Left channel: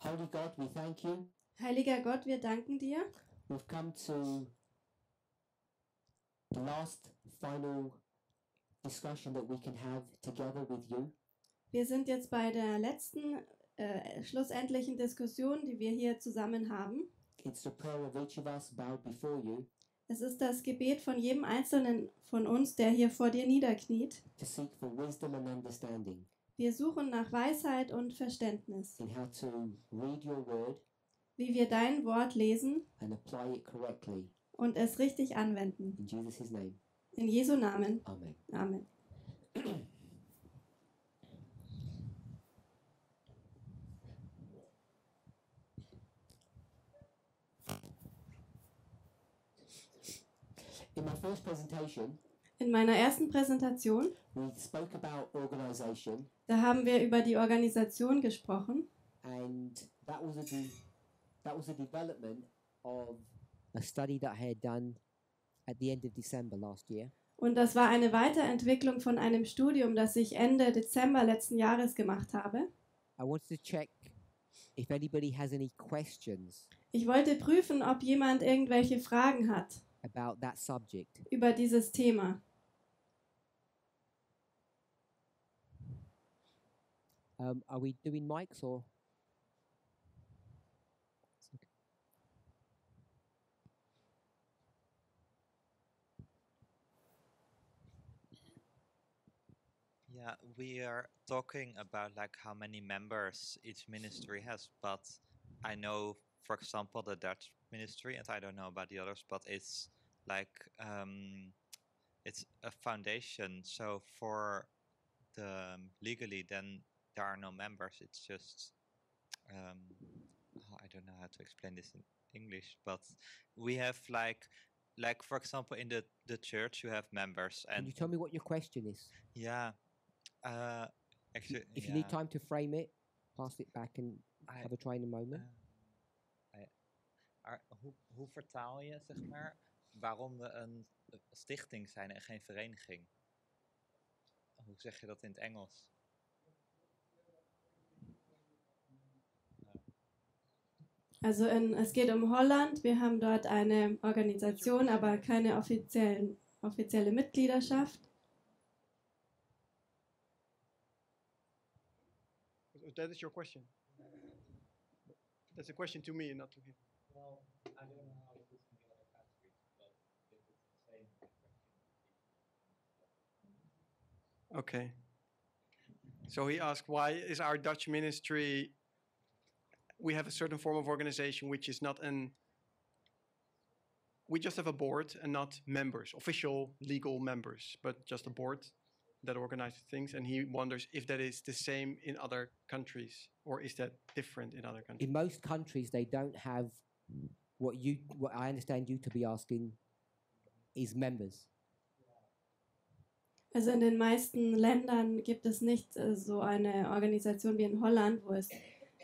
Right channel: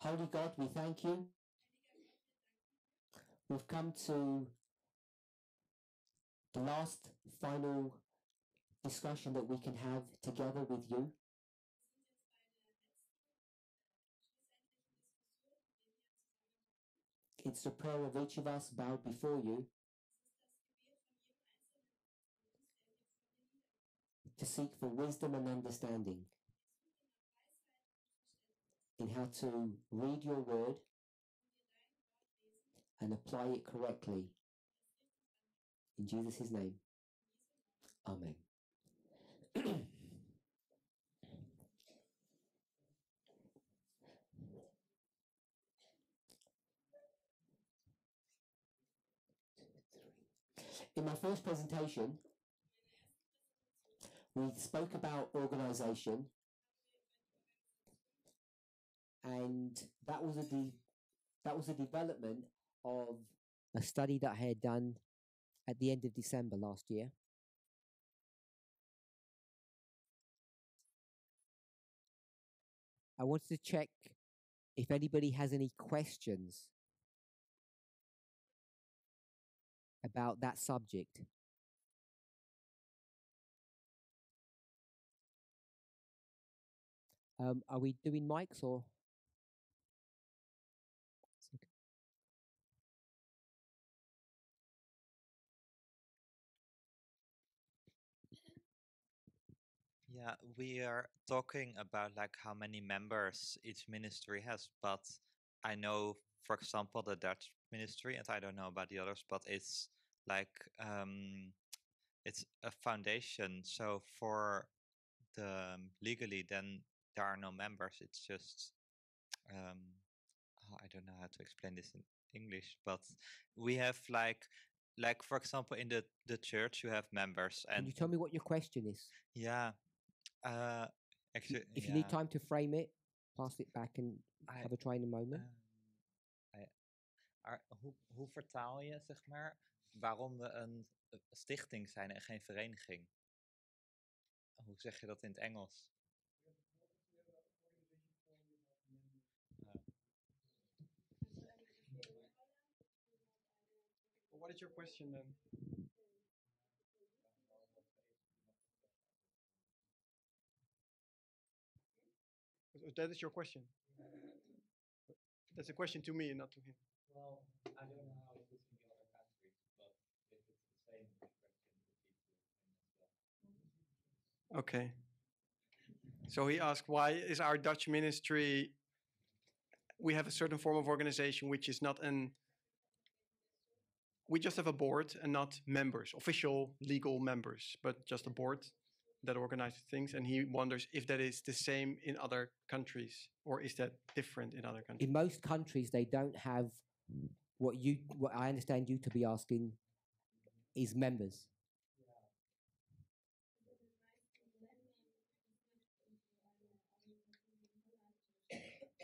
Holy God, we thank you. Heiliger Gott, wir danken dir. We've come to the last final discussion that we can have together with you. Wir sind jetzt bei der letzten, schlussendlichen Diskussion, die wir hier zusammen haben. It's the prayer of each of us bowed before you Es ist das Gebet von jedem Einzelnen von uns, der hier vor dir niederkniet. to seek for wisdom and understanding Wir suchen nach Weisheit und Verständnis, in how to read your word wie wir dein Wort lesen and apply it correctly. und es richtig anwenden. In Jesus' name, In Jesu Namen. amen. Amen. In my first presentation, In meiner ersten Präsentation, we spoke about organization, da haben wir über die Organisation gesprochen. and that was a development of a study that I had done at the end of December last year. Und das war eine Weiterentwicklung von einem Studium, das ich Ende Dezember letzten Jahres gemacht habe. I wanted to check if anybody has any questions Ich wollte prüfen, ob jemand irgendwelche Fragen hat about that subject. über dieses Thema. Are we doing mics or? Yeah, we are talking about like how many members each ministry has, but I know, for example, the Dutch ministry, and I don't know about the others, but it's like it's a foundation. So for the legally, then there are no members. It's just I don't know how to explain this in English, but we have like for example in the church you have members, Can and you tell me what your question is? yeah. Actually, If you need time to frame it, pass it back and have a try in a moment. Hoe vertaal je, zeg maar, waarom we een stichting zijn en geen vereniging? Hoe zeg je dat in het Engels? Also es geht um Holland. Wir haben dort eine Organisation, aber keine offizielle Mitgliedschaft. That is your question. That's a question to me and not to him. Well, I don't know how it is in the other countries, but if it's the same question to people. Okay. So he asked, why is our Dutch ministry, we have a certain form of organization which is not we just have a board and not members, official legal members, but just a board that organizes things, and he wonders if that is the same in other countries, or is that different in other countries? In most countries, they don't have what I understand you to be asking is members. Also in den meisten Ländern gibt es nicht so eine Organisation wie in Holland, wo es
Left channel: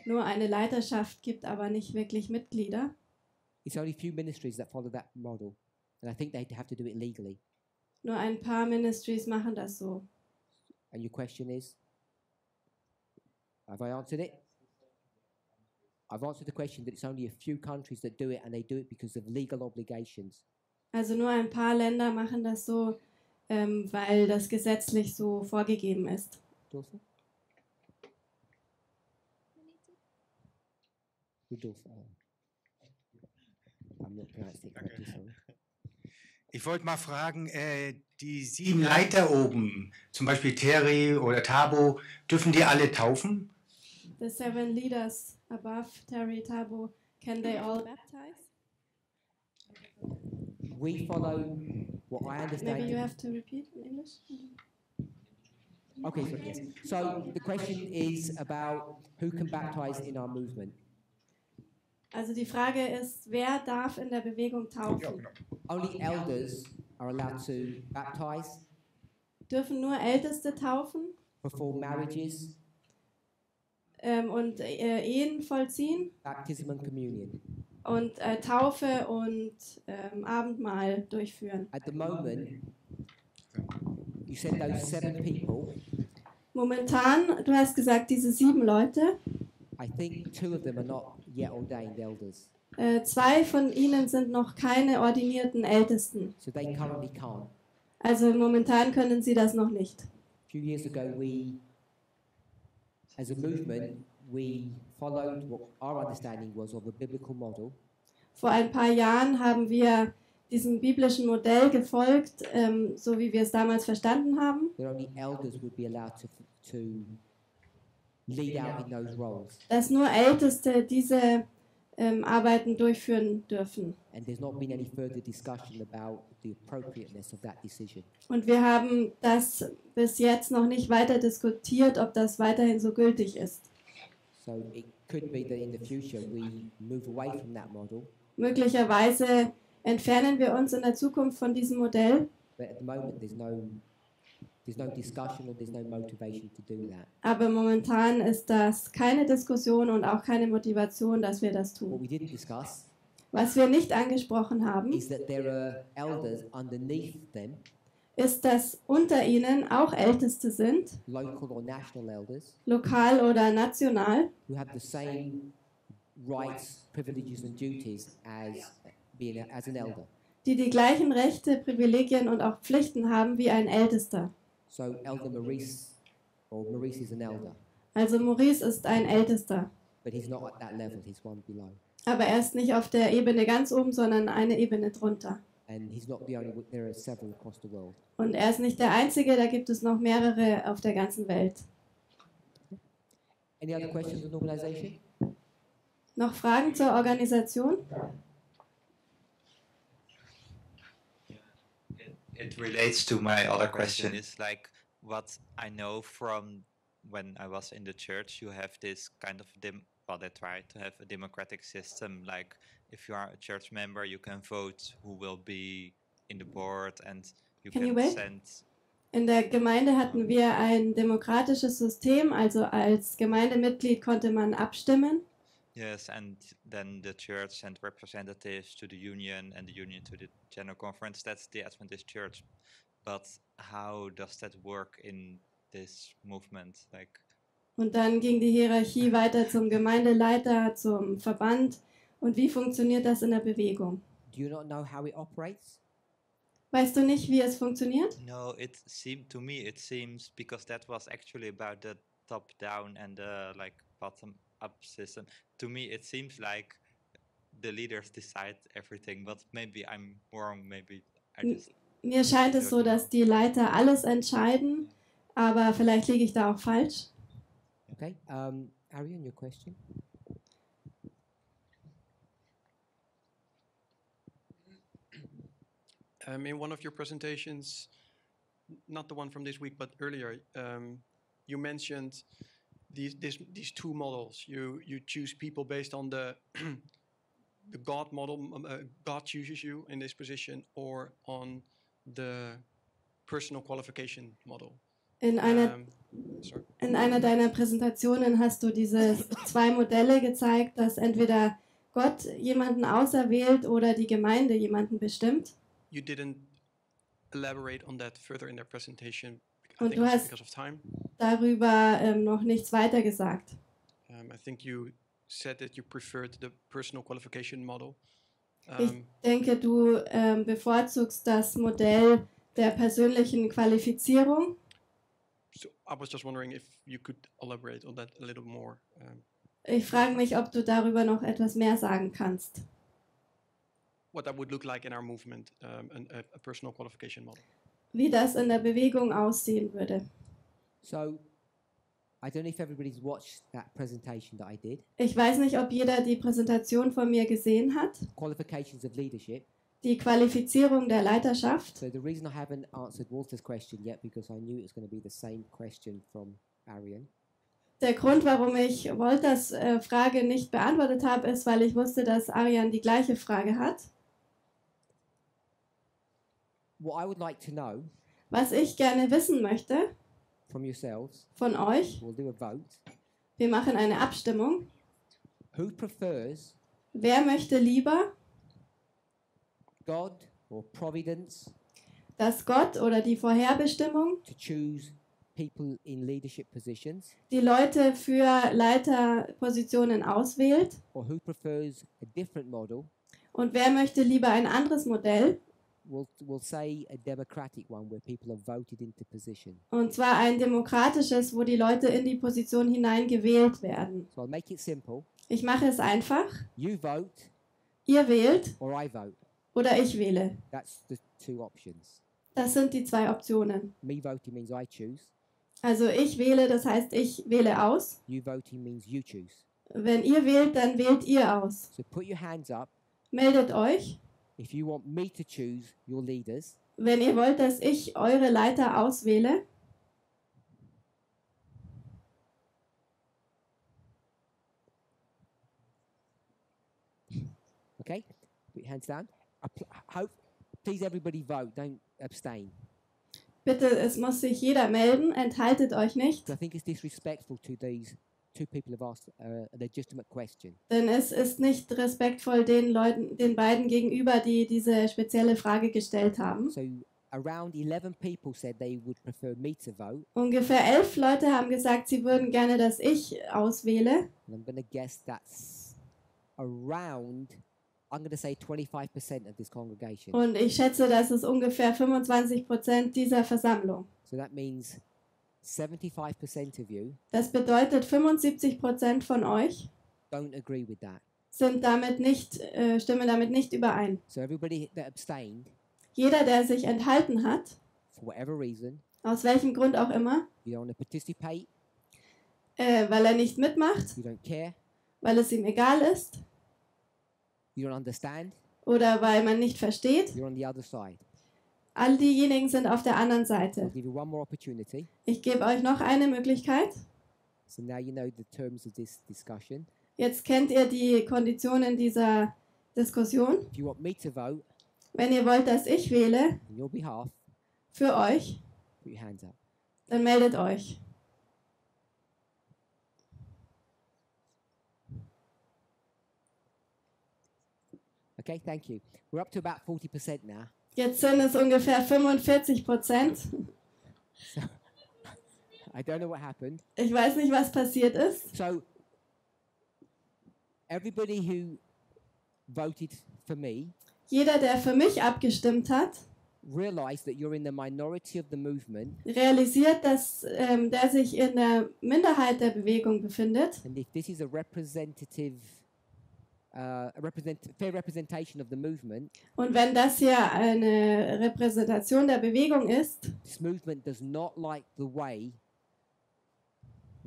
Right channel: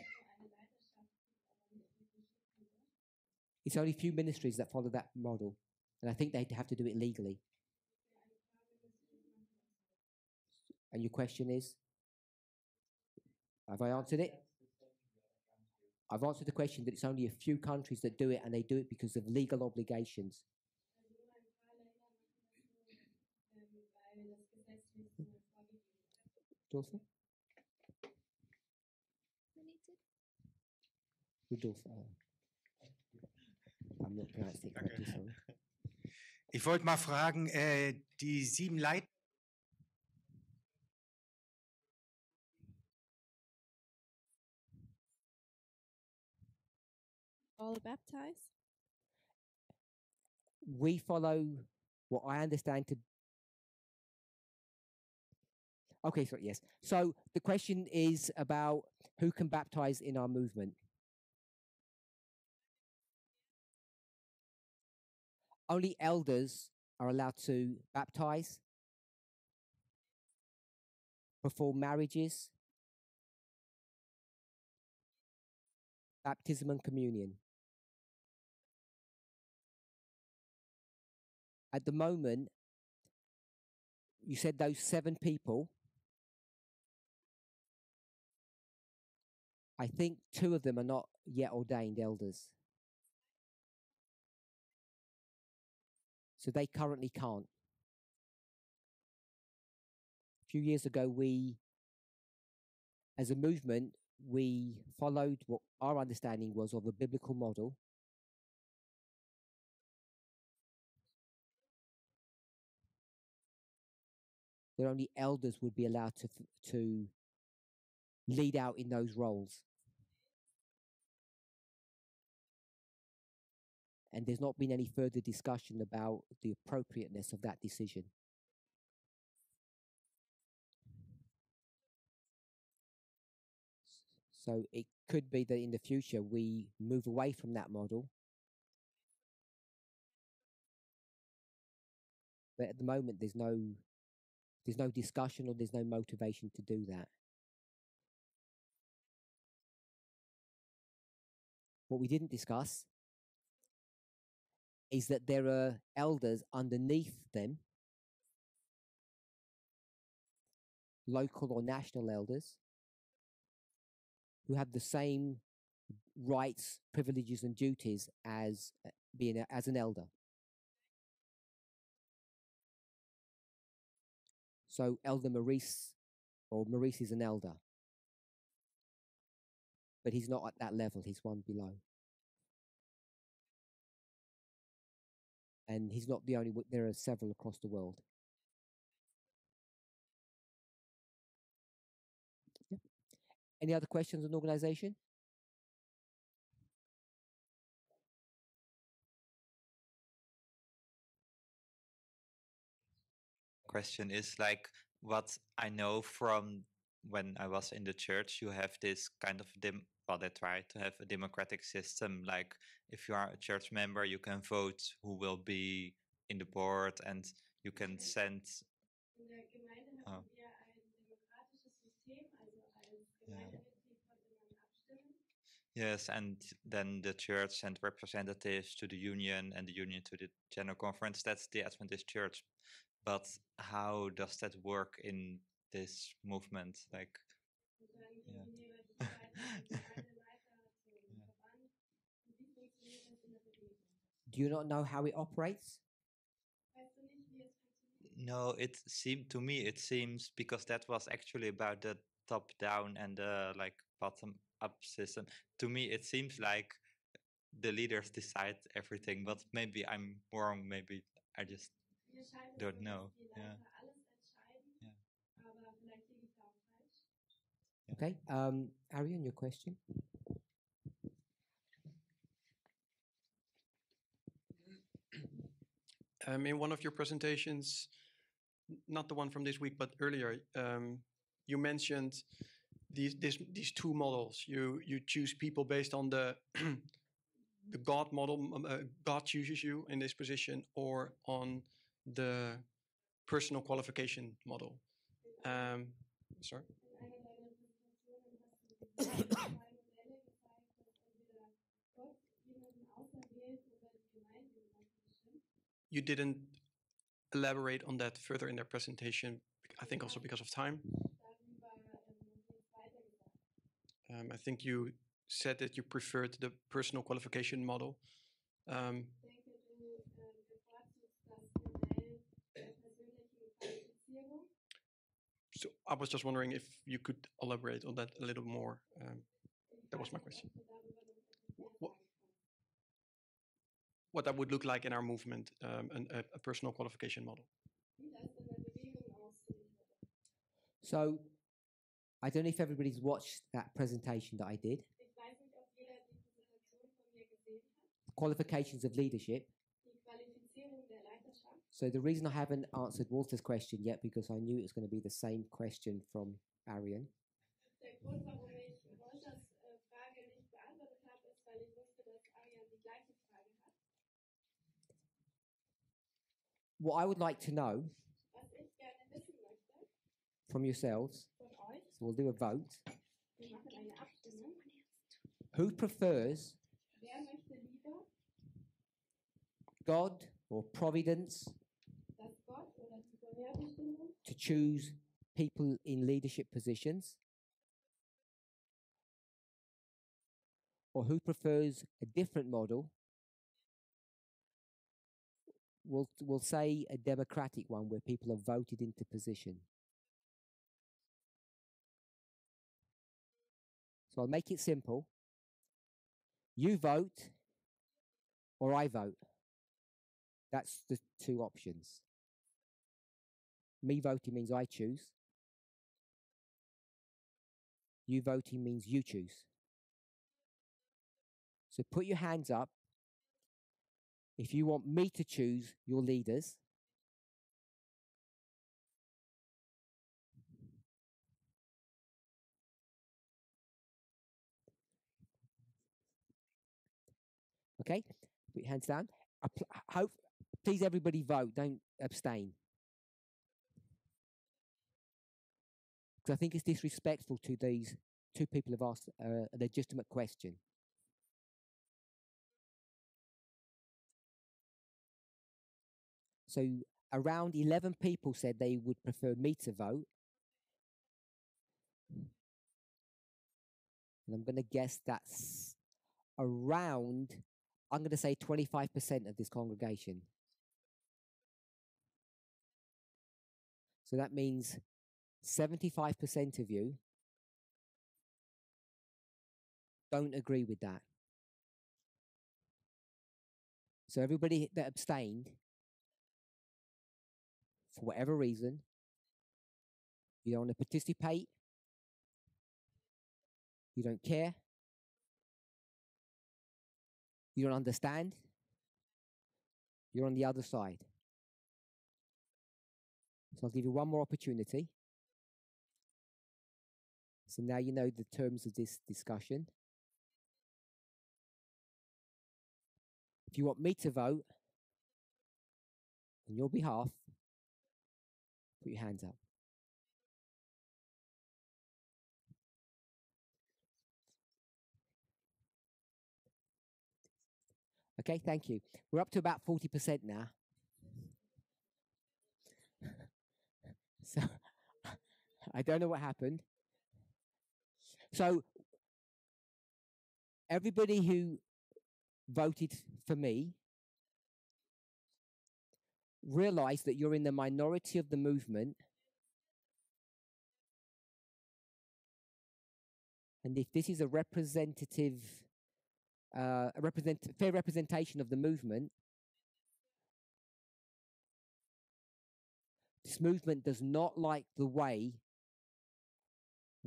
nur eine Leiterschaft gibt, aber nicht wirklich Mitglieder. It's only few ministries that follow that model, and I think they have to do it legally. Nur ein paar Ministries machen das so. And your question is? Have I answered it? I've answered the question that it's only a few countries that do it, and they do it because of legal obligations. Also nur ein paar Länder machen das so, weil das gesetzlich so vorgegeben ist. Rodolfo? Rodolfo. I'm not pronouncing it correctly, sorry. Ich wollte mal fragen, die 7 Leiter oben, zum Beispiel Terry oder Tabo, dürfen die alle taufen? The 7 leaders above, Terry, Tabo, can they all baptize? We follow what I understand. Maybe you have to repeat in English. Okay, sorry, yes. So the question is about who can baptize in our movement. Also die Frage ist, wer darf in der Bewegung taufen? Only elders are allowed to baptize Dürfen nur Älteste taufen before marriages, und Ehen vollziehen baptism and communion. und Taufe und Abendmahl durchführen. At the moment, you said those 7 people, Momentan, du hast gesagt, diese 7 Leute, I think 2 of them are not yet ordained elders, 2 von ihnen sind noch keine ordinierten Ältesten. so they currently can't. Also momentan können sie das noch nicht. A few years ago, we, as a movement, we followed what our understanding was of a biblical model, Vor ein paar Jahren haben wir diesem biblischen Modell gefolgt, so wie wir es damals verstanden haben, that only elders would be allowed to lead out in those roles. dass nur Älteste diese Arbeiten durchführen dürfen. And there's not been any further discussion about the appropriateness of that decision. Und wir haben das bis jetzt noch nicht weiter diskutiert, ob das weiterhin so gültig ist. So it could be that in the future we move away from that model, Möglicherweise entfernen wir uns in der Zukunft von diesem Modell, but at the moment there's no discussion or there's no motivation to do that. aber momentan ist das keine Diskussion und auch keine Motivation, dass wir das What tun. we didn't discuss Was wir nicht angesprochen haben, is that there are elders underneath them, ist, dass unter ihnen auch Älteste sind, local or national elders, lokal oder national, who have the same rights, privileges and duties as as an elder. die die gleichen Rechte, Privilegien und auch Pflichten haben wie ein Ältester. So Elder Maurice, or Maurice is an elder, Also Maurice ist ein Ältester, but he's not at that level, he's one below. aber er ist nicht auf der Ebene ganz oben, sondern eine Ebene drunter. And he's not the only one, there are several across the world. Und er ist nicht der Einzige, da gibt es noch mehrere auf der ganzen Welt. Any other questions on organization? Noch Fragen zur Organisation? It relates to my other question. Is like what I know from when I was in the church. You have this kind of well, they try to have a democratic system. Like if you are a church member, you can vote who will be in the board, and you Can you can wait? send. In der Gemeinde hatten wir ein demokratisches System, also als Gemeindemitglied konnte man abstimmen. Yes, and then the church sent representatives to the union, and the union to the general conference. That's the Adventist church. But how does that work in this movement? Like, Und dann ging die Hierarchie weiter zum Gemeindeleiter, zum Verband. Und wie funktioniert das in der Bewegung? Do you not know how it operates? Weißt du nicht, wie es funktioniert? no, it seemed to me. It seems because that was actually about the top down and the like bottom up system. To me, it seems like the leaders decide everything. But maybe I'm wrong. Maybe I just. Mir scheint es so, dass die Leiter alles entscheiden, aber vielleicht liege ich da auch falsch. Okay, Arian, your question? In one of your presentations, not the one from this week, but earlier, you mentioned these 2 models. You choose people based on the the God model. God chooses you in this position, or on the personal qualification model. In einer deiner Präsentationen hast du diese 2 Modelle gezeigt, dass entweder Gott jemanden auserwählt oder die Gemeinde jemanden bestimmt. You didn't elaborate on that further in their presentation, I Und think du also hast because of time. darüber noch nichts weiter gesagt. I think you said that you preferred the personal qualification model. Ich denke, du bevorzugst das Modell der persönlichen Qualifizierung. So I was just wondering if you could elaborate on that a little more. Ich frage mich, ob du darüber noch etwas mehr sagen kannst. What that would look like in our movement, a personal qualification model. Wie das in der Bewegung aussehen würde. So, I don't know if everybody's watched that presentation that I did. Ich weiß nicht, ob jeder die Präsentation von mir gesehen hat. Qualifications of leadership. Die Qualifizierung der Leiterschaft. So the reason I haven't answered Walter's question yet, because I knew it was going to be the same question from Arian. Der Grund, warum ich Wolters Frage nicht beantwortet habe, ist, weil ich wusste, dass Arian die gleiche Frage hat. What I would like to know Was ich gerne wissen möchte from yourselves, von euch, we'll do a vote. wir machen eine Abstimmung. Who prefers Wer möchte lieber, God or providence dass Gott oder die Vorherbestimmung to choose people in leadership positions, die Leute für Leiterpositionen auswählt. or who prefers a different model, Und wer möchte lieber ein anderes Modell? we'll say a democratic one where people are voted into position. Und zwar ein demokratisches, wo die Leute in die Position hineingewählt werden. So I'll make it simple. Ich mache es einfach. You vote Ihr wählt or I vote. oder ich wähle. That's the two options. Das sind die zwei Optionen. Me voting means I choose. Also ich wähle, das heißt, ich wähle aus. You voting means you choose. Wenn ihr wählt, dann wählt ihr aus. So put your hands up Meldet euch, if you want me to choose your leaders. wenn ihr wollt, dass ich eure Leiter auswähle. Okay? Put your hands down. Please everybody vote. Don't abstain. Bitte, es muss sich jeder melden, enthaltet euch nicht, 'Cause I think it's disrespectful to these two people who've asked a legitimate question. denn es ist nicht respektvoll den Leuten, den beiden gegenüber, die diese spezielle Frage gestellt haben. So around 11 people said they would prefer me to vote. Ungefähr 11 Leute haben gesagt, sie würden gerne, dass ich auswähle. And I'm going to guess that's around, I'm going to say 25% of this congregation. Und ich schätze, das ist ungefähr 25% dieser Versammlung. So that means 75% of you Das bedeutet, 75% von euch don't agree with that. stimmen damit nicht überein. So everybody that abstained, Jeder, der sich enthalten hat, for whatever reason, aus welchem Grund auch immer, you don't want to participate, weil er nicht mitmacht, you don't care, weil es ihm egal ist you don't understand, oder weil man nicht versteht, you're on the other side. all diejenigen sind auf der anderen So I'll Seite. give you one more opportunity. Ich gebe euch noch eine Möglichkeit. So now you know the terms of this discussion. Jetzt kennt ihr die Konditionen dieser Diskussion. If you want me to vote Wenn ihr wollt, dass ich wähle on your behalf, für euch, put your hands up. dann meldet euch. Okay, thank you. We're up to about 40% now. Jetzt sind es ungefähr 45%. So I don't know what happened. Ich weiß nicht, was passiert ist. So everybody who voted for me Jeder, der für mich abgestimmt hat, realized that you're in the minority of the movement, realisiert, dass der sich in der Minderheit der Bewegung befindet. and if this is a representative, fair representation of the movement, Und wenn das hier eine Repräsentation der Bewegung ist, this movement does not like the way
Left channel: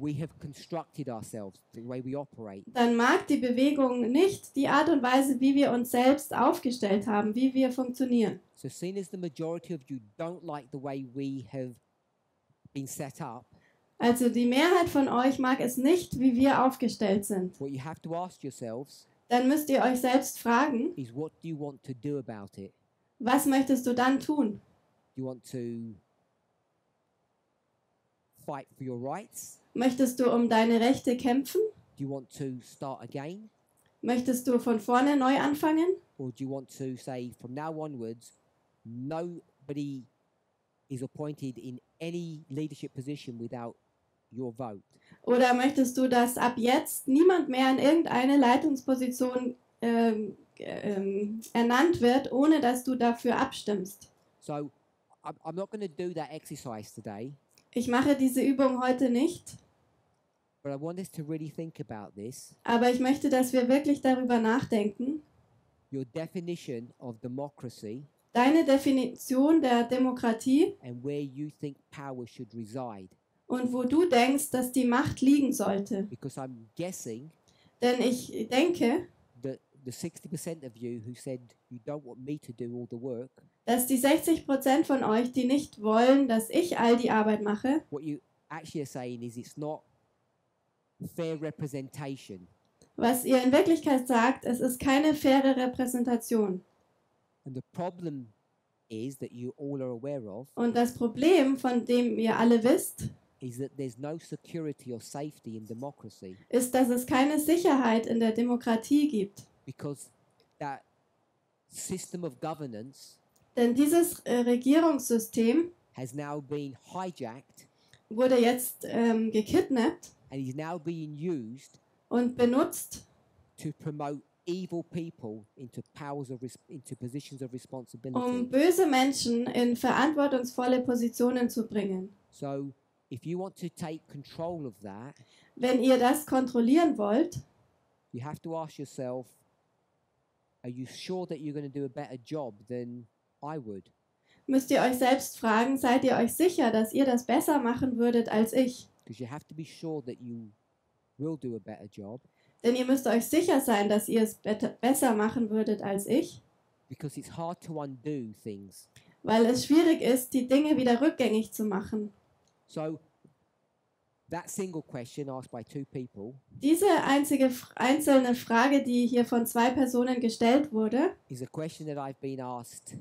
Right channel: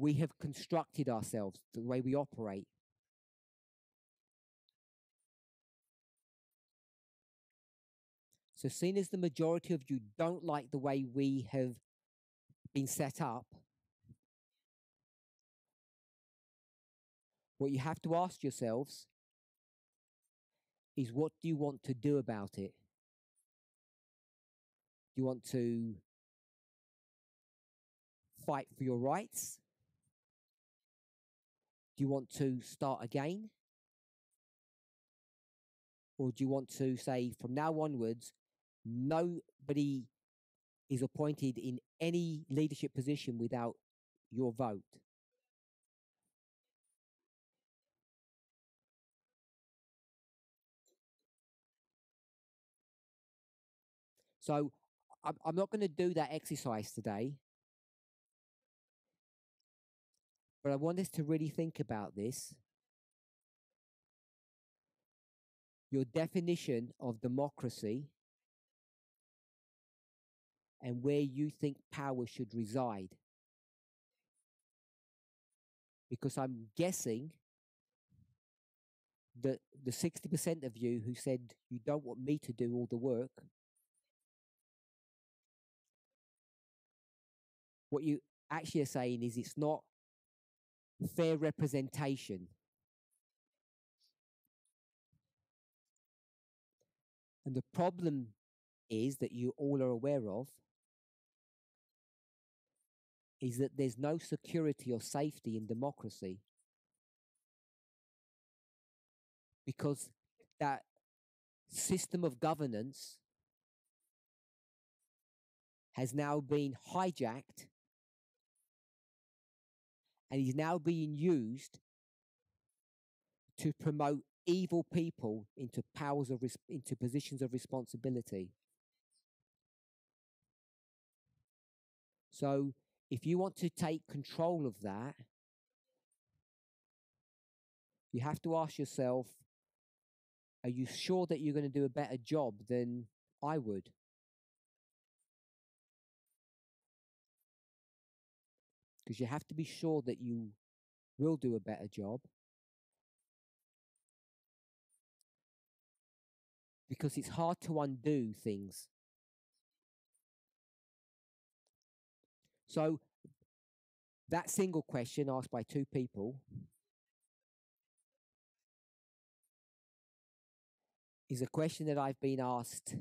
we have constructed ourselves, the way we operate. dann mag die Bewegung nicht die Art und Weise, wie wir uns selbst aufgestellt haben, wie wir funktionieren. So seeing as the majority of you don't like the way we have been set up, Also die Mehrheit von euch mag es nicht, wie wir aufgestellt sind. what you have to ask yourselves Dann müsst ihr euch selbst fragen, is, what do you want to do about it? was möchtest du dann tun? Do you want to fight for your rights? Möchtest du um deine Rechte kämpfen? Do you want to start again? Möchtest du von vorne neu anfangen? Or do you want to say from now onwards, nobody is appointed in any leadership position without your vote? Oder möchtest du, dass ab jetzt niemand mehr in irgendeine Leitungsposition ernannt wird, ohne dass du dafür abstimmst? So I'm not going to do that exercise today, Ich mache diese Übung heute nicht, but I want us to really think about this. aber ich möchte, dass wir wirklich darüber nachdenken. Your definition of democracy Deine Definition der Demokratie and where you think power should reside. und wo du denkst, dass die Macht liegen sollte. Because I'm guessing Denn ich denke, that the 60% of you who said you don't want me to do all the work, dass die 60% von euch, die nicht wollen, dass ich all die Arbeit mache, what you actually are saying is it's not fair representation. was ihr in Wirklichkeit sagt, es ist keine faire Repräsentation. And the problem is that you all are aware of Und das Problem, von dem ihr alle wisst, is that there's no security or safety in democracy ist, dass es keine Sicherheit in der Demokratie gibt. because that system of governance Denn dieses Regierungssystem has now been hijacked wurde jetzt gekidnappt and he's now being used und benutzt, to promote evil people into into positions of responsibility. böse Menschen in verantwortungsvolle Positionen zu bringen. So if you want to take control of that, Wenn ihr das kontrollieren wollt, you have to ask yourself, are you sure that you're going to do a better job than I would? müsst ihr euch selbst fragen, seid ihr euch sicher, dass ihr das besser machen würdet als ich? Because you have to be sure that you will do a better job, Denn ihr müsst euch sicher sein, dass ihr es besser machen würdet als ich, because it's hard to undo things. weil es schwierig ist, die Dinge wieder rückgängig zu machen. So that single question asked by two people Diese einzelne Frage, die hier von 2 Personen gestellt wurde, is a question that I've been asked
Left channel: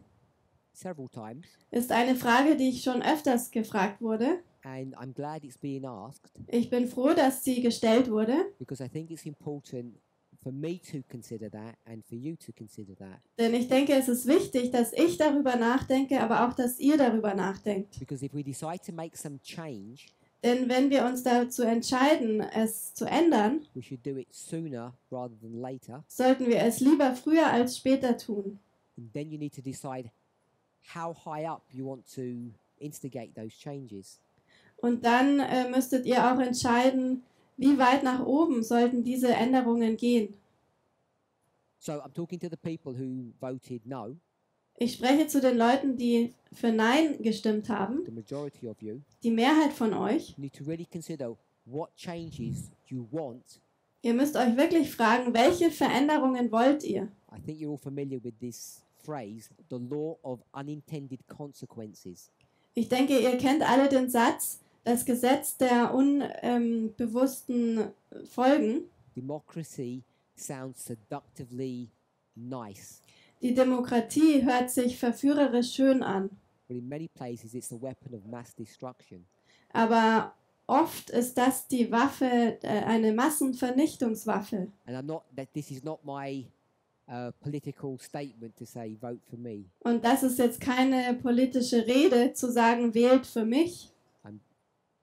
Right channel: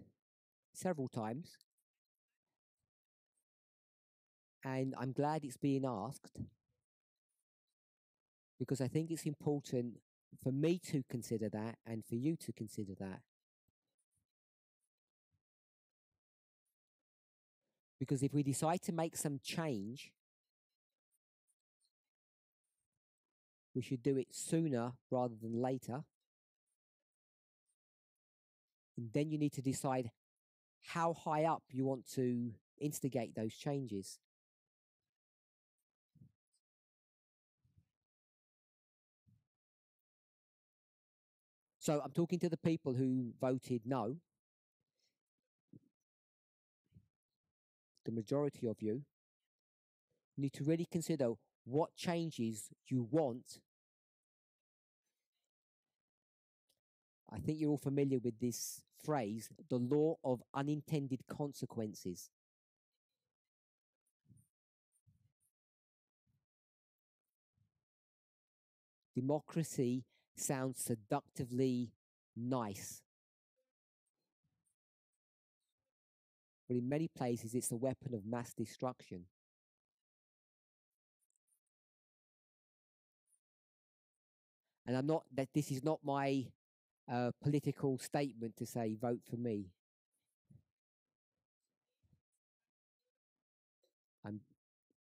several times, ist eine Frage, die ich schon öfters gefragt wurde. and I'm glad it's being asked Ich bin froh, dass sie gestellt wurde, because I think it's important for me to consider that and for you to consider that. denn ich denke, es ist wichtig, dass ich darüber nachdenke, aber auch, dass ihr darüber nachdenkt. Because if we decide to make some change, Denn wenn wir uns dazu entscheiden, es zu ändern, we should do it sooner rather than later. sollten wir es lieber früher als später tun. And then you need to decide how high up you want to instigate those changes. Und dann müsstet ihr auch entscheiden, wie weit nach oben sollten diese Änderungen gehen. So I'm talking to the people who voted no, Ich spreche zu den Leuten, die für Nein gestimmt haben, the majority of you. die Mehrheit von euch. You need to really consider what changes you want. Ihr müsst euch wirklich fragen, welche Veränderungen wollt ihr? I think you're all familiar with this phrase, the law of unintended consequences. Ich denke, ihr kennt alle den Satz, das Gesetz der unbewussten Folgen. Democracy sounds seductively nice, Die Demokratie hört sich verführerisch schön an, but in many places it's a weapon of mass destruction. aber oft ist das die Waffe, eine Massenvernichtungswaffe. And this is not my political statement to say vote for me. Und das ist jetzt keine politische Rede, zu sagen, wählt für mich, I'm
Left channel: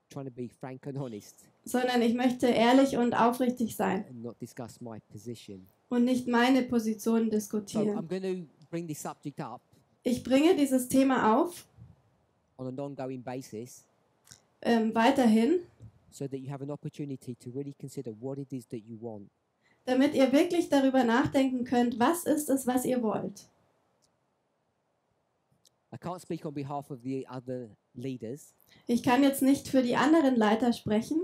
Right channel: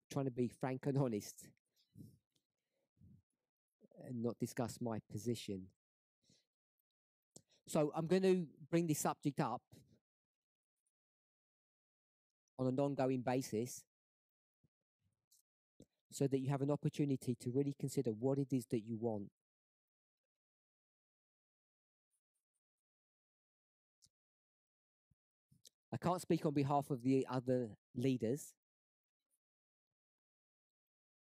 trying to be frank and honest sondern ich möchte ehrlich und aufrichtig sein and not discuss my position. und nicht meine Position So I'm diskutieren. going to bring this subject up Ich bringe dieses Thema auf, on an ongoing basis weiterhin, so that you have an opportunity to really consider what it is that you want. damit ihr wirklich darüber nachdenken könnt, was ist es, was ihr wollt. I can't speak on behalf of the other leaders, Ich kann jetzt nicht für die anderen Leiter sprechen,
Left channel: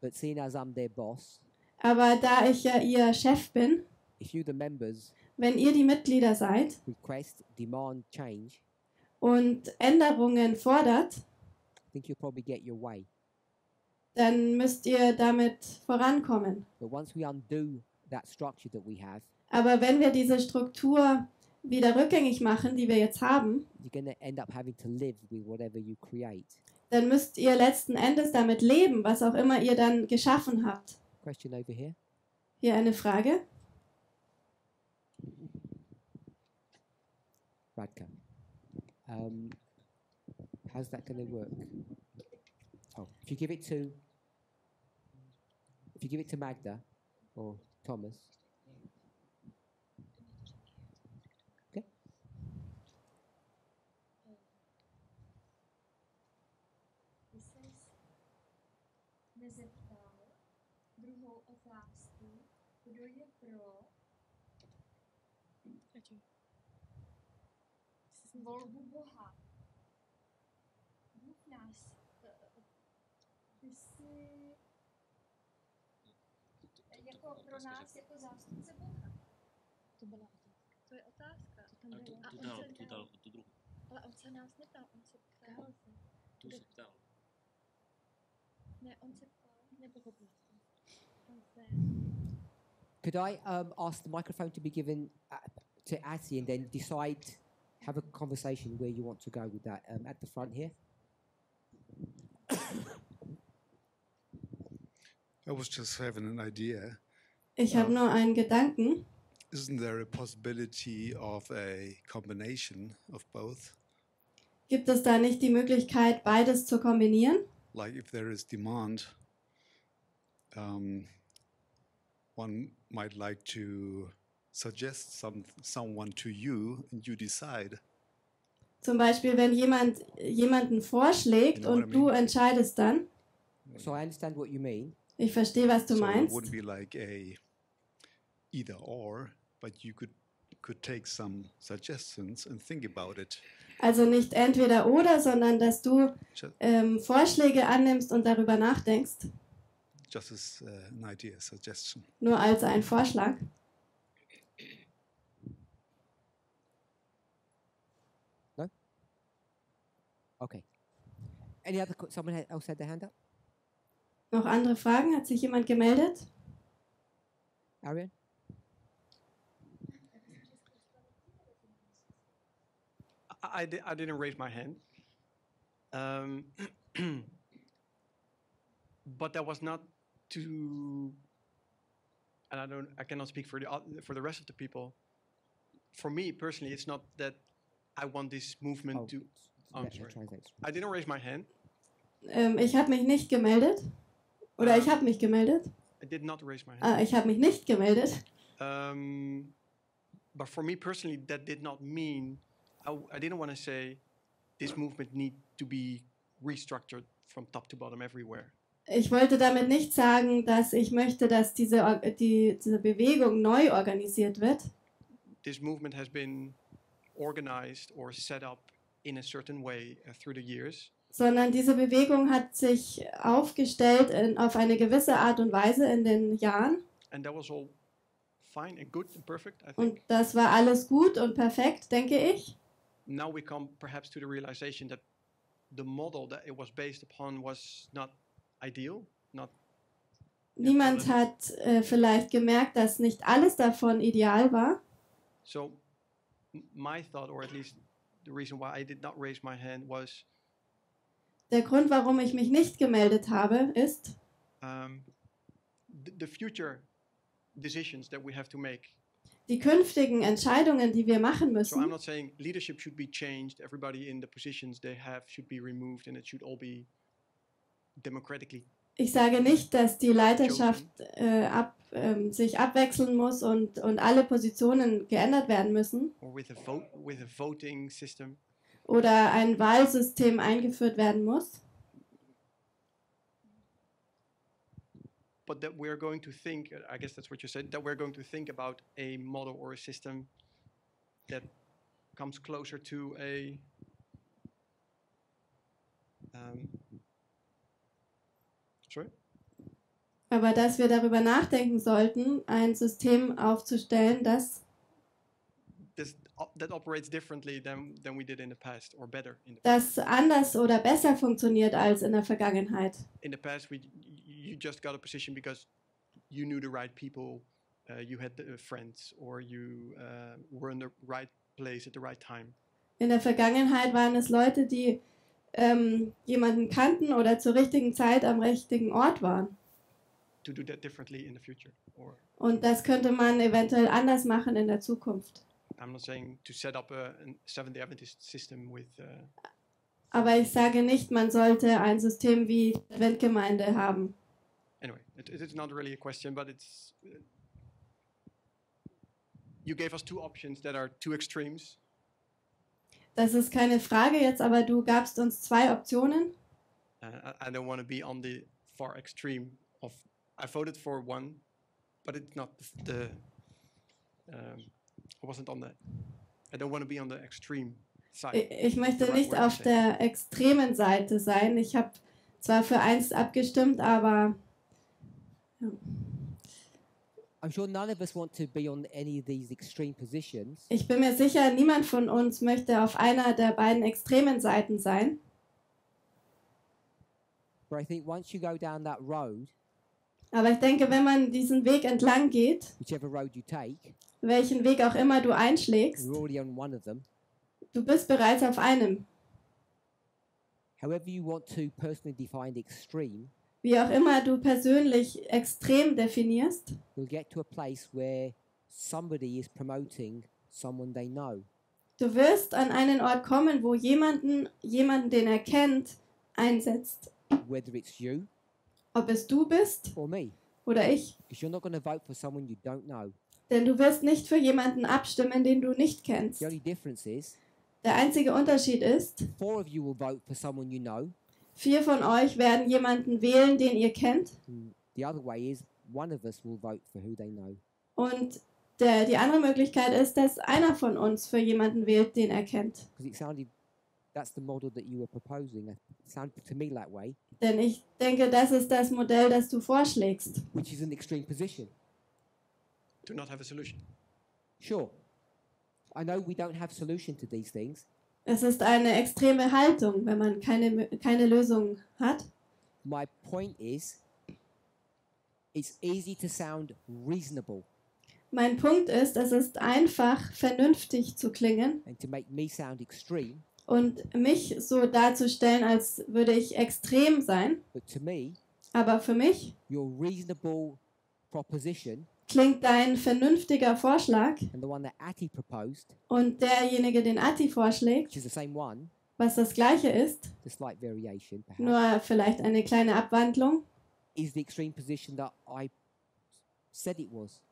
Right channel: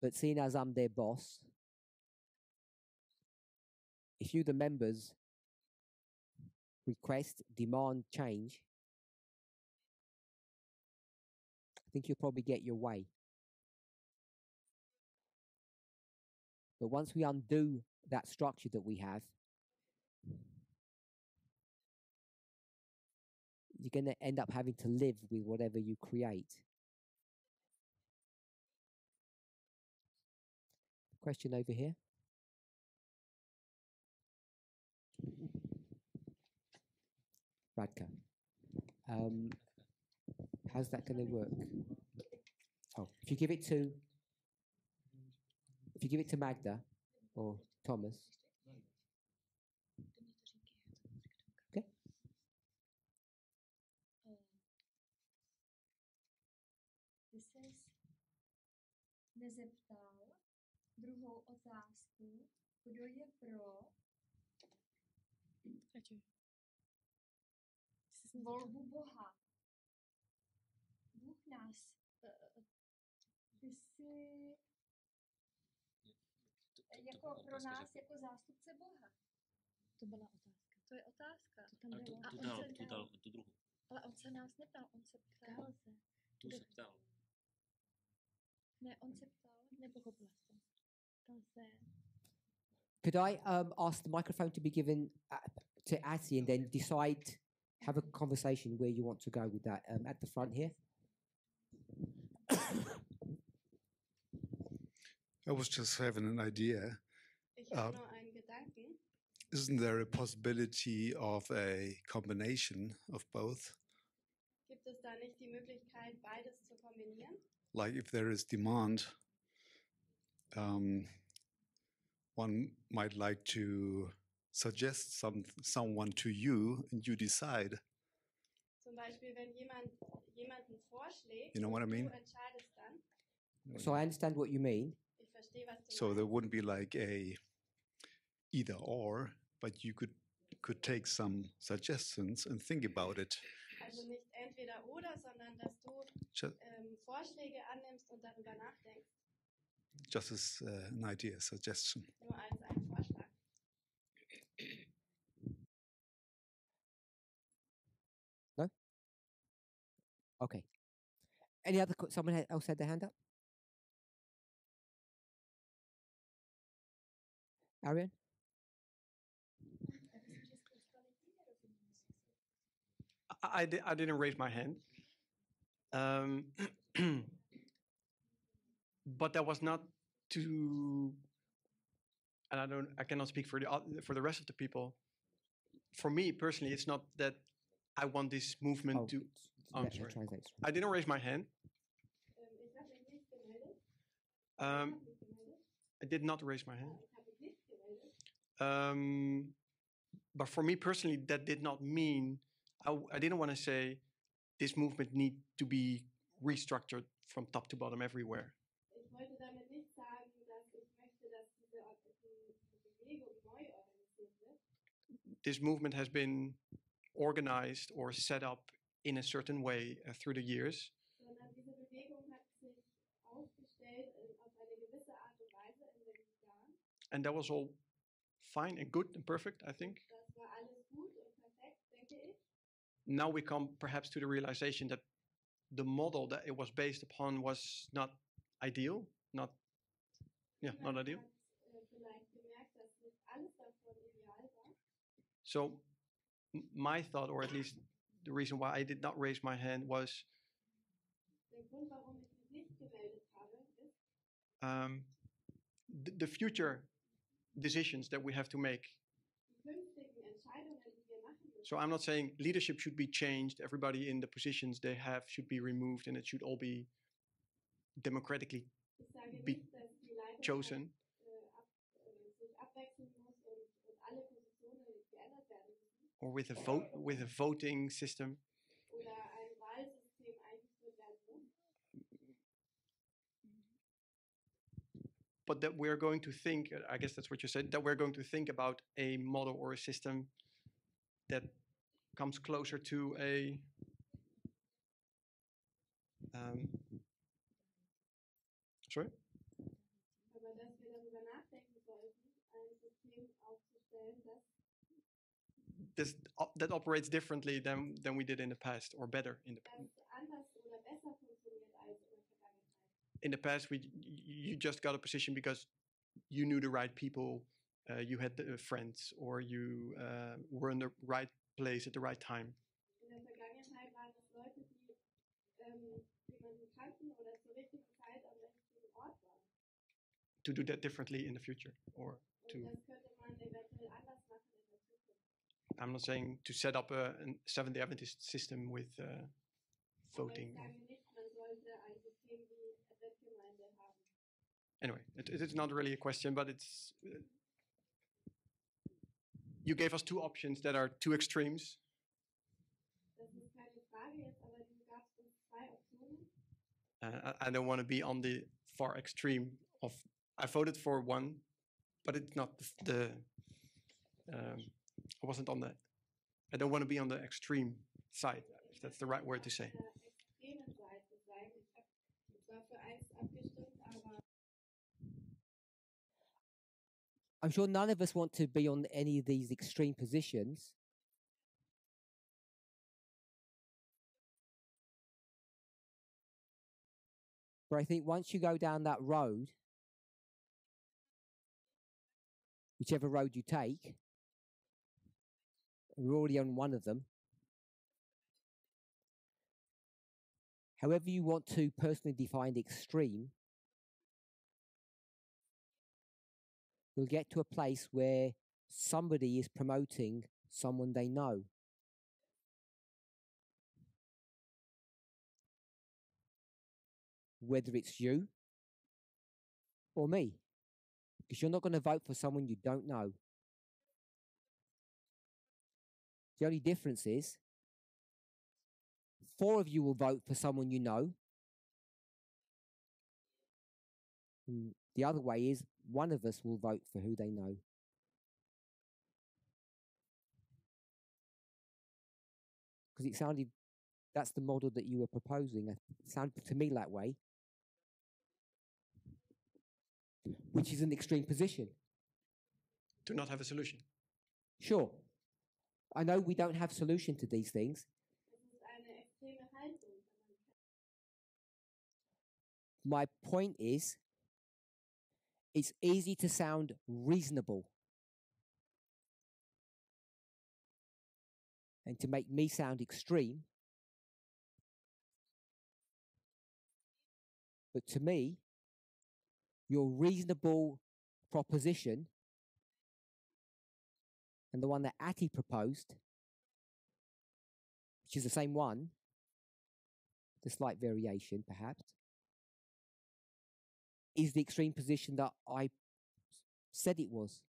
but seeing as I'm their boss, aber da ich ja ihr Chef bin, if you, the members, wenn ihr die Mitglieder seid request, demand change, und Änderungen fordert, I think you'll probably get your way. dann müsst ihr damit vorankommen. But once we undo that structure that we have, Aber wenn wir diese Struktur wieder rückgängig machen, die wir jetzt haben, you're going to end up having to live with whatever you create. dann müsst ihr letzten Endes damit leben, was auch immer ihr dann geschaffen habt. Question over here. Hier eine Frage. Radka. How's that going to work? Oh, if you give it to Magda or Thomas. Okay. Ty jsi nezeptal druhou otázku, kdo je pro volbu Boha. Bůh nás, ty jsi jako pro nás jako zástupce Boha. To byla otázka. To je otázka. To tam bylo. Tu dal tu druhou. Ale on se nás neptal, on se ptal. Tu se ptal. Ne, on se ptal, nepochopil jsem. Could I ask the microphone to be given to Atty and then decide, have a conversation where you want to go with that at the front here? I was just having an idea. Ich habe nur einen Gedanken. Isn't there a possibility of a combination of both? Gibt es da nicht die Möglichkeit, beides zu kombinieren? like if there is demand, one might like to suggest someone to you and you decide. Zum Beispiel, wenn jemand jemanden vorschlägt You know what und I du mean? entscheidest dann. So I understand what you mean. Ich verstehe, was du So it meinst. wouldn't be like a either or, but you could take some suggestions and think about it. Also nicht entweder oder, sondern dass du Just, Vorschläge annimmst und darüber nachdenkst. just as an idea, suggestion. Nur als ein Vorschlag. No? Okay. Any other, someone else had their hand up? Noch andere Fragen? Hat sich jemand gemeldet? Arian? I didn't raise my hand. But that was not to, and I cannot speak for the rest of the people. For me personally, it's not that I want this movement to. I'm sorry. I didn't raise my hand. Ich habe mich nicht gemeldet. Oder ich habe mich gemeldet. I did not raise my hand. Ich habe mich nicht gemeldet. But for me personally, that did not mean I didn't want to say this movement need to be restructured from top to bottom everywhere. Ich wollte damit nicht sagen, dass ich möchte, dass diese Bewegung neu organisiert wird. This movement has been organized or set up in a certain way through the years. Sondern diese Bewegung hat sich aufgestellt auf eine gewisse Art und Weise in den Jahren. And that was all fine and good and perfect, I think. Und das war alles gut und perfekt, denke ich. Now we come perhaps to the realization that the model that it was based upon was not ideal, not. Niemand hat vielleicht gemerkt, dass nicht alles davon ideal war. So my thought, or at least the reason why I did not raise my hand, was der Grund, warum ich mich nicht gemeldet habe, ist the future decisions that we have to make. Die künftigen Entscheidungen, die wir machen müssen. So I'm not saying leadership should be changed, everybody in the positions they have should be removed and it should all be democratically. Ich sage nicht, dass die Leiterschaft sich abwechseln muss und alle Positionen geändert werden müssen. Or with a voting system. Oder ein Wahlsystem eingeführt werden muss. But that we're going to think, I guess that's what you said, that we're going to think about a model or a system that comes closer to a sorry? Aber dass wir darüber nachdenken sollten, ein System aufzustellen, that operates differently than we did in the past, or better in the past. Das anders oder besser funktioniert als in der Vergangenheit. In the past, you just got a position because you knew the right people, you had friends, or you were in the right place at the right time. In der Vergangenheit waren es Leute, die jemanden kannten oder zur richtigen Zeit am richtigen Ort waren. To do that differently in the future, or und das könnte man eventuell anders machen in der Zukunft. I'm not saying to set up a Seventh-day Adventist system with. Aber ich sage nicht, man sollte ein System wie Adventgemeinde haben. Anyway, it's not really a question, but it's. You gave us two options that are two extremes. Das ist keine Frage jetzt, aber du gabst uns zwei Optionen. I don't want to be on the far extreme of. I voted for one, but it's not the. I wasn't on that. I don't want to be on the extreme side. Ich möchte nicht auf der extremen Seite sein. Ich habe zwar für eins abgestimmt, aber I'm sure none of us want to be on any of these extreme positions. Ich bin mir sicher, niemand von uns möchte auf einer der beiden extremen Seiten sein. But I think once you go down that road, aber ich denke, wenn man diesen Weg entlang geht, whichever road you take, welchen Weg auch immer du einschlägst, you're already on one of them. Du bist bereits auf einem. However you want to personally define extreme, wie auch immer du persönlich extrem definierst, you'll get to a place where somebody is promoting someone they know. Du wirst an einen Ort kommen, wo jemanden, den er kennt, einsetzt whether it's you ob es du bist or me, oder ich. because you're not going to vote for someone you don't know. Denn du wirst nicht für jemanden abstimmen, den du nicht kennst. The only difference is Der einzige Unterschied ist, 4 of you will vote for someone you know. 4 von euch werden jemanden wählen, den ihr kennt. And the other way is 1 of us will vote for who they know. Und die andere Möglichkeit ist, dass einer von uns für jemanden wählt, den er kennt. Because it sounded, that's the model that you were proposing. It sounded to me that way, Denn ich denke, das ist das Modell, das du vorschlägst. which is an extreme position. To not have a solution. Sure, I know we don't have solution to these things. Es ist eine extreme Haltung, wenn man keine Lösung hat. My point is, it's easy to sound reasonable Mein Punkt ist, es ist einfach, vernünftig zu klingen and to make me sound extreme, und mich so darzustellen, als würde ich extrem sein. but to me, Aber für mich your reasonable proposition klingt dein vernünftiger Vorschlag and the one that Ati proposed, und derjenige, den Ati vorschlägt, which is the same one, was das Gleiche ist, the slight variation perhaps, nur vielleicht eine kleine Abwandlung. is the extreme position that I said it was.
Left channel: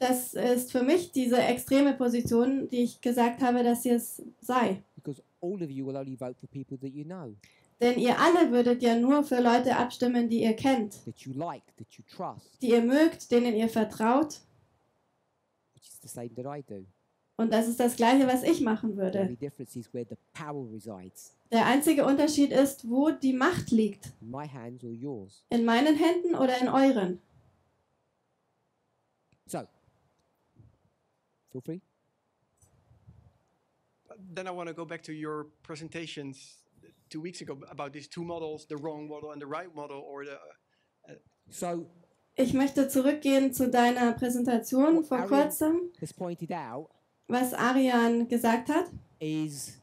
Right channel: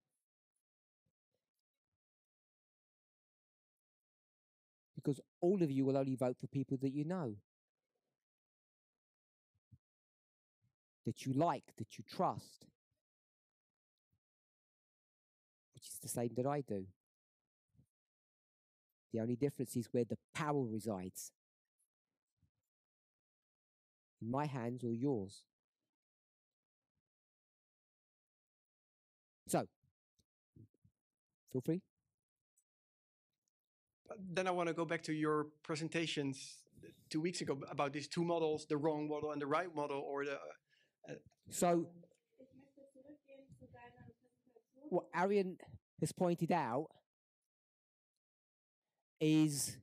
Das ist für mich diese extreme Position, die ich gesagt habe, dass sie es sei. Because all of you will only vote for people that you know, Denn ihr alle würdet ja nur für Leute abstimmen, die ihr kennt, that you like, that you trust, die ihr mögt, denen ihr vertraut. which is the same that I do. Und das ist das Gleiche, was ich machen The würde. only difference is where the power resides, Der einzige Unterschied ist, wo die Macht liegt. in my hands or yours. In meinen Händen oder in euren. So, feel free. Then I want to go back to your presentations 2 weeks ago about these 2 models, the wrong model and the right model, or the. So, Ich möchte zurückgehen zu deiner Präsentation What vor Arian- kurzem. has pointed out Was Arian gesagt hat, is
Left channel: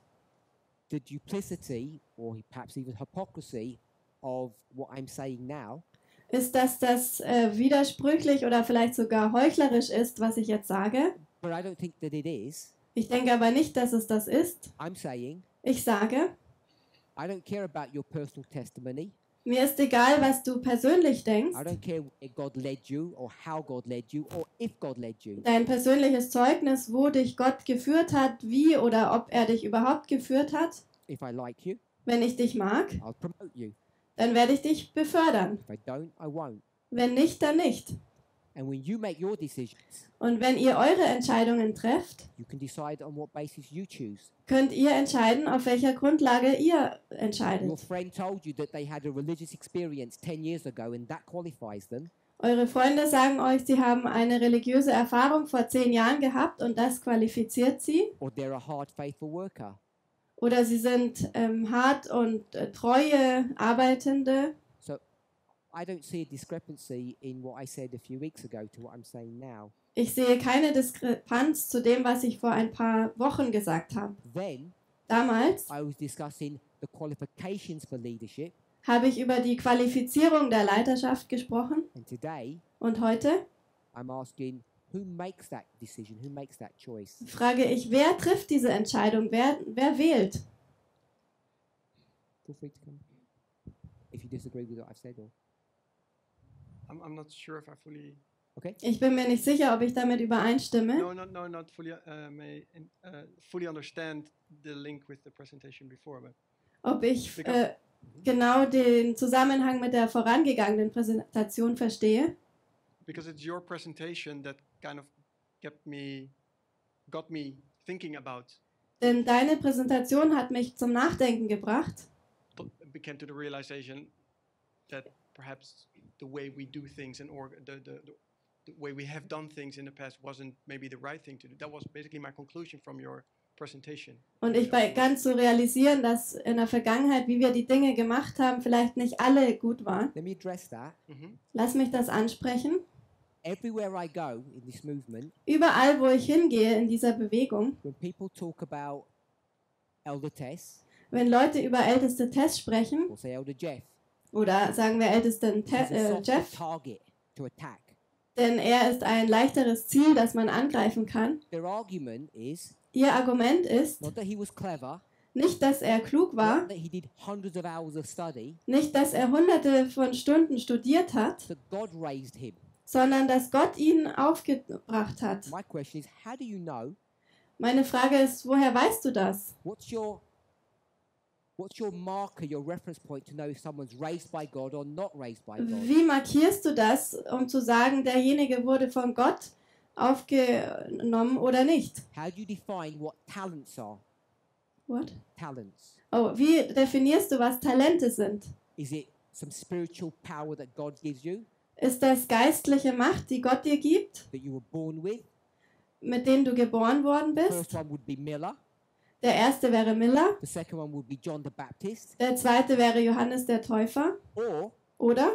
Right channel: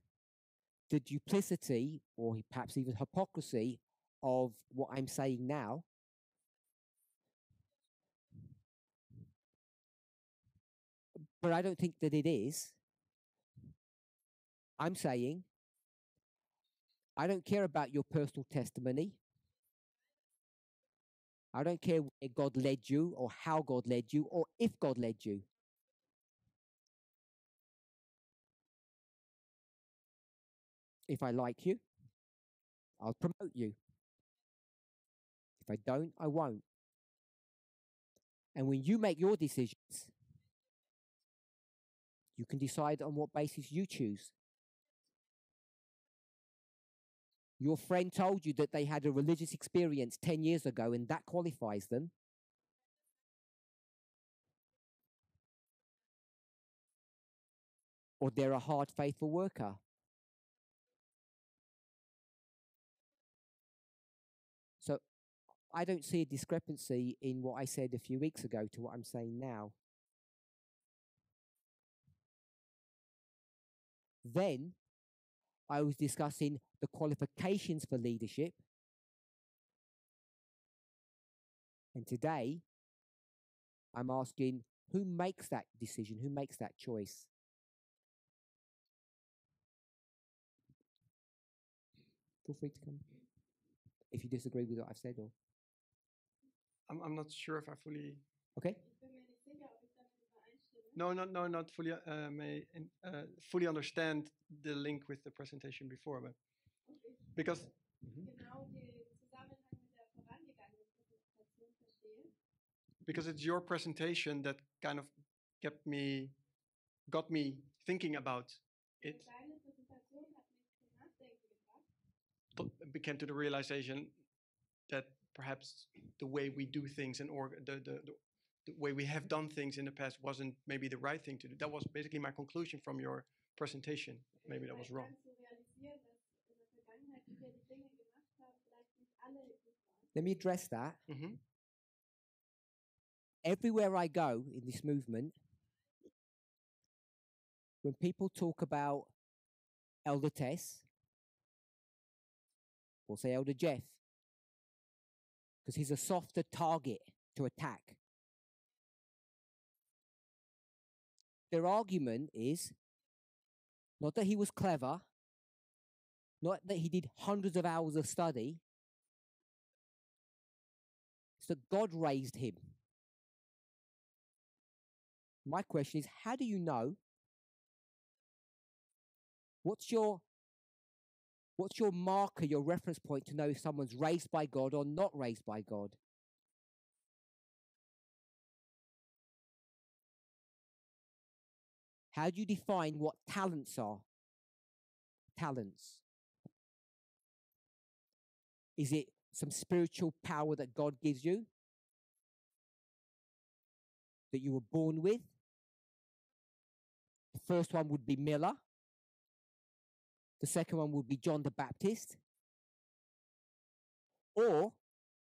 the duplicity or perhaps even hypocrisy of what I'm saying now, ist, dass das widersprüchlich oder vielleicht sogar heuchlerisch ist, was ich jetzt sage. but I don't think that it is. Ich denke aber nicht, dass es das ist. I'm saying Ich sage, I don't care about your personal testimony. mir ist egal, was du persönlich denkst. I don't care where God led you or how God led you or if God led you. Dein persönliches Zeugnis, wo dich Gott geführt hat, wie oder ob er dich überhaupt geführt hat. If I like you, Wenn ich dich mag, I'll promote you. dann werde ich dich befördern. If I don't, I won't. Wenn nicht, dann nicht. And when you make your decisions, Und wenn ihr eure Entscheidungen trefft, you can decide on what basis you choose. könnt ihr entscheiden, auf welcher Grundlage ihr entscheidet. Your friend told you that they had a religious experience 10 years ago and that qualifies them. Eure Freunde sagen euch, sie haben eine religiöse Erfahrung vor 10 Jahren gehabt und das qualifiziert sie. Or they're a hard, faithful worker. Oder sie sind hart und treue Arbeitende. So I don't see a discrepancy in what I said a few weeks ago to what I'm saying now. Ich sehe keine Diskrepanz zu dem, was ich vor ein paar Wochen gesagt habe. Then Damals I was discussing the qualifications for leadership, habe ich über die Qualifizierung der Leiterschaft gesprochen. and today Und heute I'm asking who makes that decision, who makes that choice. frage ich, wer trifft diese Entscheidung? Wer wählt? Feel free to come if you disagree with what I've said. Or I'm not sure if I fully. okay, Ich bin mir nicht sicher, ob ich damit übereinstimme. Not fully. Fully understand the link with the presentation before, but Ob ich Because- genau den Zusammenhang mit der vorangegangenen Präsentation verstehe. because it's your presentation that kind of got me thinking about. Denn deine Präsentation hat mich zum Nachdenken gebracht. Came to the realization that perhaps the way we do things and the way we have done things in the past wasn't maybe the right thing to do. That was basically my conclusion from your presentation. Und ich begann zu realisieren, dass in der Vergangenheit, wie wir die Dinge gemacht haben, vielleicht nicht alle gut waren. let me address that. Lass mich das ansprechen. Everywhere I go in this movement, Überall, wo ich hingehe in dieser Bewegung, when people talk about Elder Tess wenn Leute über älteste Tess sprechen, or say Elder Jeff, oder sagen wir ältesten this is a softer Jeff, target to attack. denn er ist ein leichteres Ziel, das man angreifen kann. Their argument is Ihr Argument ist not that he was clever, Nicht, dass er klug war, not that he did hundreds of hours of study, nicht, dass er hunderte von Stunden studiert hat, that God raised him. sondern dass Gott ihn aufgebracht hat. My question is, how do you know? Meine Frage ist, woher weißt du das? What's your marker, your reference point to know if someone's raised by God or not raised by God? Wie markierst du das, um zu sagen, derjenige wurde von Gott aufgenommen oder nicht? How do you define what talents are? What? Talents. Oh, wie definierst du, was Talente sind? Is it some spiritual power that God gives you, Ist das geistliche Macht, die Gott dir gibt, that you were born with? mit denen du geboren worden The bist? first one would be Miller. Der erste wäre Miller, The second one would be John the Baptist. der zweite wäre Johannes der Täufer. Or Oder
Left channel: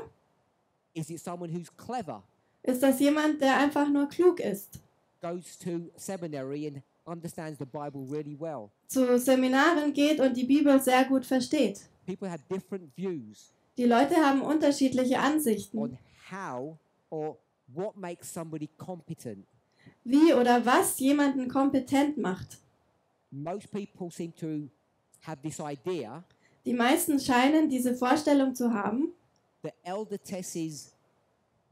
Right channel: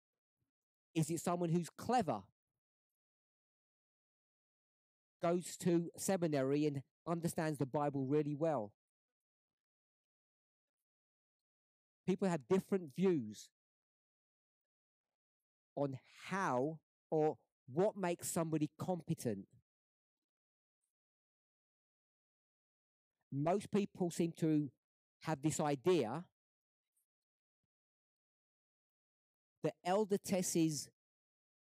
is it someone who's clever, ist das jemand, der einfach nur klug ist, goes to seminary and understands the Bible really well? zu Seminaren geht und die Bibel sehr gut versteht? People have different views Die Leute haben unterschiedliche Ansichten, on how or what makes somebody competent. wie oder was jemanden kompetent macht. Most people seem to have this idea Die meisten scheinen diese Vorstellung zu haben, that elder Tess's,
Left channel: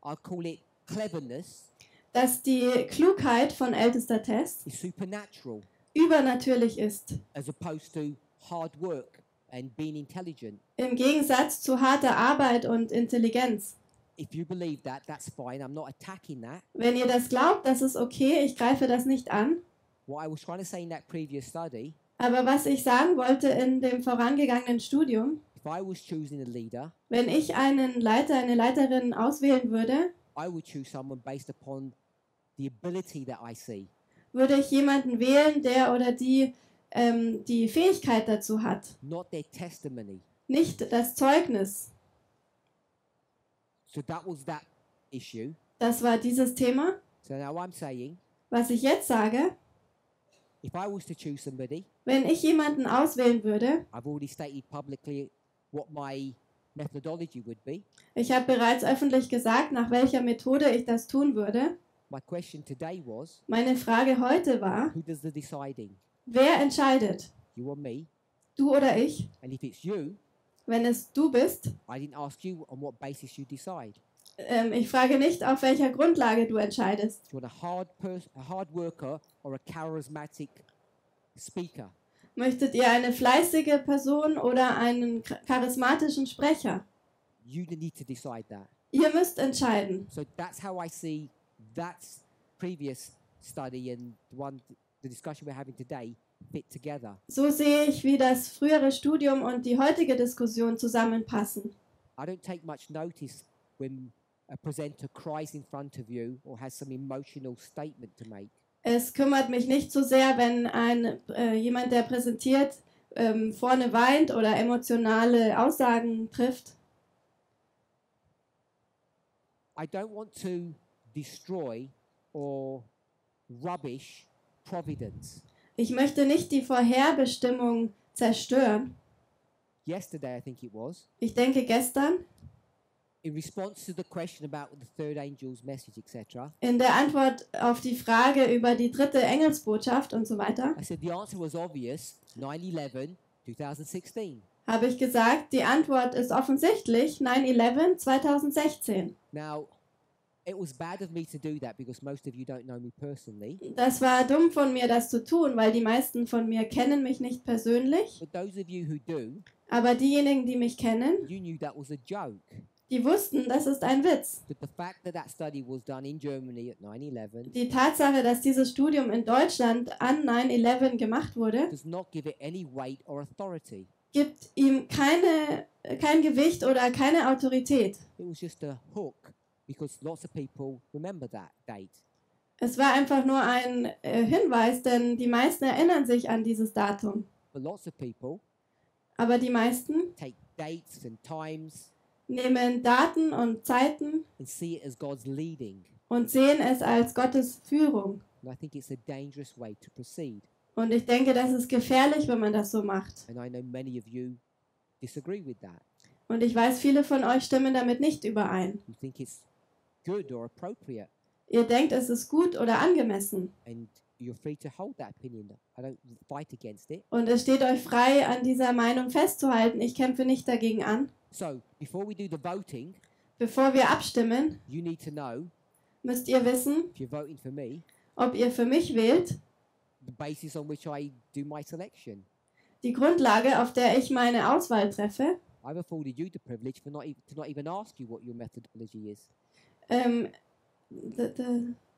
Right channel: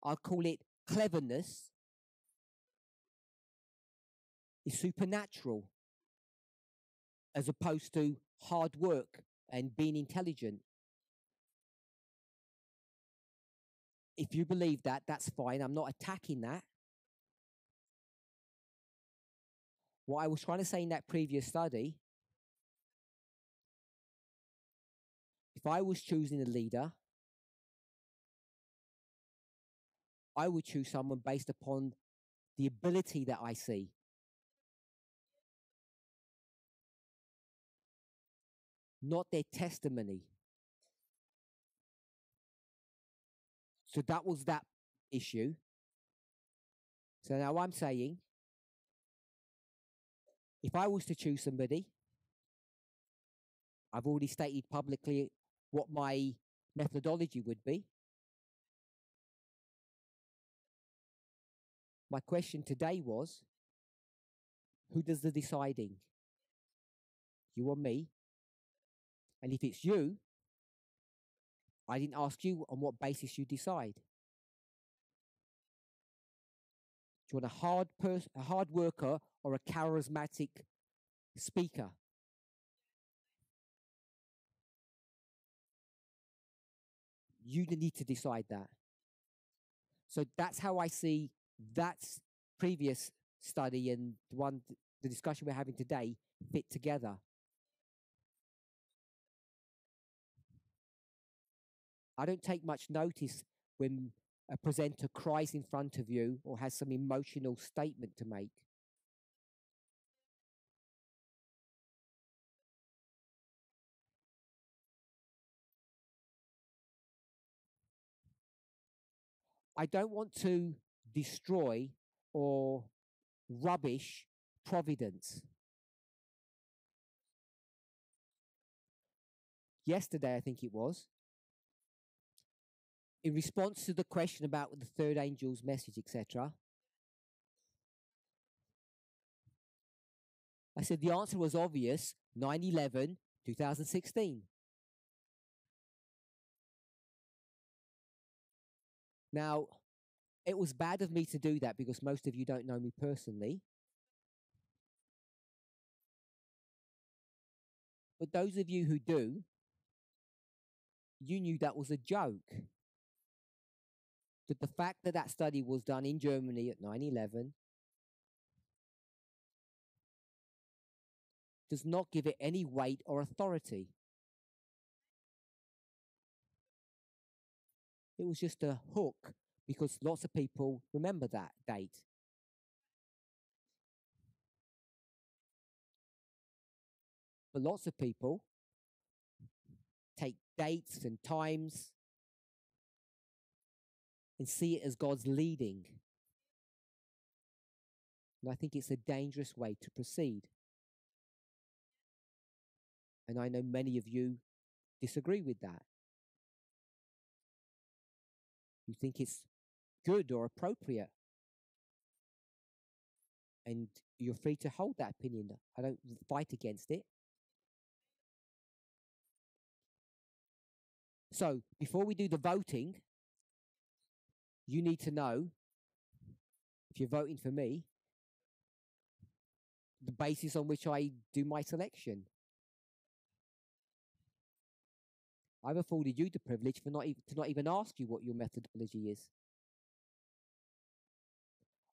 I'll call it cleverness, dass die Klugheit von ältester Test is supernatural übernatürlich ist, as opposed to hard work and being intelligent. im Gegensatz zu harter Arbeit und Intelligenz. If you believe that, that's fine. I'm not attacking that. Wenn ihr das glaubt, das ist okay, ich greife das nicht an. What I was trying to say in that previous study, Aber was ich sagen wollte in dem vorangegangenen Studium, if I was choosing a leader, wenn ich einen Leiter, eine Leiterin auswählen würde, I would choose someone based upon the ability that I see, würde ich jemanden wählen, der oder die die Fähigkeit dazu hat, not their testimony. nicht das Zeugnis. So that was that issue. Das war dieses Thema. So now I'm saying, Was ich jetzt sage, if I was to choose somebody, wenn ich jemanden auswählen würde, I've already stated publicly what my methodology would be. ich habe bereits öffentlich gesagt, nach welcher Methode ich das tun würde. My question today was, Meine Frage heute war, who does the deciding? wer entscheidet? You or me? Du oder ich? And if it's you, Wenn es du bist, I didn't ask you on what basis you decide. ich frage nicht, auf welcher Grundlage du entscheidest. Do you want a hard worker or a charismatic speaker? Möchtet ihr eine fleißige Person oder einen charismatischen Sprecher? You need to decide that. Ihr müsst entscheiden. So that's how I see that previous study and the discussion we're having today fit together. So sehe ich, wie das frühere Studium und die heutige Diskussion zusammenpassen. I don't take much notice when a presenter cries in front of you or has some emotional statement to make. Es kümmert mich nicht so sehr, wenn jemand, der präsentiert, vorne weint oder emotionale Aussagen trifft. I don't want to destroy or rubbish providence. Ich möchte nicht die Vorherbestimmung zerstören. Yesterday, I think it was, Ich denke gestern, in response to the question about the third angel's message, etc., in der Antwort auf die Frage über die dritte Engelsbotschaft und so weiter, I said the answer was obvious, 9/11, 2016. habe ich gesagt, die Antwort ist offensichtlich 9/11 2016. Now, it was bad of me to do that because most of you don't know me personally. Das war dumm von mir, das zu tun, weil die meisten von mir kennen mich nicht persönlich. But those of you who do, Aber diejenigen, die mich kennen, you knew that was a joke. die wussten, das ist ein Witz. That the fact that that study was done in Germany at 9/11 Die Tatsache, dass dieses Studium in Deutschland an 9/11 gemacht wurde, does not give it any weight or authority. gibt ihm kein Gewicht oder keine Autorität. It was just a hook because lots of people remember that date. Es war einfach nur ein Hinweis, denn die meisten erinnern sich an dieses Datum. But lots of people Aber die meisten take dates and times nehmen Daten und Zeiten and see it as God's leading. und sehen es als Gottes Führung. And I think it's a dangerous way to proceed. Und ich denke, das ist gefährlich, wenn man das so macht. And I know many of you disagree with that. Und ich weiß, viele von euch stimmen damit nicht überein. You think it's good or appropriate. ihr denkt, es ist gut oder angemessen. And you're free to hold that opinion. I don't fight against it. Und es steht euch frei, an dieser Meinung festzuhalten. Ich kämpfe nicht dagegen an. So before we do the voting, Bevor wir abstimmen, you need to know müsst ihr wissen, if you're voting for me, ob ihr für mich wählt, the basis on which I do my selection. die Grundlage, auf der ich meine Auswahl treffe. I've afforded you the privilege for to not even ask you what your methodology is.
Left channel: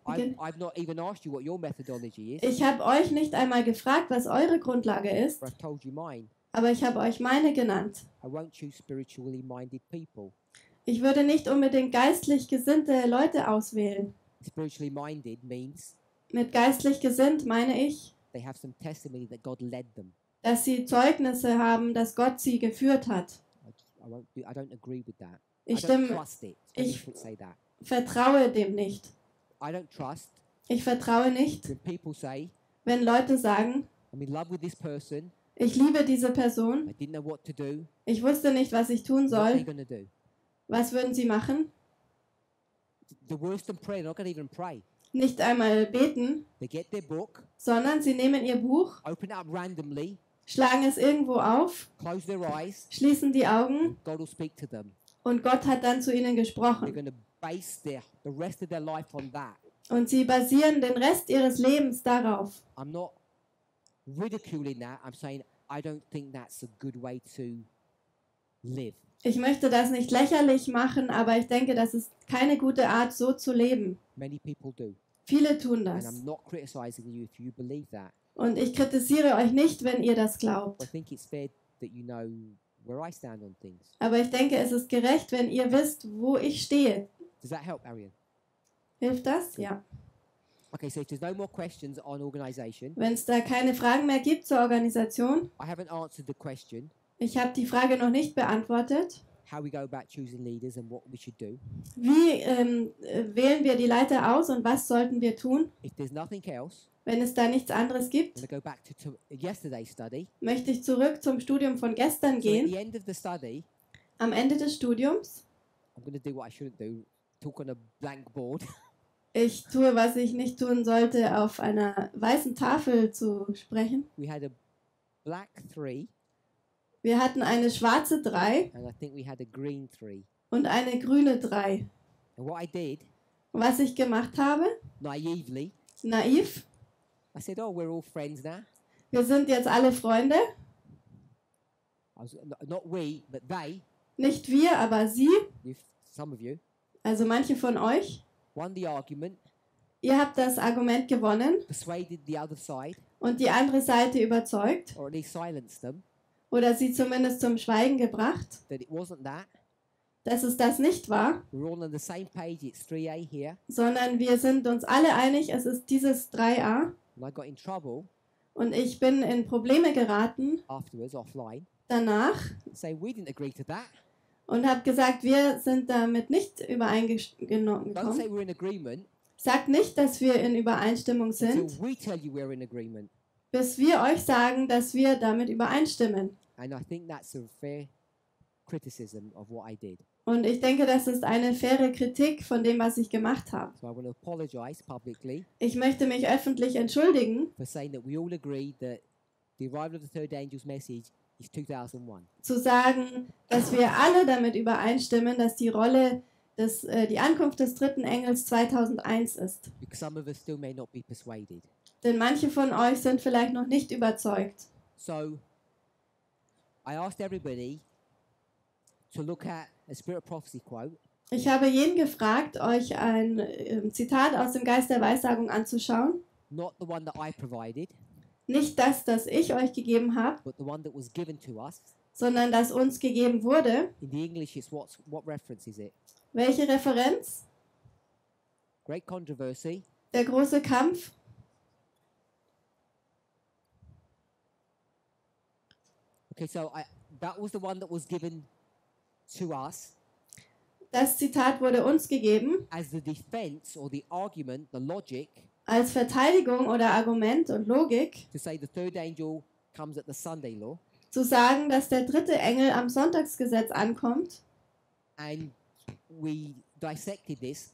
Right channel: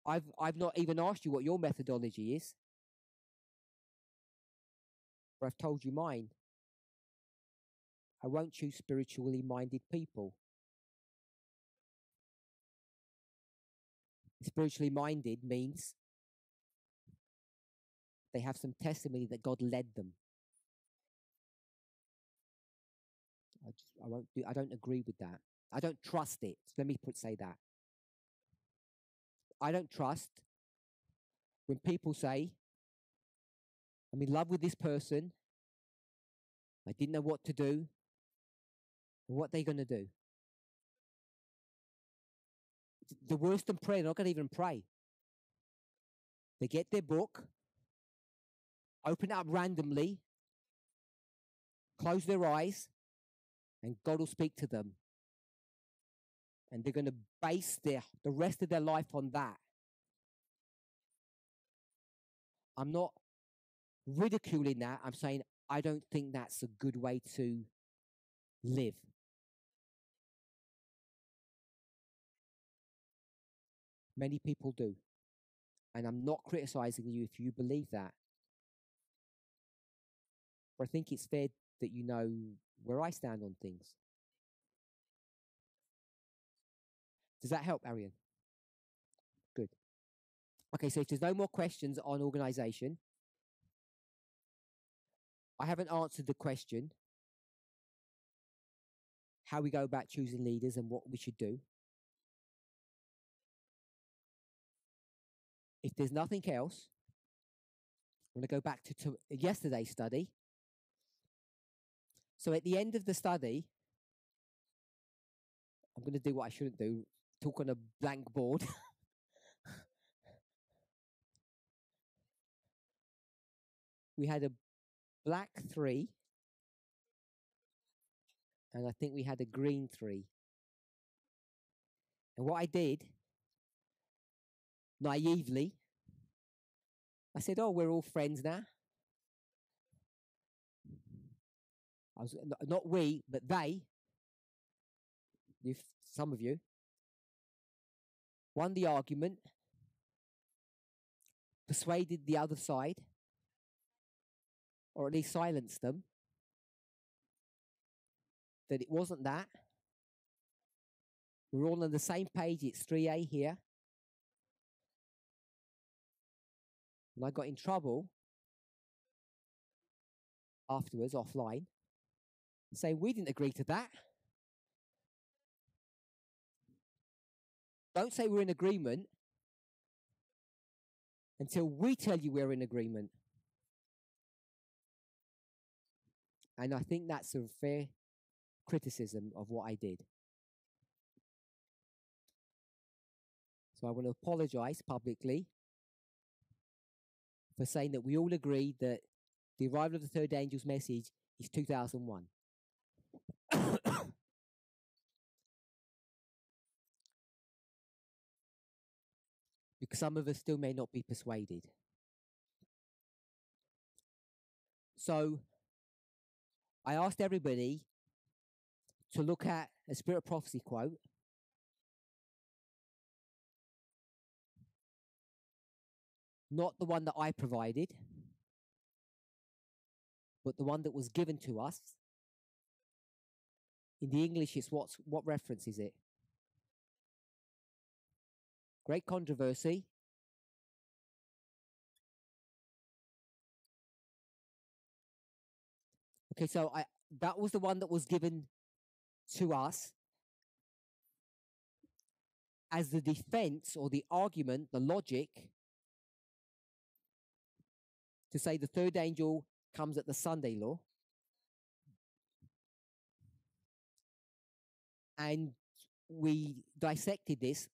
I've not even asked you what your methodology is. Ich habe euch nicht einmal gefragt, was eure Grundlage ist, But I've told you mine. aber ich habe euch meine genannt. I won't choose spiritually minded people. Ich würde nicht unbedingt geistlich gesinnte Leute auswählen. Spiritually minded means Mit geistlich gesinnt meine ich, they have some testimony that God led them. dass sie Zeugnisse haben, dass Gott sie geführt hat. I don't agree with that. I Ich don't trust it. Let me ich- say that. vertraue dem nicht. I don't trust Ich vertraue nicht, when people say, wenn Leute sagen, I'm in love with this person, ich liebe diese Person, I didn't know what to do, ich wusste nicht, was ich tun what are they soll. going to do? Was würden sie machen? The worst than prayer, they're not going to even pray. Nicht einmal beten, They get their book, sondern sie nehmen ihr Buch, open it up randomly, schlagen es irgendwo auf, close their eyes, schließen die Augen and God will speak to them. und Gott hat dann zu ihnen And they're gesprochen. going to base the rest of their life on that. Und sie basieren den Rest ihres Lebens darauf. I'm not ridiculing that. I'm saying I don't think that's a good way to live. Ich möchte das nicht lächerlich machen, aber ich denke, das ist keine gute Art, so zu leben. Many people do. Viele tun And das. I'm not criticizing you if you believe that. Und ich kritisiere euch nicht, wenn ihr das But glaubt. I think it's fair that you know where I stand on things. Aber ich denke, es ist gerecht, wenn ihr wisst, wo ich stehe. Does that help, Arian? Hilft das? Gut. Ja. Okay, so if there's no more questions on organization, Wenn es da keine Fragen mehr gibt zur Organisation, I haven't answered the question ich habe die Frage noch nicht beantwortet. how we go about choosing leaders and what we should do. Wie wählen wir die Leiter aus und was sollten wir tun? If there's nothing else, Wenn es da nichts anderes gibt, I'm going to go back to yesterday's study. möchte ich zurück zum Studium von gestern So at gehen. the end of the study, Am Ende des Studiums, I'm going to do what I shouldn't do, talk on a blank board. ich tue, was ich nicht tun sollte, auf einer weißen Tafel zu sprechen. We had a black 3, Wir hatten eine schwarze 3 and I think we had a green 3. und eine grüne 3. And what I did, Und was ich gemacht habe, naively, naiv, I said, oh, we're all friends now. wir sind jetzt alle Freunde. Not we, but they, Nicht wir, aber sie, some of you, also manche von euch. won the argument, Ihr habt das Argument gewonnen persuaded the other side, und die andere Seite überzeugt or at least silenced them, oder sie zumindest zum Schweigen gebracht, that it wasn't that. dass es das nicht war, We're all on the same page. It's 3A here. sondern wir sind uns alle einig, es ist dieses 3a. And I got in trouble Und ich bin in Probleme geraten afterwards, offline, danach say we didn't agree to that. und habe gesagt, wir sind damit nicht Don't say übereingekommen. we're in agreement Sagt nicht, dass wir in Übereinstimmung until sind, we tell you we're in agreement. bis wir euch sagen, dass wir damit übereinstimmen. And I think that's a fair criticism of what I did. Und ich denke, das ist eine faire Kritik von dem, was ich gemacht habe. So I want to apologize publicly Ich möchte mich öffentlich entschuldigen, for saying that we all agreed that the arrival of the third angel's message is 2001. zu sagen, dass wir alle damit übereinstimmen, dass die Rolle die Ankunft des dritten Engels 2001 ist. Because some of us still may not be persuaded. Denn manche von euch sind vielleicht noch nicht überzeugt. So I asked everybody to look at a Spirit of Prophecy quote, Ich habe jeden gefragt, euch ein Zitat aus dem Geist der Weissagung anzuschauen. not the one that I provided, Nicht das, das ich euch gegeben habe, but the one that was given to us. sondern das uns gegeben wurde. In the English, it's what reference is it? Welche Referenz? Great Controversy, Der große Kampf. Okay, so that was the one that was given to us Das Zitat wurde uns gegeben as the defense or the argument, the logic als Verteidigung oder Argument und Logik, to say the third angel comes at the Sunday law, zu sagen, dass der dritte Engel am Sonntagsgesetz ankommt. and we dissected this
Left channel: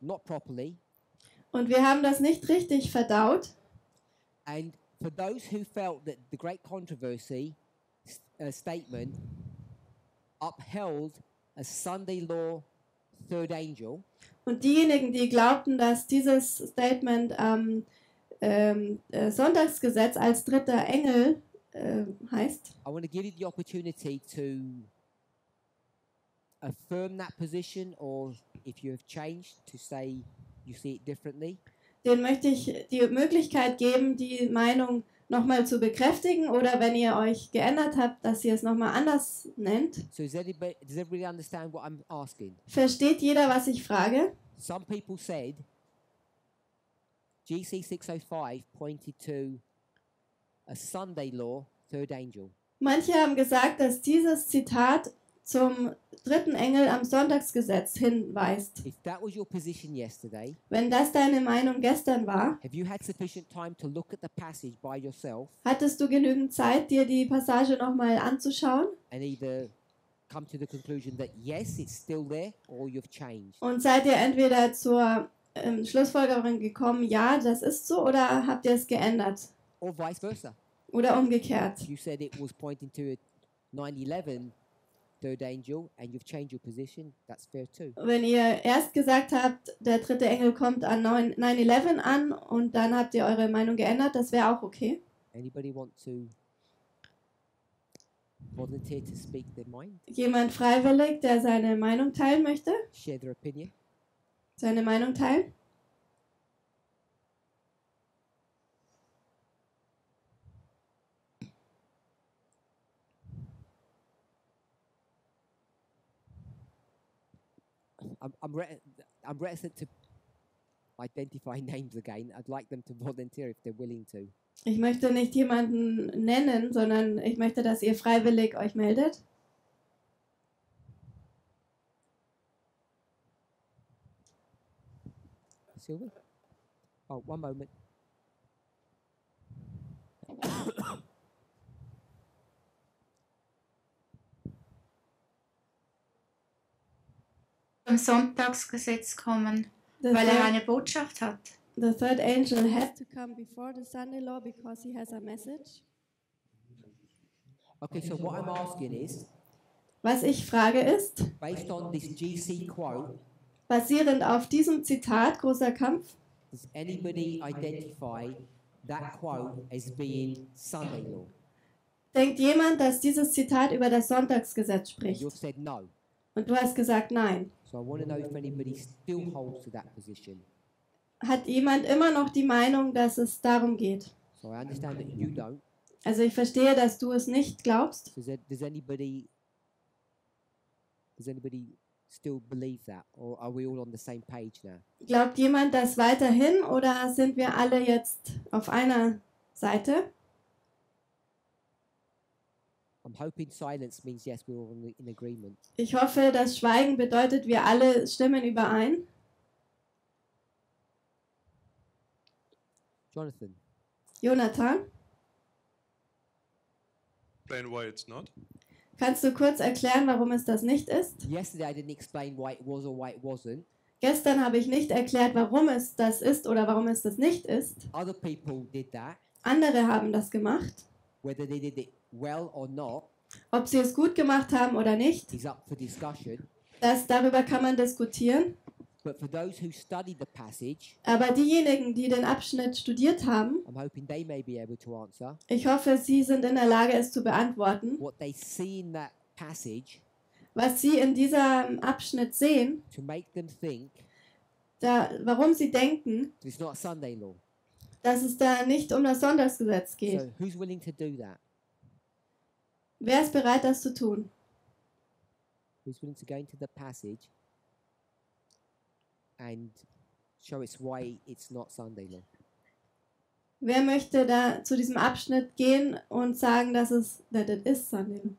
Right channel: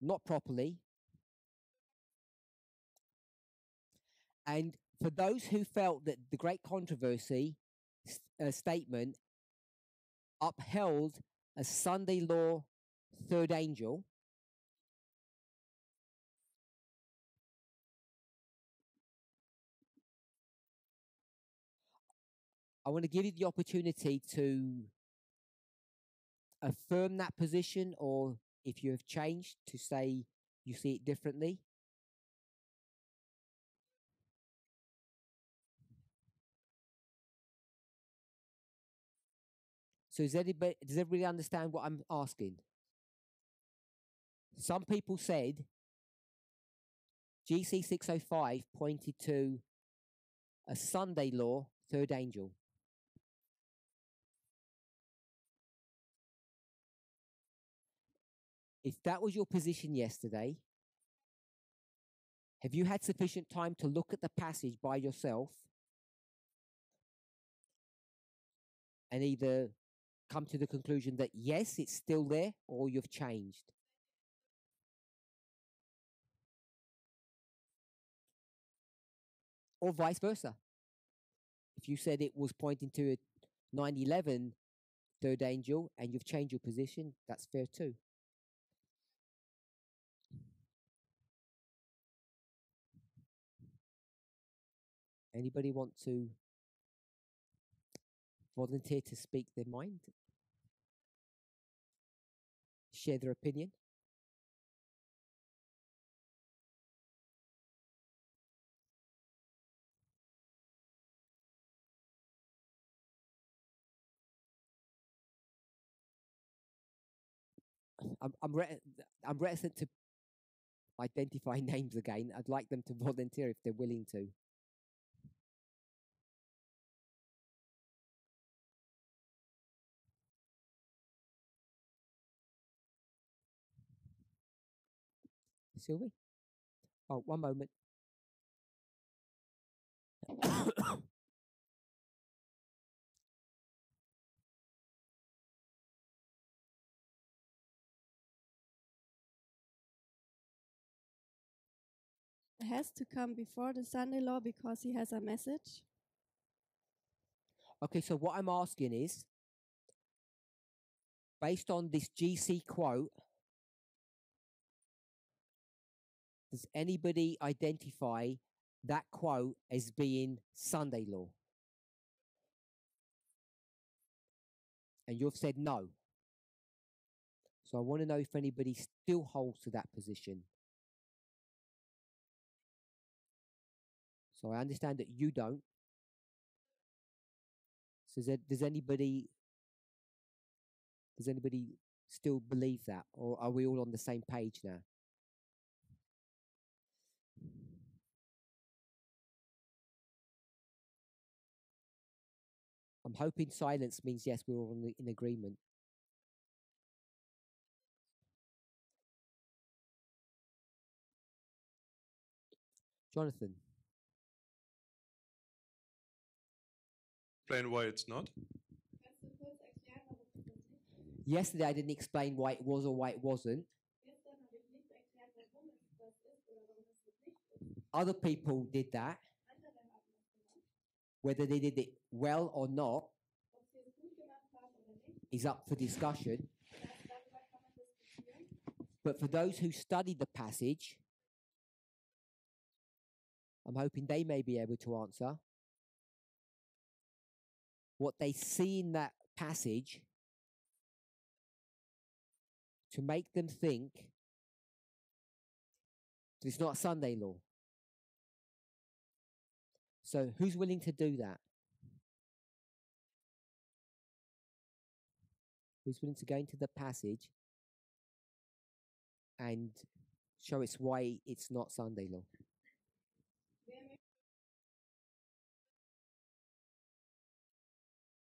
not properly, Und wir haben das nicht richtig verdaut. And for those who felt that the great controversy statement upheld a Sunday law third angel, Und diejenigen, die glaubten, dass dieses Statement Sonntagsgesetz als dritter Engel heißt, I want to give you the opportunity to affirm that position, or if you have changed, to say you see it differently. denen möchte ich die Möglichkeit geben, die Meinung nochmal zu bekräftigen oder wenn ihr euch geändert habt, dass ihr es nochmal anders nennt. So does everybody understand what I'm asking? Versteht jeder, was ich frage? Some people said GC 605 pointed to a Sunday law third angel. Manche haben gesagt, dass dieses Zitat zum dritten Engel am Sonntagsgesetz hinweist. If that was your position yesterday, Wenn das deine Meinung gestern war, have you had sufficient time to look at the passage by yourself hattest du genügend Zeit, dir die Passage nochmal anzuschauen? and either come to the conclusion that yes, it's still there, or you've changed? Und seid ihr entweder zur Schlussfolgerung gekommen, ja, das ist so, oder habt ihr es geändert? Or vice versa? Oder umgekehrt? You said it was pointing to a 9/11 third angel and you've changed your position, that's fair too. Wenn ihr erst gesagt habt, der dritte Engel kommt an 9/11 an und dann habt ihr eure Meinung geändert, das wäre auch okay. Anybody want to volunteer to speak their mind, Jemand freiwillig, der seine Meinung teilen möchte? share their opinion? Seine Meinung teilen? I'm reticent to identify names again. I'd like them to volunteer if they're willing to. Ich möchte nicht jemanden nennen, sondern ich möchte, dass ihr freiwillig euch meldet. Sylvie? Oh, one moment. Zum Sonntagsgesetz kommen, The weil er third, eine Botschaft hat. the third angel has to come before the Sunday law because he has a message. Okay, so what I'm asking is, Was ich frage ist, based on this GC quote, basierend auf diesem Zitat, großer Kampf, does anybody identify that quote as being Sunday law? denkt jemand, dass dieses Zitat über das Sonntagsgesetz And spricht? you've said no. Und du hast gesagt nein. So I want to know if anybody still holds to that position. Hat jemand immer noch die Meinung, dass es darum geht? So I understand that you don't. Also ich verstehe, dass du es nicht glaubst. So does anybody still believe that, or are we all on the same page now? Glaubt jemand das weiterhin oder sind wir alle jetzt auf einer Seite? I'm hoping silence means yes, we're all in agreement. Ich hoffe, das Schweigen bedeutet, wir alle stimmen überein. Jonathan, Jonathan, Explain why it's not. kannst du kurz erklären, warum es das nicht ist? yesterday I didn't explain why it was or why it wasn't. Gestern habe ich nicht erklärt, warum es das ist oder warum es das nicht ist. Other people did that. Andere haben das gemacht. Whether they did it well or not Ob sie es gut gemacht haben oder nicht, is up for discussion. darüber kann man diskutieren. But for those who studied the passage, Aber diejenigen, die den Abschnitt studiert haben, I'm hoping they may be able to answer ich hoffe, sie sind in der Lage, es zu beantworten, what they see in that passage was sie in diesem Abschnitt sehen, to make them think warum sie denken, that it's not Sunday law. dass es da nicht um das Sonntagsgesetz geht. So who's willing to do that? Wer ist bereit, das zu tun? Who's willing to go into the passage and show us why it's not Sunday law? Wer möchte da zu diesem Abschnitt gehen und sagen, dass es that it is Sunday law?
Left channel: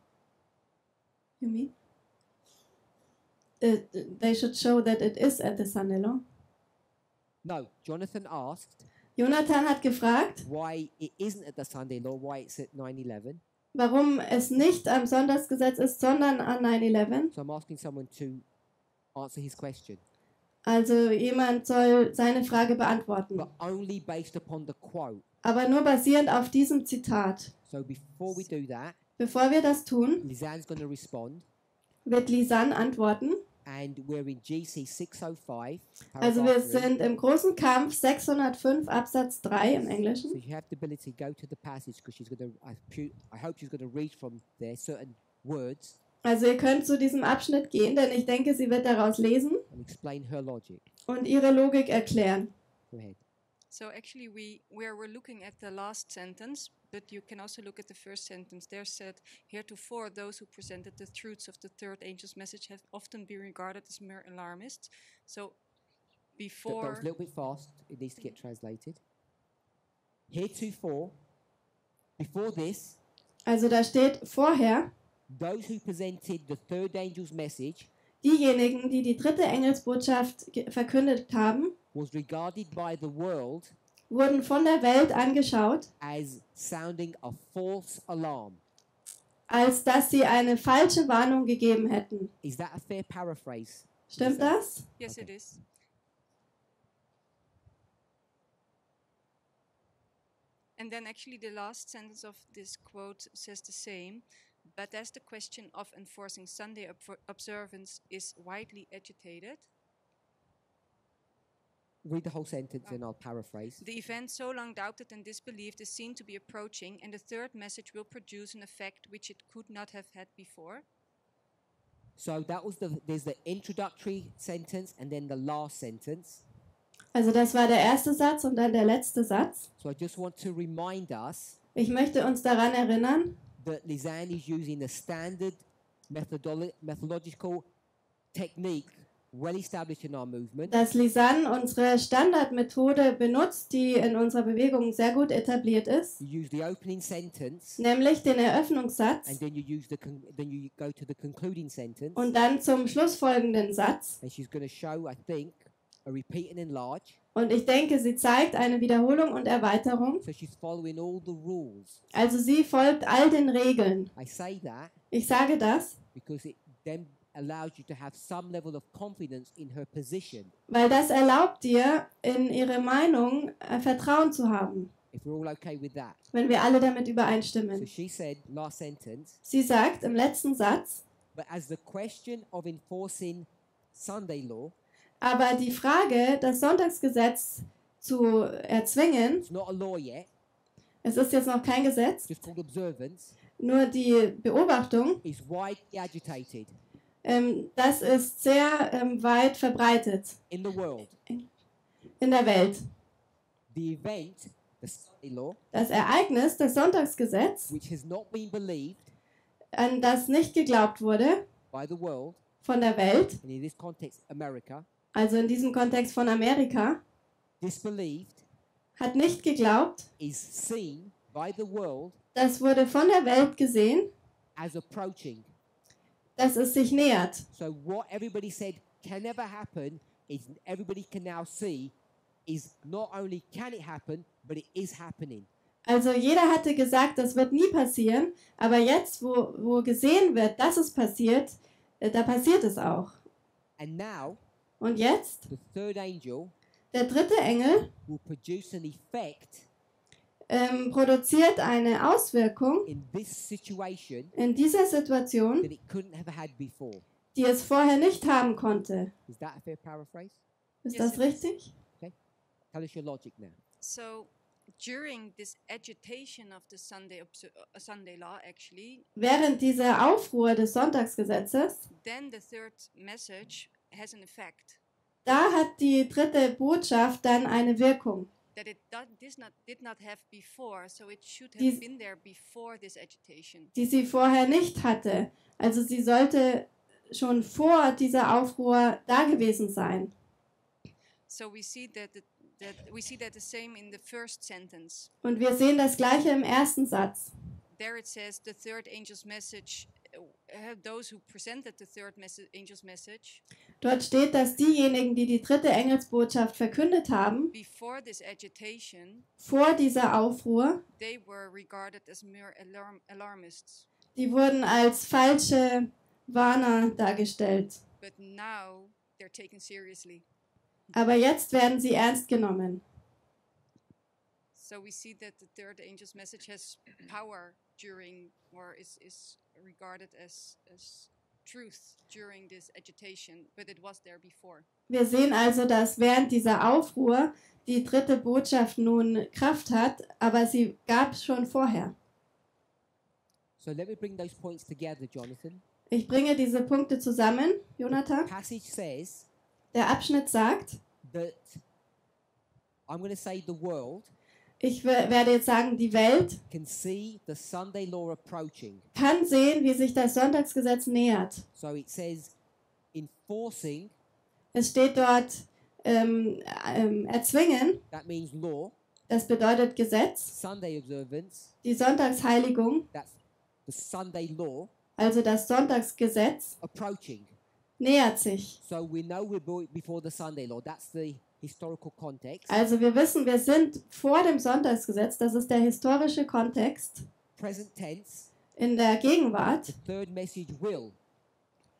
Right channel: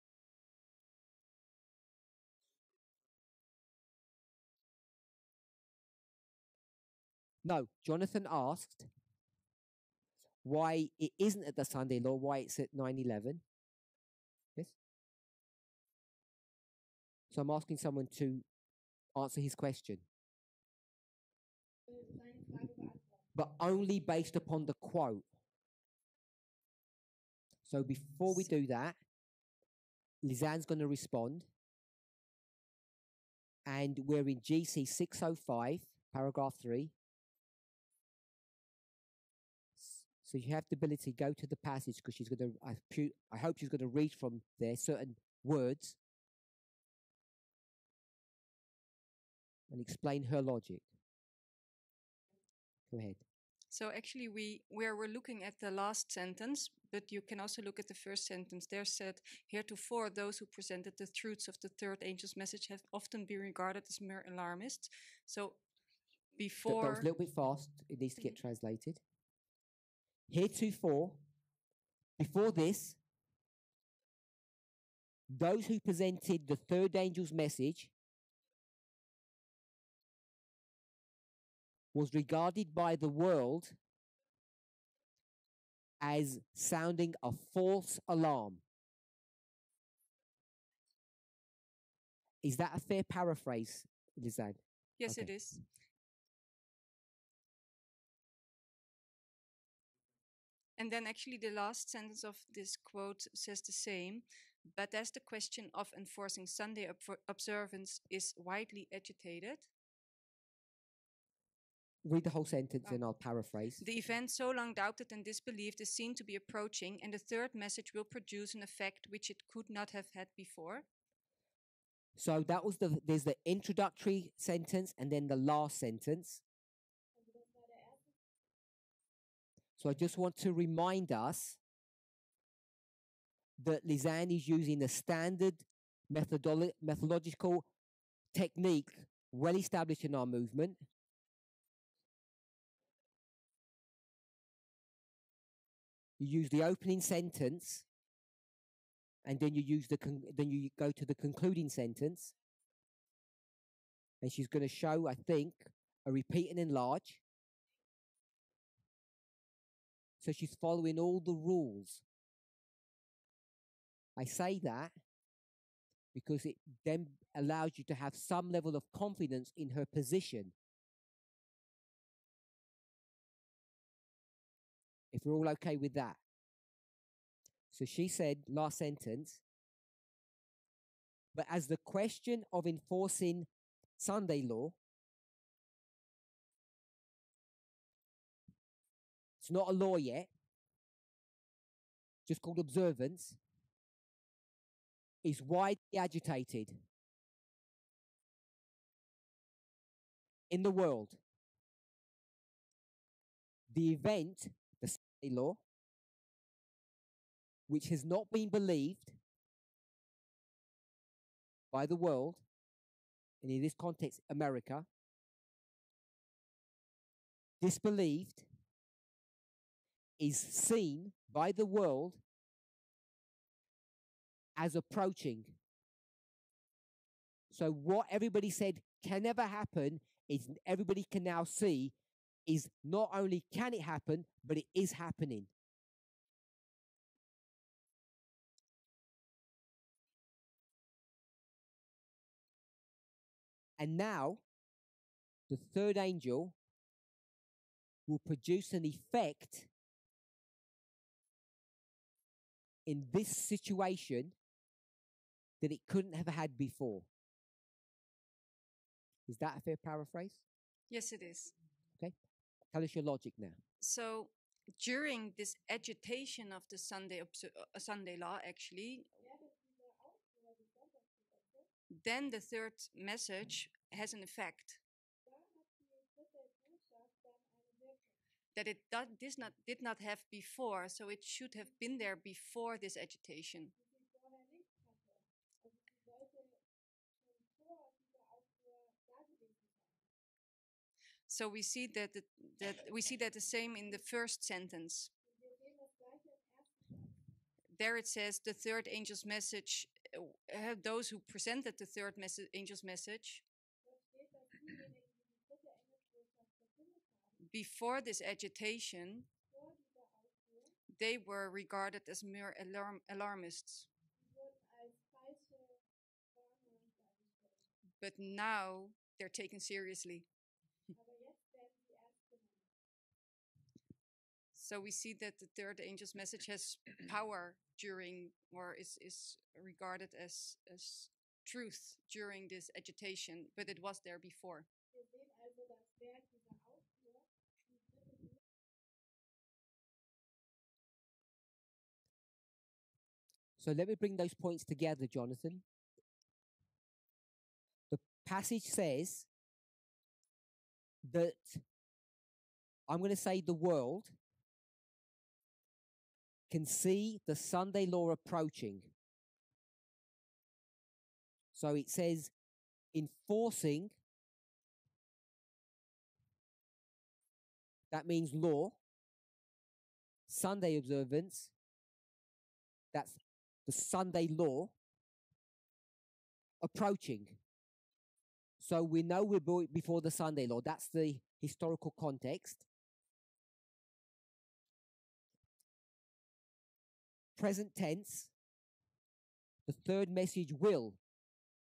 You mean? They should show that it is at the Sunday law. No, Jonathan asked Jonathan hat gefragt, why it isn't at the Sunday law, why it's at 9/11. warum es nicht am Sonntagsgesetz ist, sondern an 9/11. So I'm asking someone to answer his question. Also jemand soll seine Frage beantworten, but only based upon the quote. aber nur basierend auf diesem Zitat. So before we do that, Bevor wir das tun, Lisanne's going to respond, wird Lisanne antworten. and we're in GC 605, Also wir paragraph 3. sind im großen Kampf 605 Absatz 3 im Englischen. So you have the ability to go to the passage because she's going to, I hope she's going to read from there certain words Also ihr könnt zu diesem Abschnitt gehen, denn ich denke, sie wird daraus lesen and explain her logic. und ihre Logik erklären. Go ahead. So actually, we're looking at the last sentence, but you can also look at the first sentence. There said, heretofore, those who presented the truths of the third angel's message have often been regarded as mere alarmists. So That before... was a little bit fast. It needs to get translated. Heretofore, before this, Also da steht vorher, those who presented the third angel's message diejenigen, die die dritte Engelsbotschaft verkündet haben, was regarded by the world wurden von der Welt angeschaut, as sounding a false alarm. als dass sie eine falsche Warnung gegeben hätten. Is that a fair paraphrase? Stimmt Lisa? das? Yes, Okay. it is. And then actually the last sentence of this quote says the same. But as the question of enforcing Sunday observance is widely agitated, Read the whole sentence and I'll paraphrase. the event so long doubted and disbelieved is seen to be approaching, and the third message will produce an effect which it could not have had before. So that was there's the introductory sentence and then the last sentence. Also das war der erste Satz und dann der letzte Satz. So I just want to remind us Ich möchte uns daran erinnern, that Lisanne is using a standard methodological technique well established in our movement. dass Lisanne unsere Standardmethode benutzt, die in unserer Bewegung sehr gut etabliert ist, You use the opening sentence nämlich den Eröffnungssatz and then you use then you go to the concluding sentence. und dann zum schlussfolgenden Satz. And she's going to show, I think, a repeat and enlarge. Und ich denke, sie zeigt eine Wiederholung und Erweiterung. So she's following all the rules. Also sie folgt all den Regeln. I say that Ich sage das, because it then allows you to have some level of confidence in her position. weil das erlaubt dir, in ihre Meinung Vertrauen zu haben, If we're all okay with that. wenn wir alle damit So übereinstimmen. she said, last sentence, Sie sagt im letzten Satz, but as the question of enforcing Sunday law, aber die Frage, das Sonntagsgesetz zu erzwingen, it's not a law yet, es ist jetzt noch kein Gesetz, just called observance, nur die Beobachtung, is widely agitated das ist sehr weit verbreitet in the world. in der Welt. The event, the Sunday law, Das Ereignis, das Sonntagsgesetz, which has not been believed an das nicht geglaubt wurde by the world, von der Welt, and in this context, America, also in diesem Kontext von Amerika, disbelieved, hat nicht geglaubt, is seen by the world das wurde von der Welt gesehen, as approaching. dass es sich nähert. So what everybody said can never happen is everybody can now see is not only can it happen, but it is happening. Also jeder hatte gesagt, das wird nie passieren, aber jetzt, wo gesehen wird, dass es passiert, da passiert es auch. And now Und jetzt, the third angel der dritte Engel will produce an effect produziert eine Auswirkung in this situation in dieser Situation, that it couldn't have had before. die es vorher nicht haben konnte. Is that a fair paraphrase? Ist Yes, das it is. richtig? Tell us your logic now. So during this agitation of the Sunday law, actually, Während dieser Aufruhr des Sonntagsgesetzes, then the third message has an effect da hat die dritte Botschaft dann eine Wirkung, that it did not have before. So it should have Dies- been there before this agitation. die sie vorher nicht hatte. Also sie sollte schon vor dieser Aufruhr da gewesen sein. So we see that the same in the first sentence. Und wir sehen das Gleiche im ersten Satz. There it says the third angel's message. Those who presented the third angel's message Dort steht, dass diejenigen, die die dritte Engelsbotschaft verkündet haben, before this agitation, vor dieser Aufruhr, they were regarded as mere alarmists. die wurden als falsche Warner dargestellt. But now they're taken seriously. Aber jetzt werden sie ernst genommen. So we see that the third angel's message has power during, or is regarded as truth during this agitation, but it was there before. Wir sehen also, dass während dieser Aufruhr die dritte Botschaft nun Kraft hat, aber sie gab es schon vorher. So let me bring those points together, Jonathan. Ich bringe diese Punkte zusammen, Jonathan. Passage says Der Abschnitt sagt, that I'm going to say the world ich werde jetzt sagen, die Welt can see the Sunday law approaching. kann sehen, wie sich das Sonntagsgesetz nähert. So it says enforcing. Es steht dort erzwingen. That means law. Das bedeutet Gesetz. Sunday observance. Die Sonntagsheiligung. That's the Sunday law. Also das Sonntagsgesetz. Approaching. Nähert sich. So we know we're before the Sunday law. That's the historical context. Also wir wissen, wir sind vor dem Sonntagsgesetz. Das ist der historische Kontext. Present tense. In der Gegenwart. The third message will.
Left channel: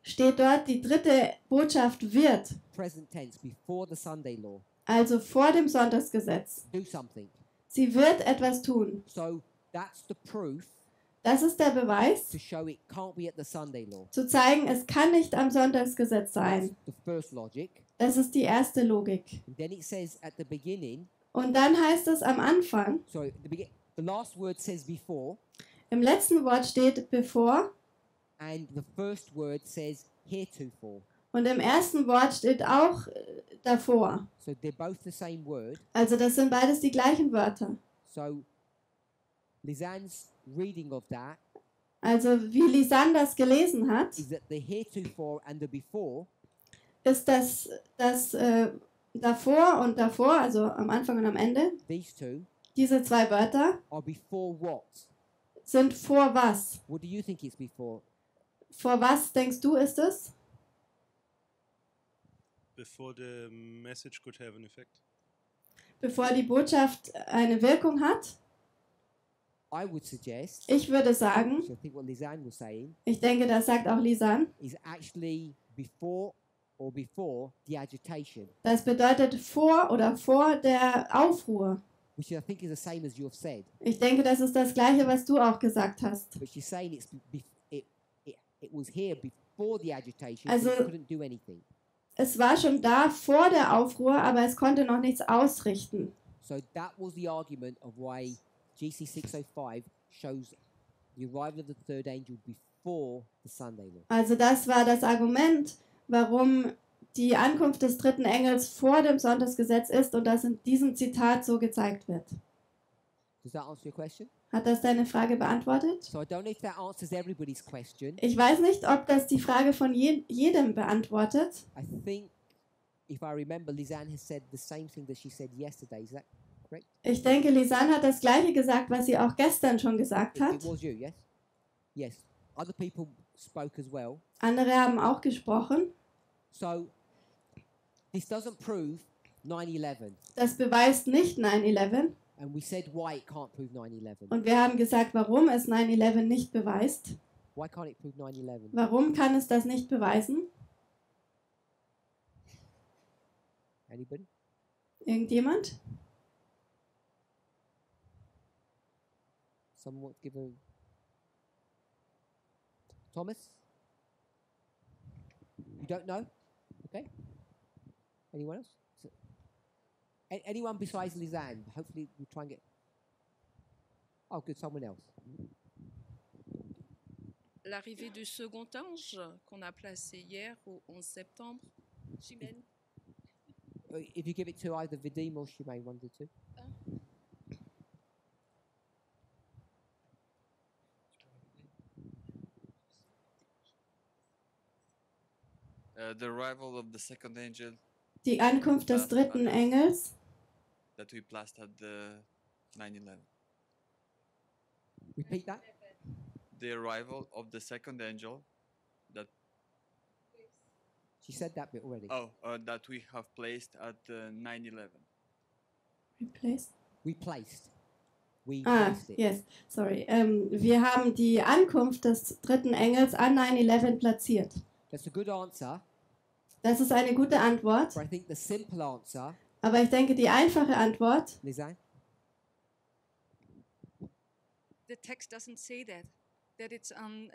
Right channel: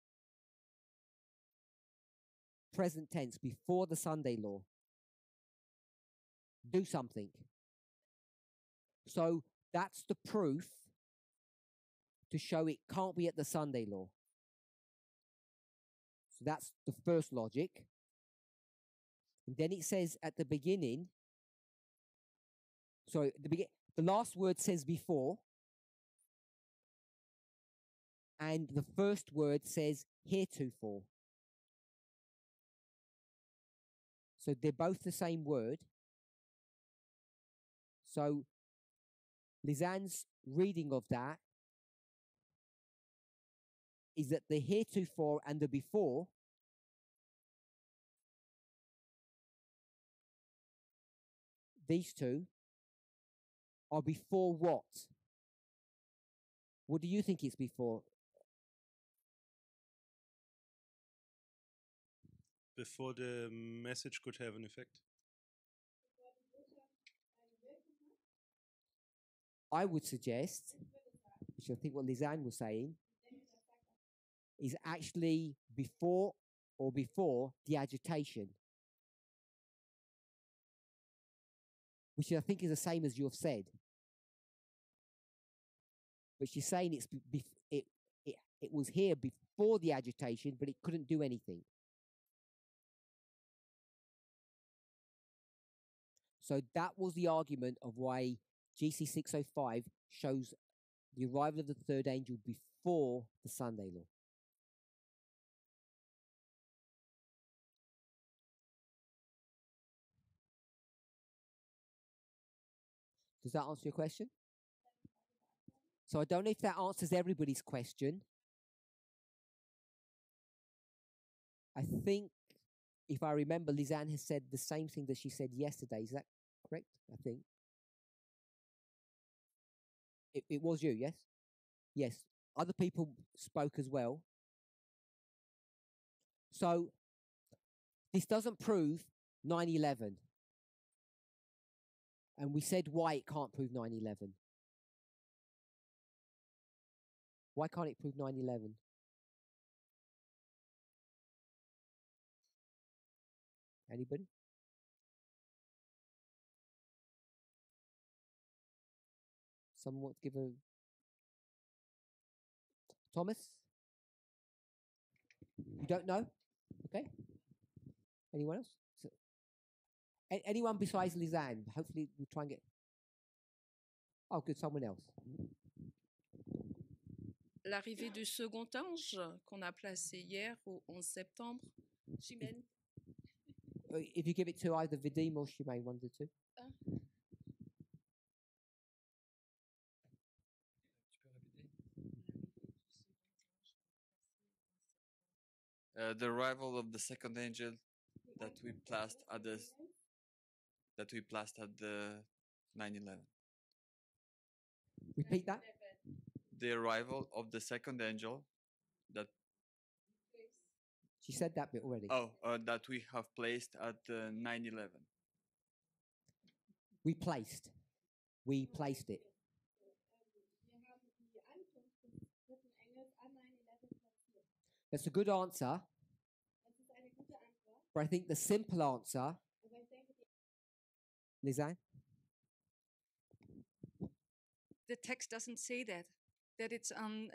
Steht dort, die dritte Botschaft wird. Present tense, before the Sunday law. Also vor dem Sonntagsgesetz. Do something. Sie wird etwas tun. So that's the proof. Das ist der Beweis, To show it can't be at the Sunday law. zu zeigen, es kann nicht am Sonntagsgesetz sein. That's the first logic. Das ist die erste Logik. And then it says at the beginning. Und dann heißt es am Anfang. Sorry, the last word says before. Im letzten Wort steht bevor. And the first word says heretofore. Und im ersten Wort steht auch davor. So they're both the same word. Also das sind beides die gleichen Wörter. So Lisanne's reading of that. Also wie Lisanne das gelesen hat, is that the heretofore and the before ist das davor und davor, also am Anfang und am Ende, these two diese zwei Wörter are before what? sind vor was? What do you think it's before? Vor was denkst du ist es? Before the message could have an effect. Bevor die Botschaft eine Wirkung hat? I would suggest, Ich würde sagen, so I think what Lisanne was saying, ich denke, das sagt auch Lisanne, is actually before the agitation, das bedeutet vor der Aufruhr. which I think is the same as you have said. Ich denke, das ist das Gleiche, was du auch gesagt hast. But she's saying it was here before the agitation, Also- but it couldn't do anything. Es war schon da vor der Aufruhr, aber es konnte noch nichts ausrichten. So that was the argument of why GC 605 shows the arrival of the third angel before the Sunday law. Also das war das Argument, warum die Ankunft des dritten Engels vor dem Sonntagsgesetz ist und das in diesem Zitat so gezeigt wird. Does that answer your question? Hat das deine Frage beantwortet? So I don't know if that answers everybody's question. Ich weiß nicht, ob das die Frage von jedem beantwortet. I think, if I remember, Lisanne has said the same thing that she said yesterday. Is that correct? Ich denke, Lisanne hat das Gleiche gesagt, was sie auch gestern schon gesagt hat. It was you, yes? Yes. Other people spoke as well. Andere haben auch gesprochen. So this doesn't prove 9/11. Das beweist nicht 9/11. And we said why it can't prove 9/11. Und wir haben gesagt, warum es 9/11 nicht beweist. Why can't it prove 9/11? Warum kann es das nicht beweisen? Anybody? Irgendjemand? Someone want to give a... Thomas? You don't know? Okay. Anyone else? Anyone besides Lisanne? Hopefully we'll try and get... Oh, good, someone else. L'arrivée du second ange qu'on a placé hier au 11 septembre. Chimène. If you give it to either Vadim or Shimei, one of the two. The arrival of the second angel Die Ankunft des dritten Engels, that we placed at the 9/11. Repeat that. The arrival of the second angel that She said that bit already. that we have placed at 9/11. replaced. We placed it. Yes, sorry. Wir haben die Ankunft des dritten Engels an 9/11 platziert. That's a good answer. Das ist eine gute Antwort. But I think the simple answer, Aber ich denke, die einfache Antwort, Lisanne, The text doesn't say that it's on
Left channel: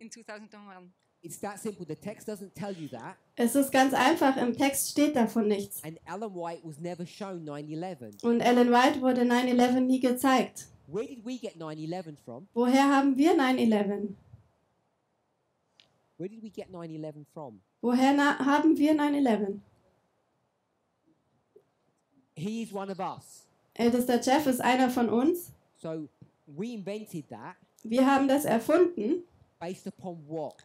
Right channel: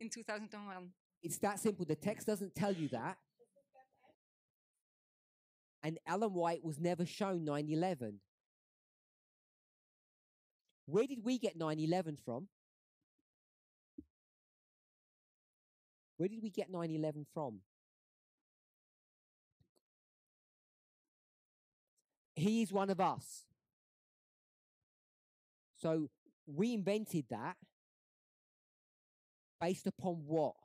in 2001. it's that simple. The text doesn't tell you that. es ist ganz einfach, im Text steht davon nichts. And Ellen White was never shown 9/11. Und Ellen White wurde 9/11 nie gezeigt. Where did we get 9/11 from? Woher haben wir 9/11? Where did we get 9/11 from? Woher haben wir 9/11? He is one of us. Ältester Jeff ist einer von uns. So we invented that Wir haben das erfunden. based upon what?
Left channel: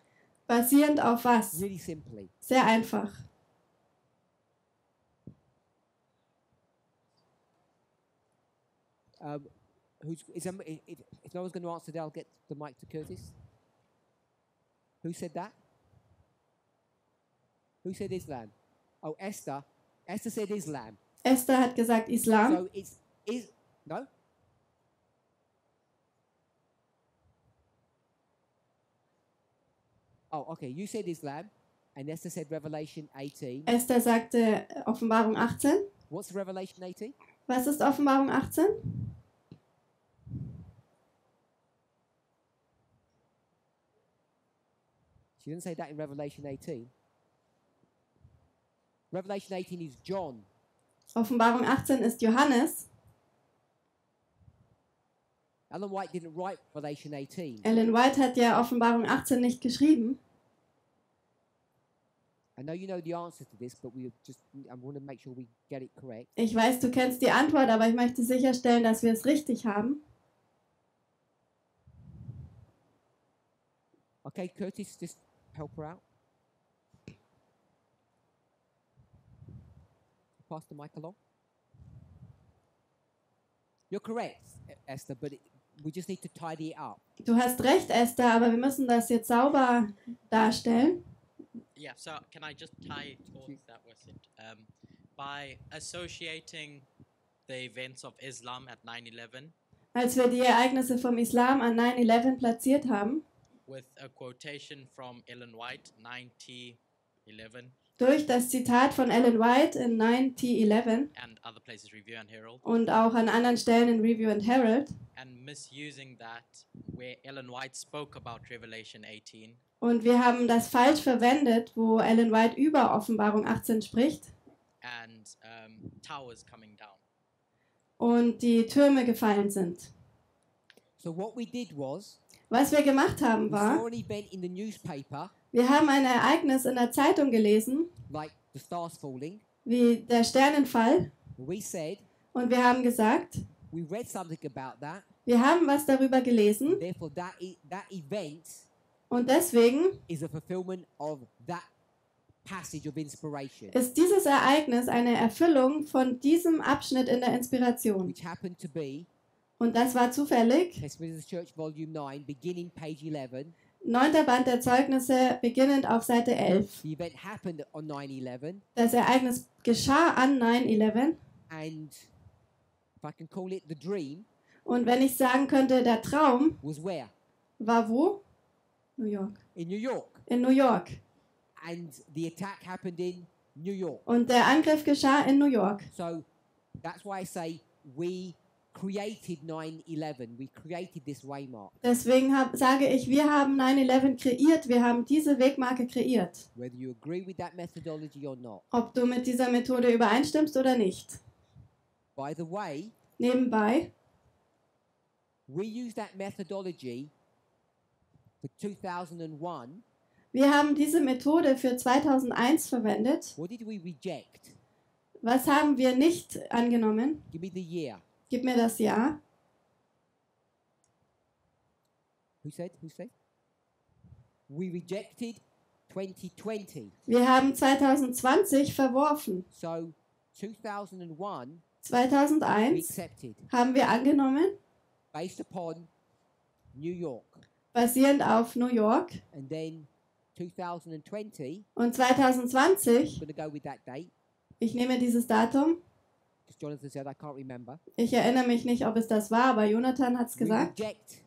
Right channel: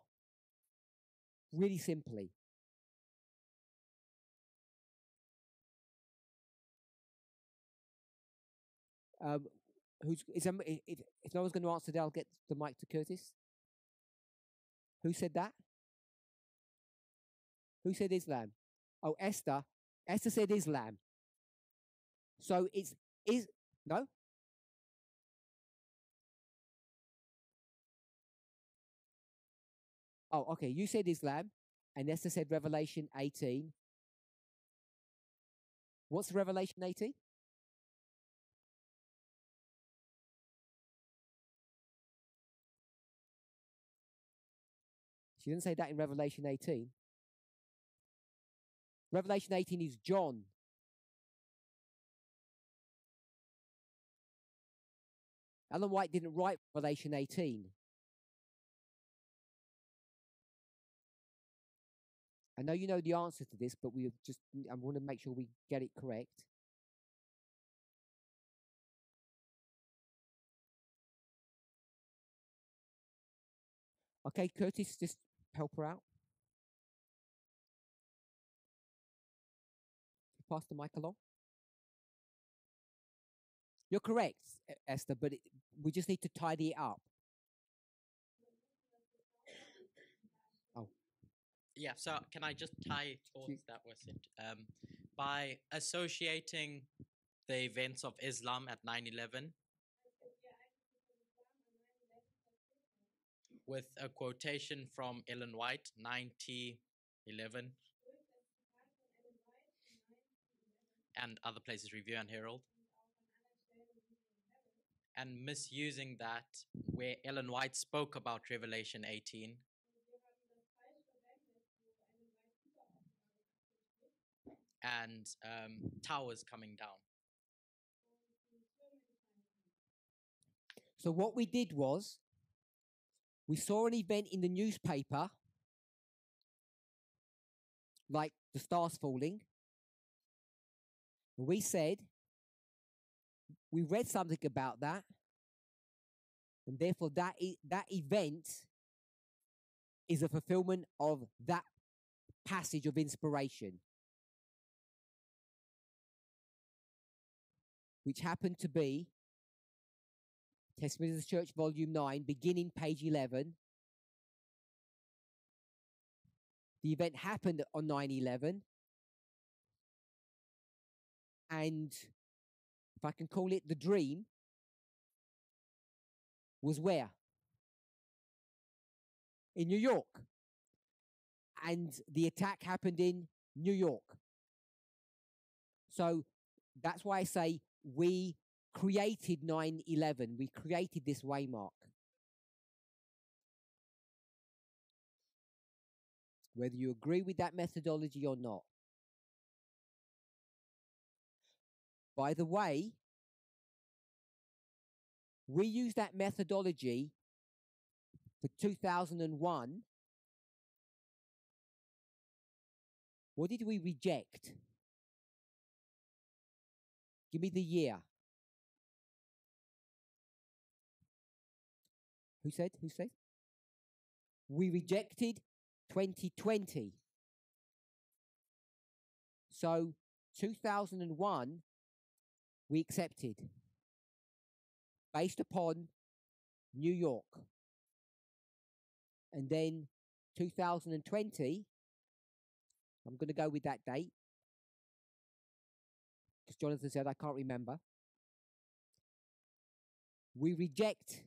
Basierend auf was? Really simply. Sehr einfach. If no one's going to answer that, I'll get the mic to Curtis. Who said that? Who said Islam? Oh, Esther. Esther said Islam. Esther hat gesagt Islam. So no? Oh, okay. You said Islam, and Esther said Revelation 18. Esther sagte Offenbarung 18. What's Revelation 18? Was ist Offenbarung 18? She didn't say that in Revelation 18. Revelation 18 is John. Offenbarung 18 ist Johannes. Ellen White didn't write Revelation 18. Ellen White hat ja Offenbarung 18 nicht geschrieben. I know you know the answer to this, but I want to make sure we get it correct. Ich weiß, du kennst die Antwort, aber ich möchte sicherstellen, dass wir es richtig haben. Okay, Curtis, just help her out. Pass the mic along. You're correct, Esther, but we just need to tidy it up. Du hast recht, Esther, aber wir müssen das jetzt sauber darstellen. Yeah, so can I just tie towards that was it? By associating the events of Islam at 9/11 Als wir die Ereignisse vom Islam an 9/11 platziert haben, with a quotation from Ellen White, 9T11, durch das Zitat von Ellen White in 9T11 and other places, Review and Herald, und auch an anderen Stellen in Review and Herald, and misusing that where Ellen White spoke about Revelation 18, und wir haben das falsch verwendet, wo Ellen White über Offenbarung 18 spricht and towers coming down. und die Türme gefallen sind. So what we did was, Was wir gemacht haben we saw war, an event in the newspaper, wir haben ein Ereignis in der Zeitung gelesen, like the stars falling. wie der Sternenfall, We said, und wir haben gesagt, we read something about that. wir haben was darüber gelesen Therefore, that event und deswegen is a fulfillment of that passage of inspiration, ist dieses Ereignis eine Erfüllung von diesem Abschnitt in der Inspiration. which happened to be Und das war zufällig. Testimonies of the Church, Volume 9, beginning page 11. 9. Band der Zeugnisse, beginnend auf Seite 11. The event happened on 9/11, Das Ereignis geschah an 9/11. and if I can call it the dream, Und wenn ich sagen könnte, der Traum was where? war wo? New York. In New York. In New York. And the attack happened in New York. Und der Angriff geschah in New York. So that's why I say we created 9/11. We created this waymark. Deswegen sage ich, wir haben 9/11 kreiert, wir haben diese Wegmarke kreiert. Whether you agree with that methodology or not. Ob du mit dieser Methode übereinstimmst oder nicht. By the way, Nebenbei, we use that methodology for 2001. wir haben diese Methode für 2001 verwendet. What did we reject? Was haben wir nicht angenommen? Give me the year. Gib mir das Jahr. Who said? We rejected 2020. Wir haben 2020 verworfen. So 2001 we 2001 accepted haben wir angenommen, based upon New York. basierend auf New York. And then 2020, Und 2020, I'm going to go with that date, ich nehme dieses Datum. because Jonathan said I can't remember. Ich erinnere mich nicht, ob es das war, aber Jonathan hat es We gesagt. reject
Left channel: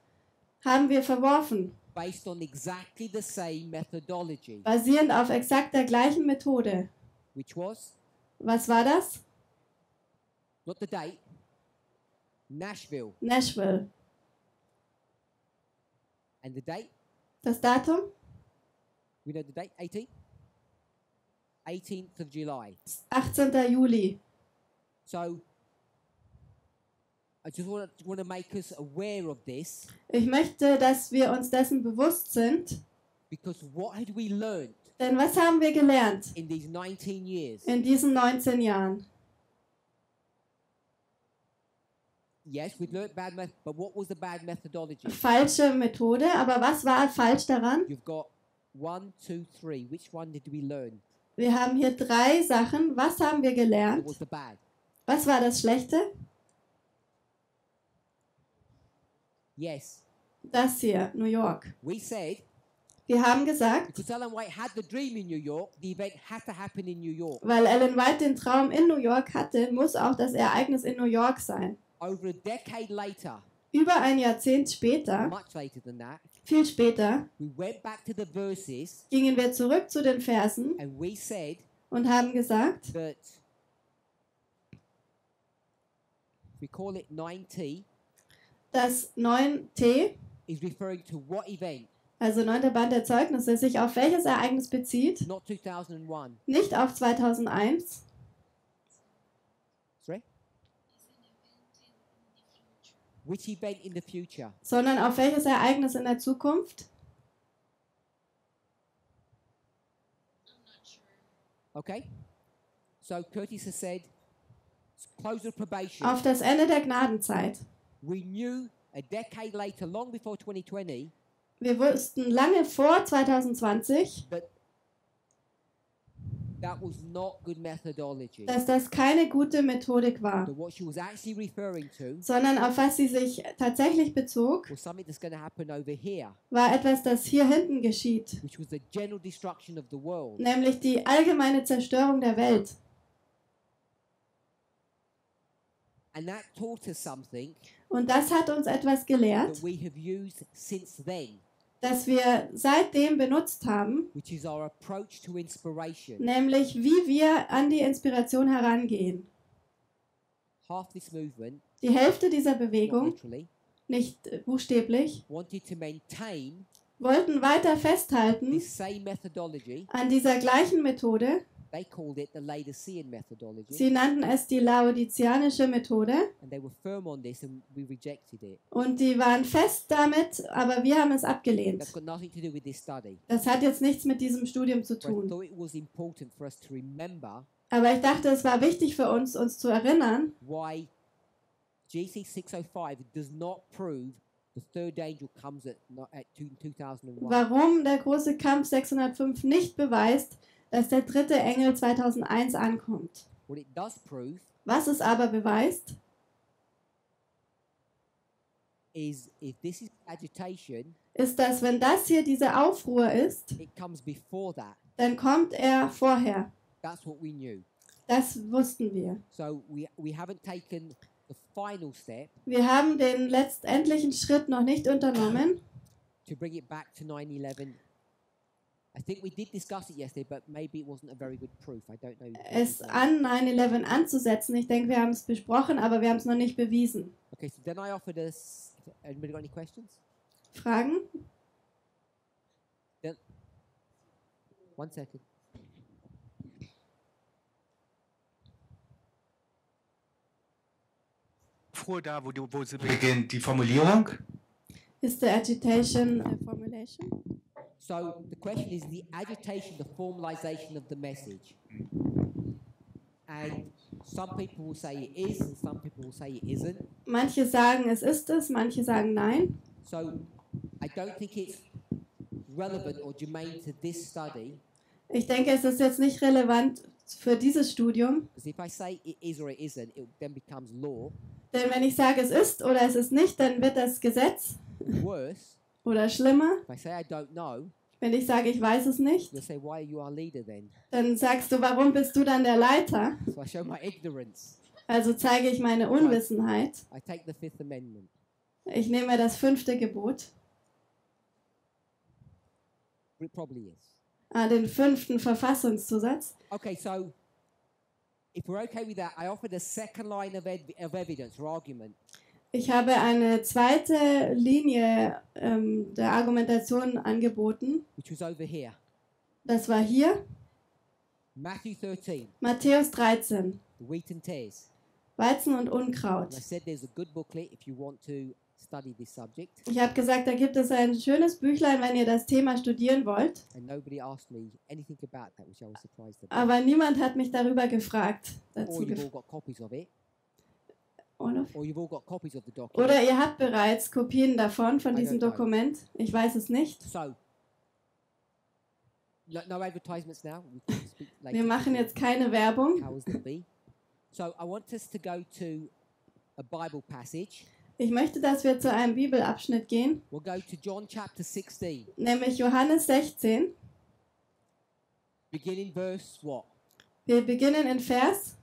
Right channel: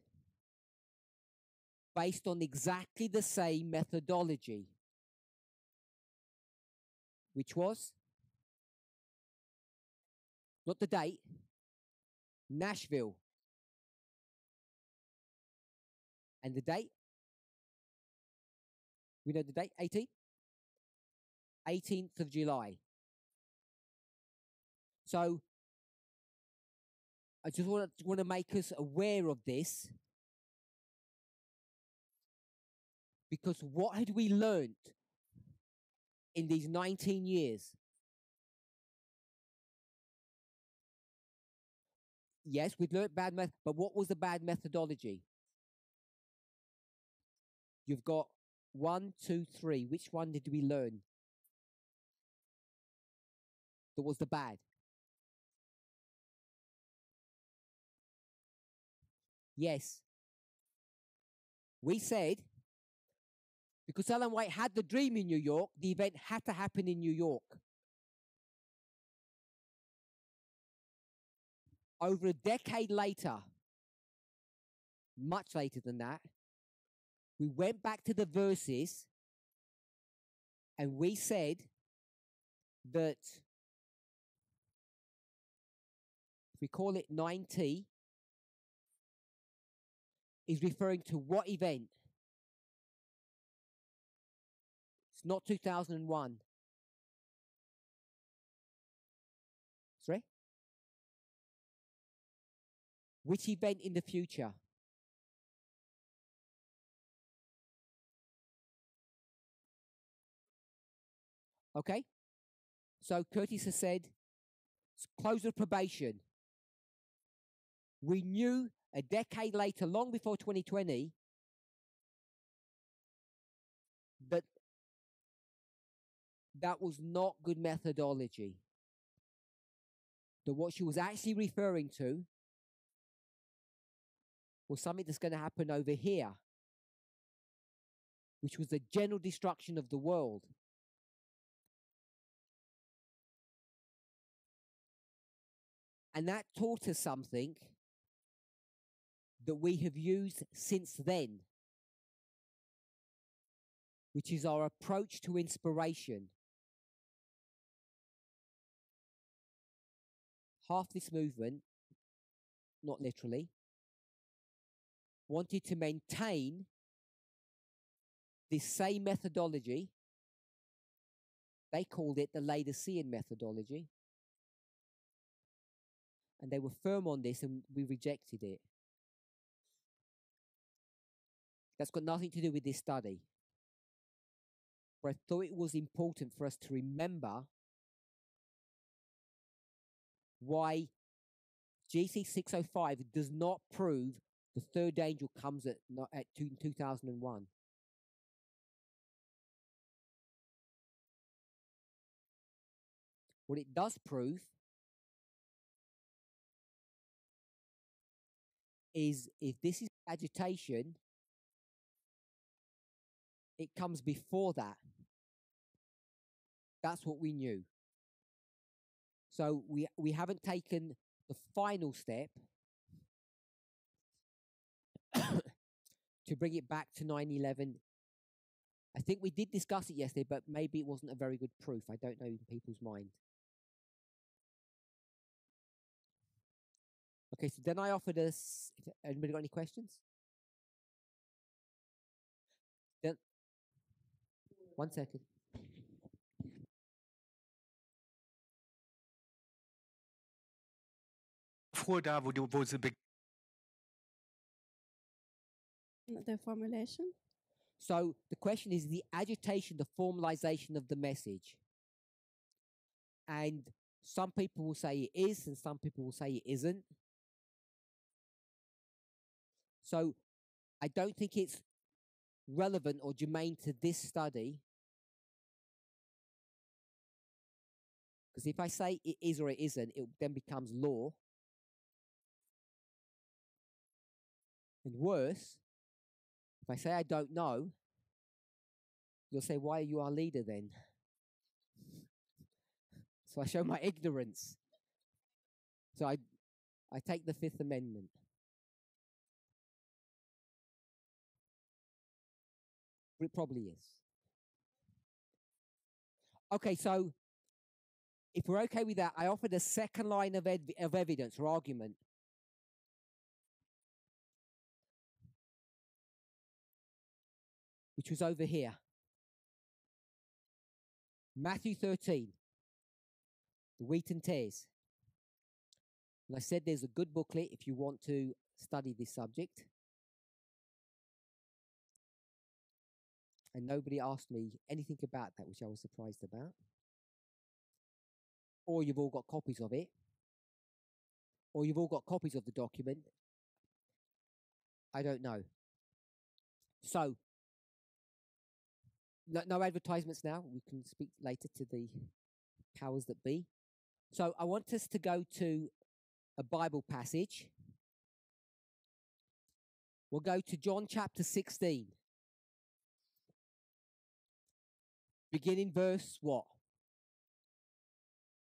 Haben wir verworfen. based on exactly the same methodology, basierend auf exakt der gleichen Methode. which was Was war das? not the date, Nashville, Nashville. and the date. Das Datum? We know the date, 18th of July. 18. Juli. So I just want to make us aware of this, Ich möchte, dass wir uns dessen bewusst sind, because what had we learned denn was haben wir gelernt in these 19 years? in diesen 19 Jahren? Yes, we'd learned bad method, but what was the bad methodology? Falsche Methode, aber was war falsch daran? You've got 1, 2, 3. Which one did we learn? Wir haben hier 3 Sachen. Was haben wir What gelernt? was the bad? Was war das Schlechte? Yes, Das hier, New York. we said Wir haben gesagt, because Ellen White had the dream in New York, the event had to happen in New York. weil Ellen White den Traum in New York hatte, muss auch das Ereignis in New York sein. Over a decade later, Über ein Jahrzehnt später, much later than that, viel später, we went back to the verses gingen wir zurück zu den Versen and we said und haben gesagt, that we call it 9T dass 9t, is referring to what event? also 9. Band der Zeugnisse, sich auf welches Ereignis bezieht? Not 2001. Nicht auf 2001, Sorry? Which event in the future? sondern auf welches Ereignis in der Zukunft? Okay? So Curtis has said, close of probation. Auf das Ende der Gnadenzeit. We knew a decade later, long before 2020, Wir wussten lange vor 2020, that that was not good methodology. dass das keine gute Methodik war, That what she was actually referring to sondern auf was sie sich tatsächlich bezog, was something that's going to happen over here, war etwas, das hier hinten geschieht, which was the general destruction of the world. nämlich die allgemeine Zerstörung der Welt. And that taught us something Und das hat uns etwas gelehrt, that we have used since then, das wir seitdem benutzt haben, which is our approach to inspiration. nämlich wie wir an die Inspiration herangehen. Half this movement, Die Hälfte dieser not Bewegung, literally, nicht buchstäblich, wanted to maintain wollten weiter festhalten this same methodology. an dieser gleichen Methode. They called it the Laodicean methodology, Sie nannten es die laodizianische Methode and they were firm on this, and we rejected it. und die waren fest damit, aber wir haben es abgelehnt. That's got nothing to do with this study. Das hat jetzt nichts mit diesem Studium zu But I tun. thought it was important for us to remember Aber ich dachte, es war wichtig für uns, uns zu erinnern, why GC 605 does not prove the third angel comes at 2001. warum der große Kampf 605 nicht beweist, dass der 3. Engel 2001 ankommt. What it does prove Was es aber beweist, is if this is agitation, ist, dass wenn das hier diese Aufruhr ist, it comes before that. dann kommt er vorher. That's what we knew. Das wussten wir. So we haven't taken the final step Wir haben den letztendlichen Schritt noch nicht unternommen, to bring it back to 9/11. I think we did discuss it yesterday, but maybe it wasn't a very good proof. I don't know. es an 9/11 anzusetzen. Ich denke, wir haben es besprochen, aber wir haben es noch nicht bewiesen. Okay, so then I offered us. Anybody got any questions? Fragen? Then, 1 second. Vor da, wo sie beginnt, die Formulierung. Is the agitation the formulation? So the question is the agitation, the formalization of the message. And some people will say it is, and some people will say it isn't. Manche sagen, es ist es, manche sagen nein. So I don't think it's relevant or germane to this study. Ich denke, es ist jetzt nicht relevant für dieses Studium, Because if I say it is or it isn't, it then becomes law. denn wenn ich sage, es ist oder es ist nicht, dann wird das Gesetz. Worse, Oder schlimmer, if I say I don't know, wenn ich sage, ich weiß es nicht, you'll say, why are you our leader then? dann sagst du, warum bist du dann der Leiter? So I show my ignorance. Also zeige ich meine Unwissenheit. I take the Fifth Amendment. Ich nehme das 5. Gebot. It probably is. Den 5. Verfassungszusatz. Okay, so if we're okay with that, I offered a second line of evidence or argument. Ich habe eine zweite Linie der Argumentation angeboten. Which was over here. Das war hier. Matthew 13. Matthäus 13. The wheat and tares. Weizen und Unkraut. And I said there's a good booklet if you want to study this subject. Ich habe gesagt, da gibt es ein schönes Büchlein, wenn ihr das Thema studieren wollt. And nobody asked me anything about that, which I was surprised about. Aber niemand hat mich darüber gefragt. Or you've all got copies of it. Or you've all got copies of the document. Oder ihr habt bereits Kopien davon, von diesem Dokument. Ich weiß es nicht. So, no advertisements now. We can speak later. Wir machen jetzt keine Werbung. Powers that be. So I want us to go to a Bible passage. Ich möchte, dass wir zu einem Bibelabschnitt gehen. We'll go to John chapter 16. Nämlich Johannes 16. Beginning verse what? Wir beginnen in Vers.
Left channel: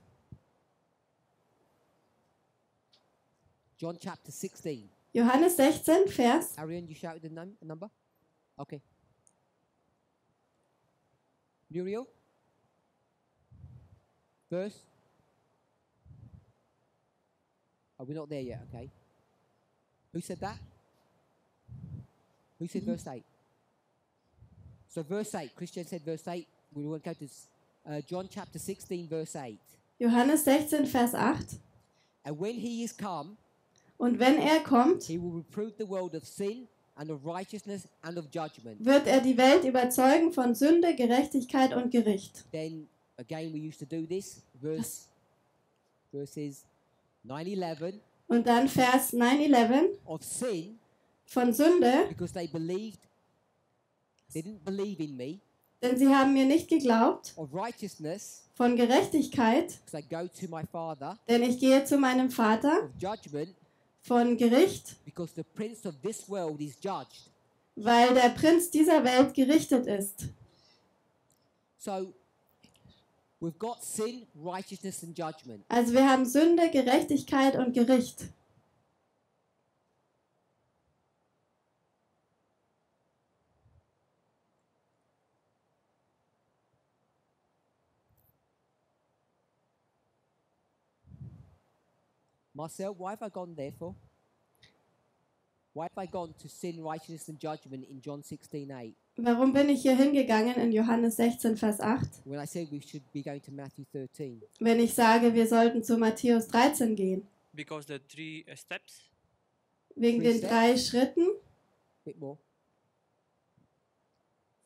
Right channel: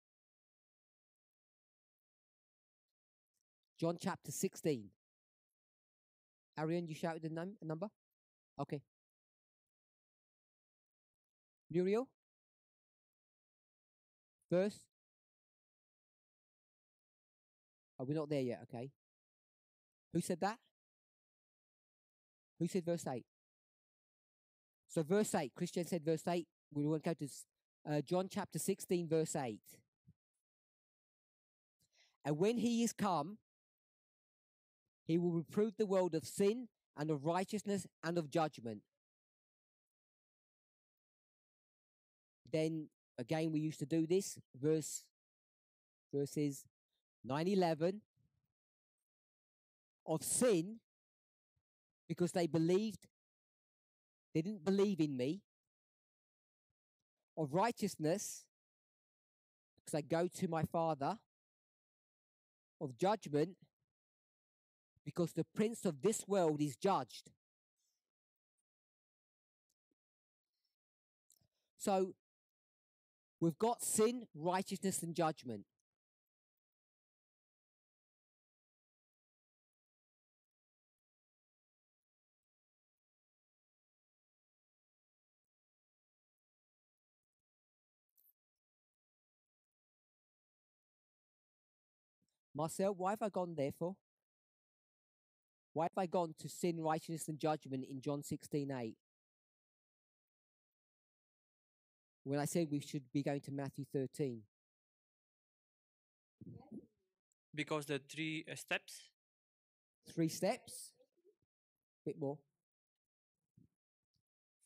John chapter 16. Johannes 16, Vers. Arian, you shouted a number? Okay. Muriel? Verse? Oh, we're not there yet, okay. Who said that? Who said verse 8? So verse 8, Christian said verse 8. We will go to John chapter 16, verse 8. Johannes 16, Vers 8. And when he is come, und wenn kommt, he will reprove the world of sin and of righteousness and of judgment. Wird die Welt überzeugen von Sünde, Gerechtigkeit und Gericht. Then again we used to do this, verses 9-11. Und dann Vers 9-11 of sin, von Sünde, because they didn't believe in me. Denn sie haben mir nicht geglaubt. Of righteousness, von Gerechtigkeit, because I go to my Father. Denn ich gehe zu meinem Vater. Of judgment, von Gericht, because the prince of this world is judged. Weil der Prinz dieser Welt gerichtet ist. So we've got sin, righteousness and judgment. Also wir haben Sünde, Gerechtigkeit und Gericht. Marcel, why have I gone there for? Why have I gone to sin, righteousness and judgment in John 16:8? Warum bin ich hier hingegangen in Johannes 16, Vers 8? When I said we should be going to Matthew 13. Wenn ich sage, wir sollten zu Matthäus 13 gehen. Because the 3 steps. Wegen den 3 Schritten. Bit more.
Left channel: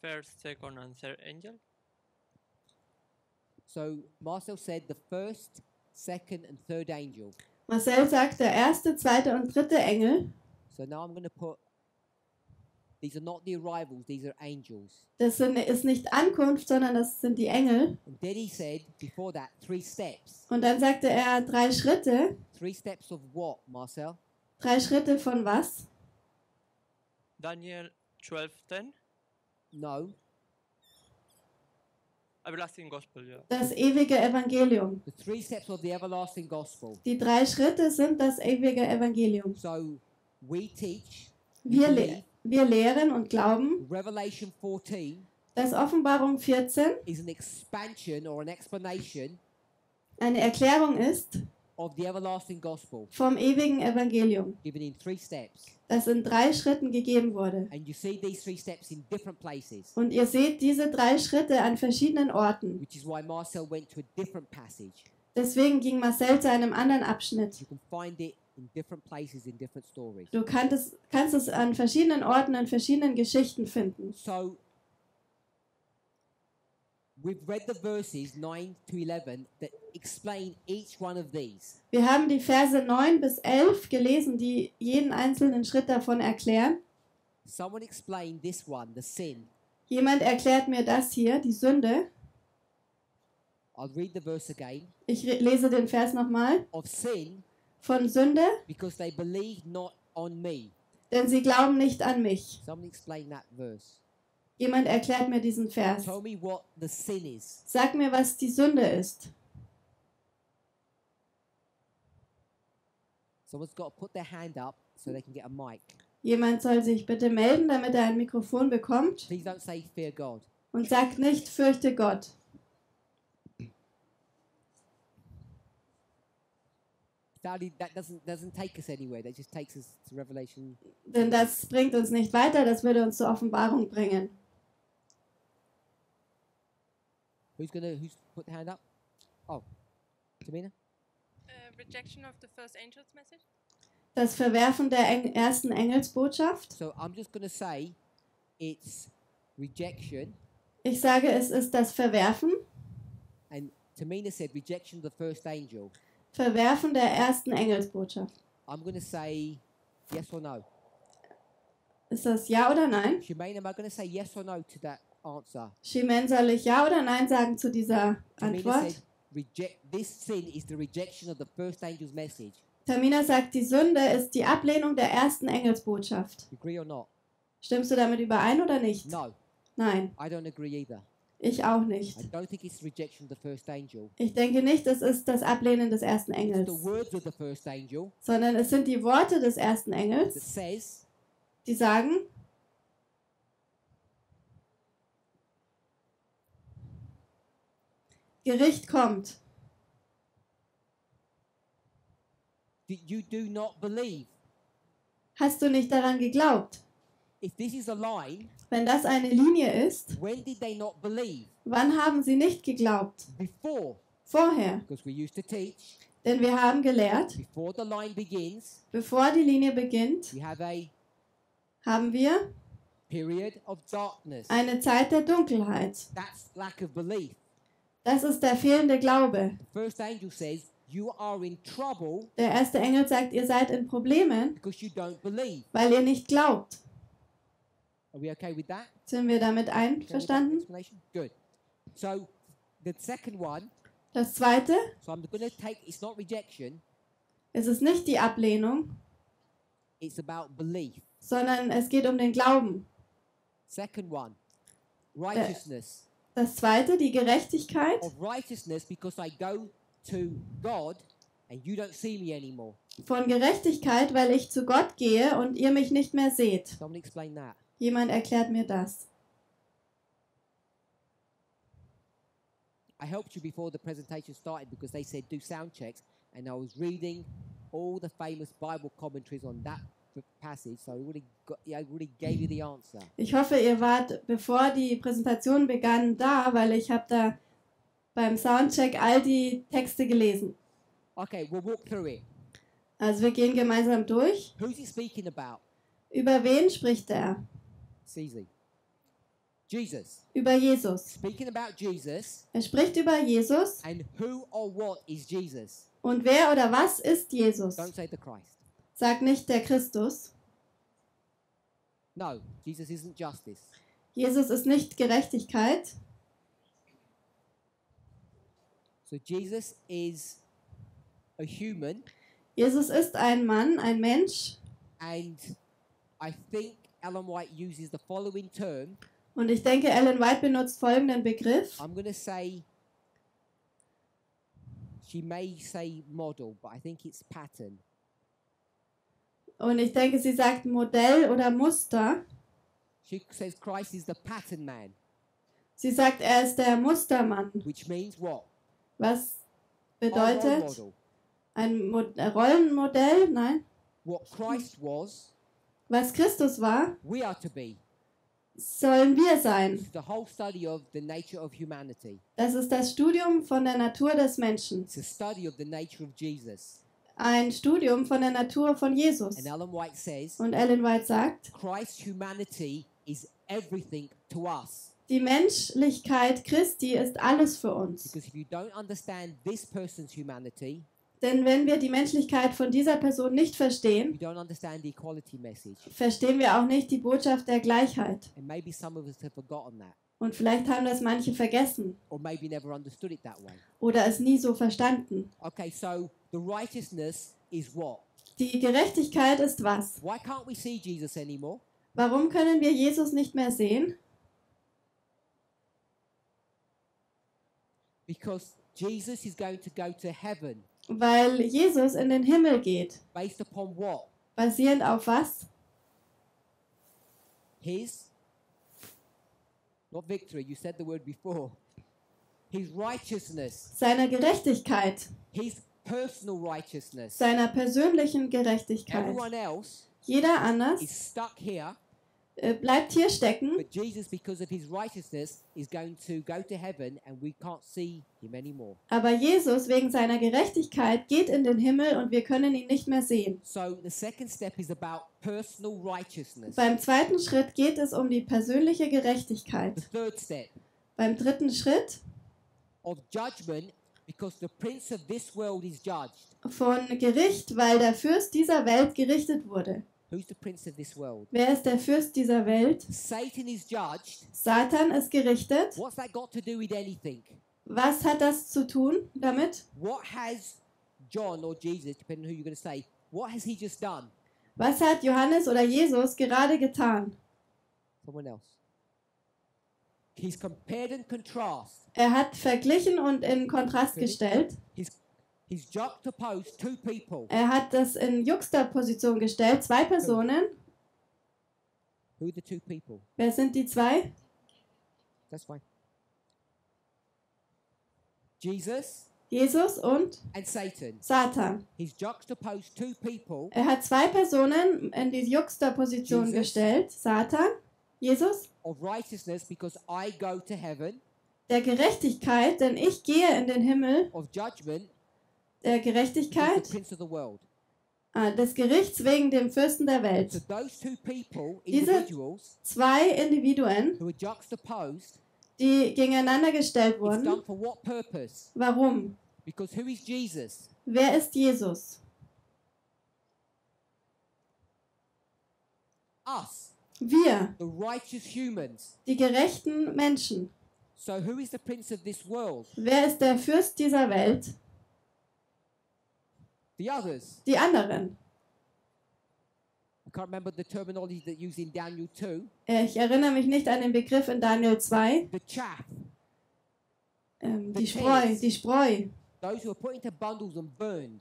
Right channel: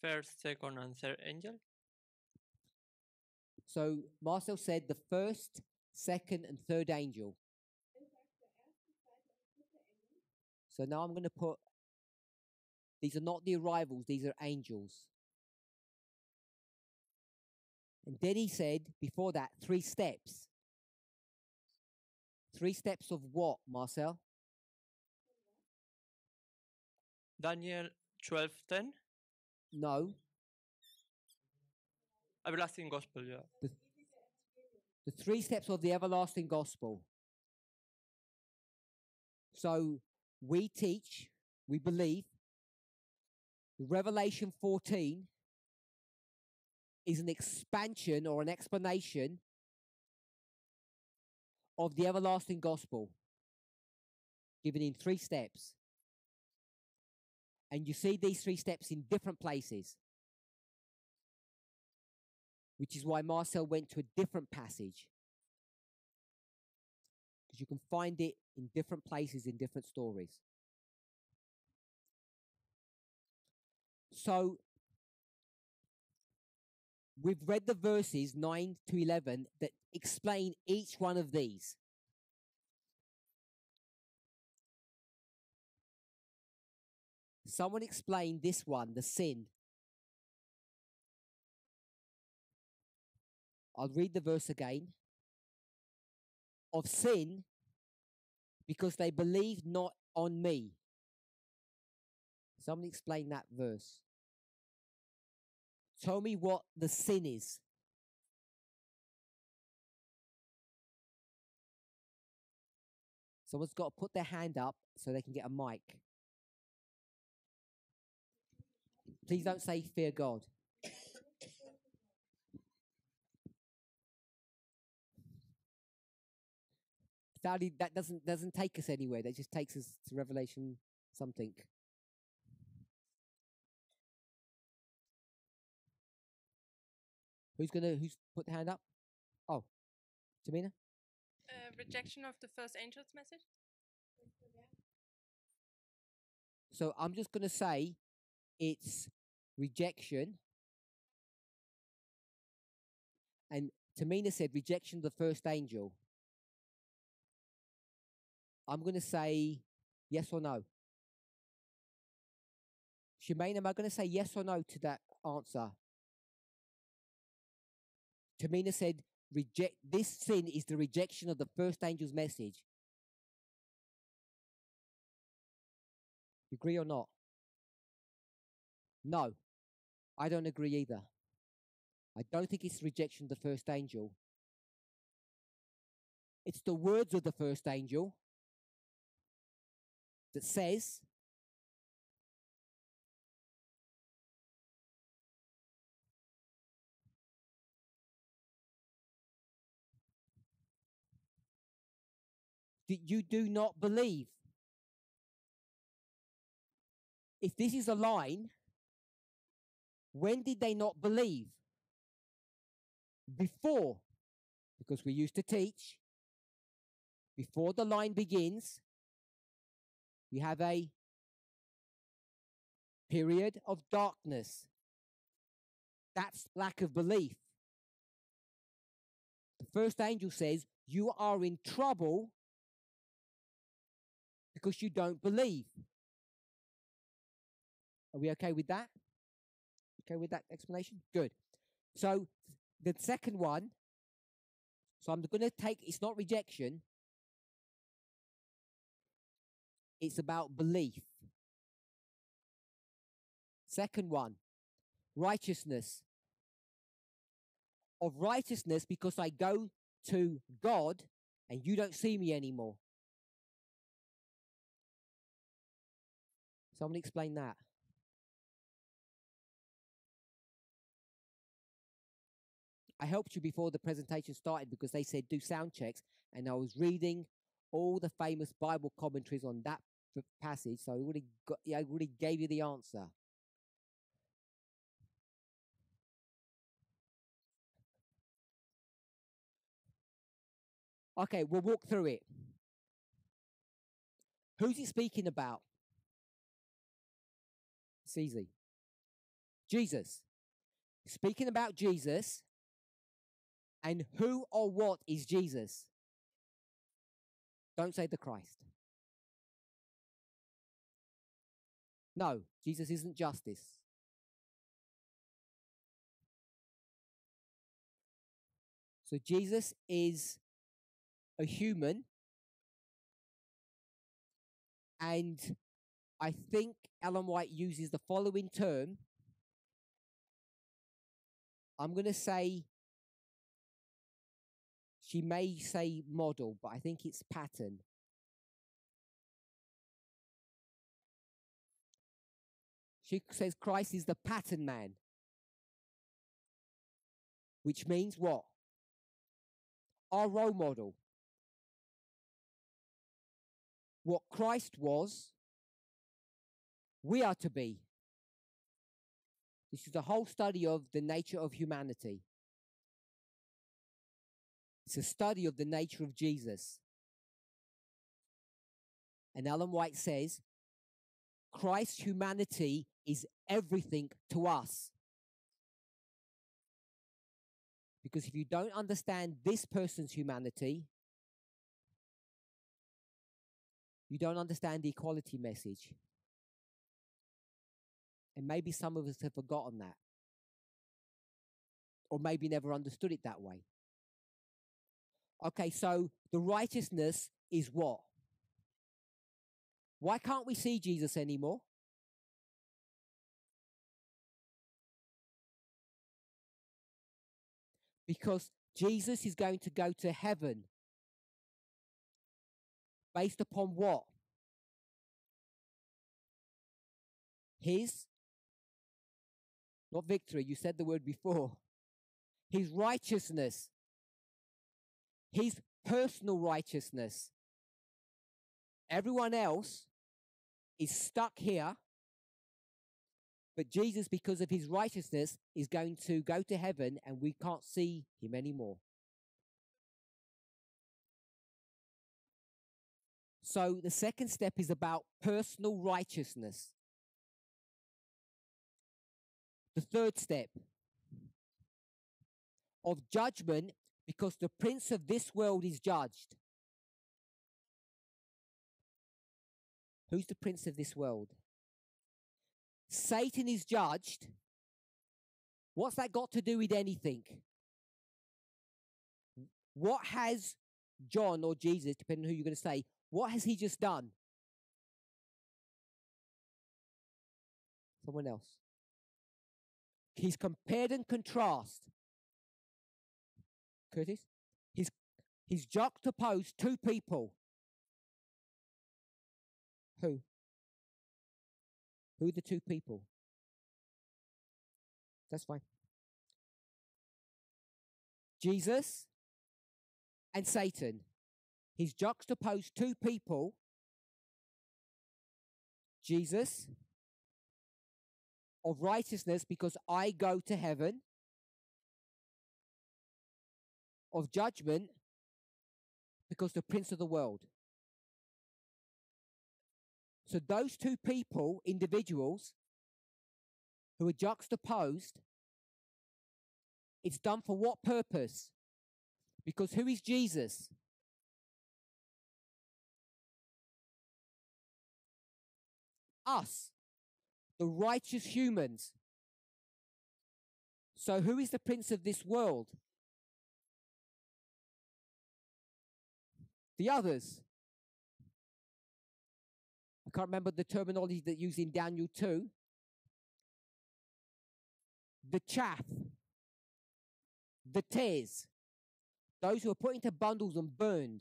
First, second and third angel. So Marcel said the first, second and third angel. Marcel sagt der erste, zweite und dritte Engel. So now I'm going to put, these are not the arrivals, these are angels. Das ist nicht Ankunft, sondern das sind die Engel. And then he said, before that, 3 steps. Und dann sagte 3 Schritte. 3 steps of what, Marcel? 3 Schritte von was? Daniel 12:10. No. Everlasting Gospel, ja. Das ewige Evangelium. The 3 steps of the everlasting gospel. Die 3 Schritte sind das ewige Evangelium. So we teach, we believe, wir lehren und glauben. Revelation 14 dass Offenbarung 14 is an expansion or an explanation eine Erklärung ist of the everlasting gospel vom ewigen Evangelium, given in 3 steps. Das in 3 Schritten gegeben wurde. And you see these 3 steps in different places. Und ihr seht diese 3 Schritte an verschiedenen Orten. Which is why Marcel went to a different passage. Deswegen ging Marcel zu einem anderen Abschnitt. You can find it in different places in different stories. Du kannst es an verschiedenen Orten in verschiedenen Geschichten finden. So we've read the verses 9 to 11 that explain each one of these. Wir haben die Verse 9 bis 11 gelesen, die jeden einzelnen Schritt davon erklären. Someone explain this one, the sin. Jemand erklärt mir das hier, die Sünde. I'll read the verse again. Ich lese den Vers nochmal. Of sin, von Sünde, because they believe not on me. Denn sie glauben nicht an mich. Someone explain that verse. Jemand erklärt mir diesen Vers. Tell me what the sin is. Sag mir, was die Sünde ist. Someone's got to put their hand up so they can get a mic. Jemand soll sich bitte melden, damit er ein Mikrofon bekommt. Please don't say fear God. Und sagt nicht, fürchte Gott. That doesn't take us anywhere. That just takes us to Revelation. Denn das bringt uns nicht weiter, das würde uns zur Offenbarung bringen. Who's put the hand up? Oh, Tamina? Rejection of the first angel's message. Das Verwerfen der ersten Engelsbotschaft. So I'm just going to say it's rejection. Ich sage, es ist das Verwerfen. And Tamina said rejection of the first angel. Verwerfen der ersten Engelsbotschaft. I'm going to say yes or no. Ist das ja oder nein? Shemaine, am I going to say yes or no to that answer? Shimen, soll ich ja oder nein sagen zu dieser Tamina Antwort? said this sin is the rejection of the first angel's message. Tamina sagt, die Sünde ist die Ablehnung der ersten Engelsbotschaft. Agree or not? Stimmst du damit überein oder nicht? No. Nein. I don't agree either. Ich auch nicht. I don't think it's rejection of the first angel. Ich denke nicht, es ist das Ablehnen des ersten It's Engels, the words of the first angel sondern es sind die Worte des ersten that Engels, says die sagen, Gericht kommt. you do not believe. Hast du nicht daran geglaubt? If this is a line, Wenn das eine Linie ist, when did they not believe? wann haben sie nicht geglaubt? Before. Vorher. Because we used to teach. Denn wir haben gelehrt, Before the line begins, bevor die Linie beginnt, we have a haben wir period of darkness. eine Zeit der Dunkelheit. That's lack of belief. Das ist der fehlende Glaube. The first angel says you are in trouble Der erste Engel sagt, ihr seid in Problemen, because you don't believe. weil ihr nicht glaubt. Are we okay with that? Sind wir damit Okay with that einverstanden? explanation? Good. So the second one, Das zweite, so I'm going to take, it's not rejection, es ist nicht die Ablehnung, it's about belief. sondern es geht um den Glauben. Second one, righteousness. Das zweite, die Gerechtigkeit. Of righteousness because I go to God and you don't see me anymore. Von Gerechtigkeit, weil ich zu Gott gehe und ihr mich nicht mehr seht. Someone explain that. Jemand erklärt mir das. I helped you before the presentation started because they said do sound checks and I was reading all the famous Bible commentaries on that passage, so I already gave you the answer. Ich hoffe, ihr wart, bevor die Präsentation begann, da, weil ich habe da beim Soundcheck all die Texte gelesen. Okay, we'll walk through it. Also wir gehen gemeinsam durch. Who's he speaking about? Über wen spricht er? It's easy. Jesus. Über Jesus. Speaking about Jesus. Er spricht über Jesus. And who or what is Jesus? Und wer oder was ist Jesus? Don't say the Christ. Sag nicht der Christus. No, Jesus isn't justice. Jesus ist nicht Gerechtigkeit. So Jesus is a human. Jesus ist ein Mann, ein Mensch. And I think Ellen White uses the following term. Und ich denke, Ellen White benutzt folgenden Begriff. I'm going to say, she may say model, but I think it's pattern. Und ich denke, sie sagt Modell oder Muster. She says Christ is the pattern man. Sie sagt, er ist der Mustermann. Which means what? Was Our bedeutet role model. ein Rollenmodell? Nein. What Christ was, Was Christus war, we are to be. sollen wir sein. This is the whole study of the nature of humanity. Das ist das Studium von der Natur des Menschen. It's a study of the nature of Jesus. Ein Studium von der Natur von Jesus. And Ellen White says, Und Ellen White sagt, Christ's humanity is everything to us. die Menschlichkeit Christi ist alles für uns. Because if you don't understand this person's humanity, Denn wenn wir die Menschlichkeit von dieser Person nicht you verstehen, don't understand the equality message. verstehen wir auch nicht die Botschaft der Gleichheit. And maybe some of us have forgotten that. Und vielleicht haben das manche vergessen Or maybe never understood it that way. oder es nie so verstanden. Okay, so the righteousness is what? Die Gerechtigkeit ist was? Why can't we see Jesus anymore? Warum können wir Jesus nicht mehr sehen? Because Jesus is going to go to heaven. Weil Jesus in den Himmel geht. Based upon what? Basierend auf was? his, not victory, you said the word before, his righteousness, seiner Gerechtigkeit, his personal righteousness. seiner persönlichen Gerechtigkeit. Everyone else Jeder anders is stuck here, bleibt hier stecken, but Jesus, because of his righteousness, is going to go to heaven and we can't see him anymore. aber Jesus wegen seiner Gerechtigkeit geht in den Himmel und wir können ihn nicht mehr sehen. So the second step is about personal righteousness. Beim zweiten Schritt geht es um die persönliche Gerechtigkeit. The third step Beim dritten Schritt of judgment, because the prince of this world is judged. von Gericht, weil der Fürst dieser Welt gerichtet wurde. Who's the prince of this world? Wer ist der Fürst dieser Welt? Satan is judged. Satan ist gerichtet. What's that got to do with anything? Was hat das zu tun damit? What has John or Jesus, depending on who you're going to say, what has he just done? Was hat Johannes oder Jesus gerade getan? Someone else. He's compared and contrast. Er hat verglichen und in Kontrast Really? gestellt. He's juxtaposed two people. Er hat das in Juxtaposition gestellt. Zwei Personen. Who are the two people? Wer sind die zwei? That's fine. Jesus Jesus und and Satan. Satan. He's juxtaposed two people. Er hat zwei Personen in die Juxtaposition Jesus. gestellt. Satan, Jesus, Of righteousness, because I go to heaven. der Gerechtigkeit, denn ich gehe in den Himmel. Of judgment, Der because Gerechtigkeit, the prince of the world. des Gerichts wegen dem Fürsten der Welt. So those two people, Diese individuals, zwei Individuen, who are juxtaposed, die gegeneinander gestellt it's done wurden. for what purpose? Warum? Because who is Jesus? Wer ist Jesus? Us, Wir, the righteous humans. die gerechten Menschen. So who is the prince of this world? Wer ist der Fürst dieser Welt? The others. Die anderen. I can't remember the terminology that used in Daniel 2. Ich erinnere mich nicht an den Begriff in Daniel 2. The chaff. Die Spreu, die Spreu. Those who are put into bundles and burned.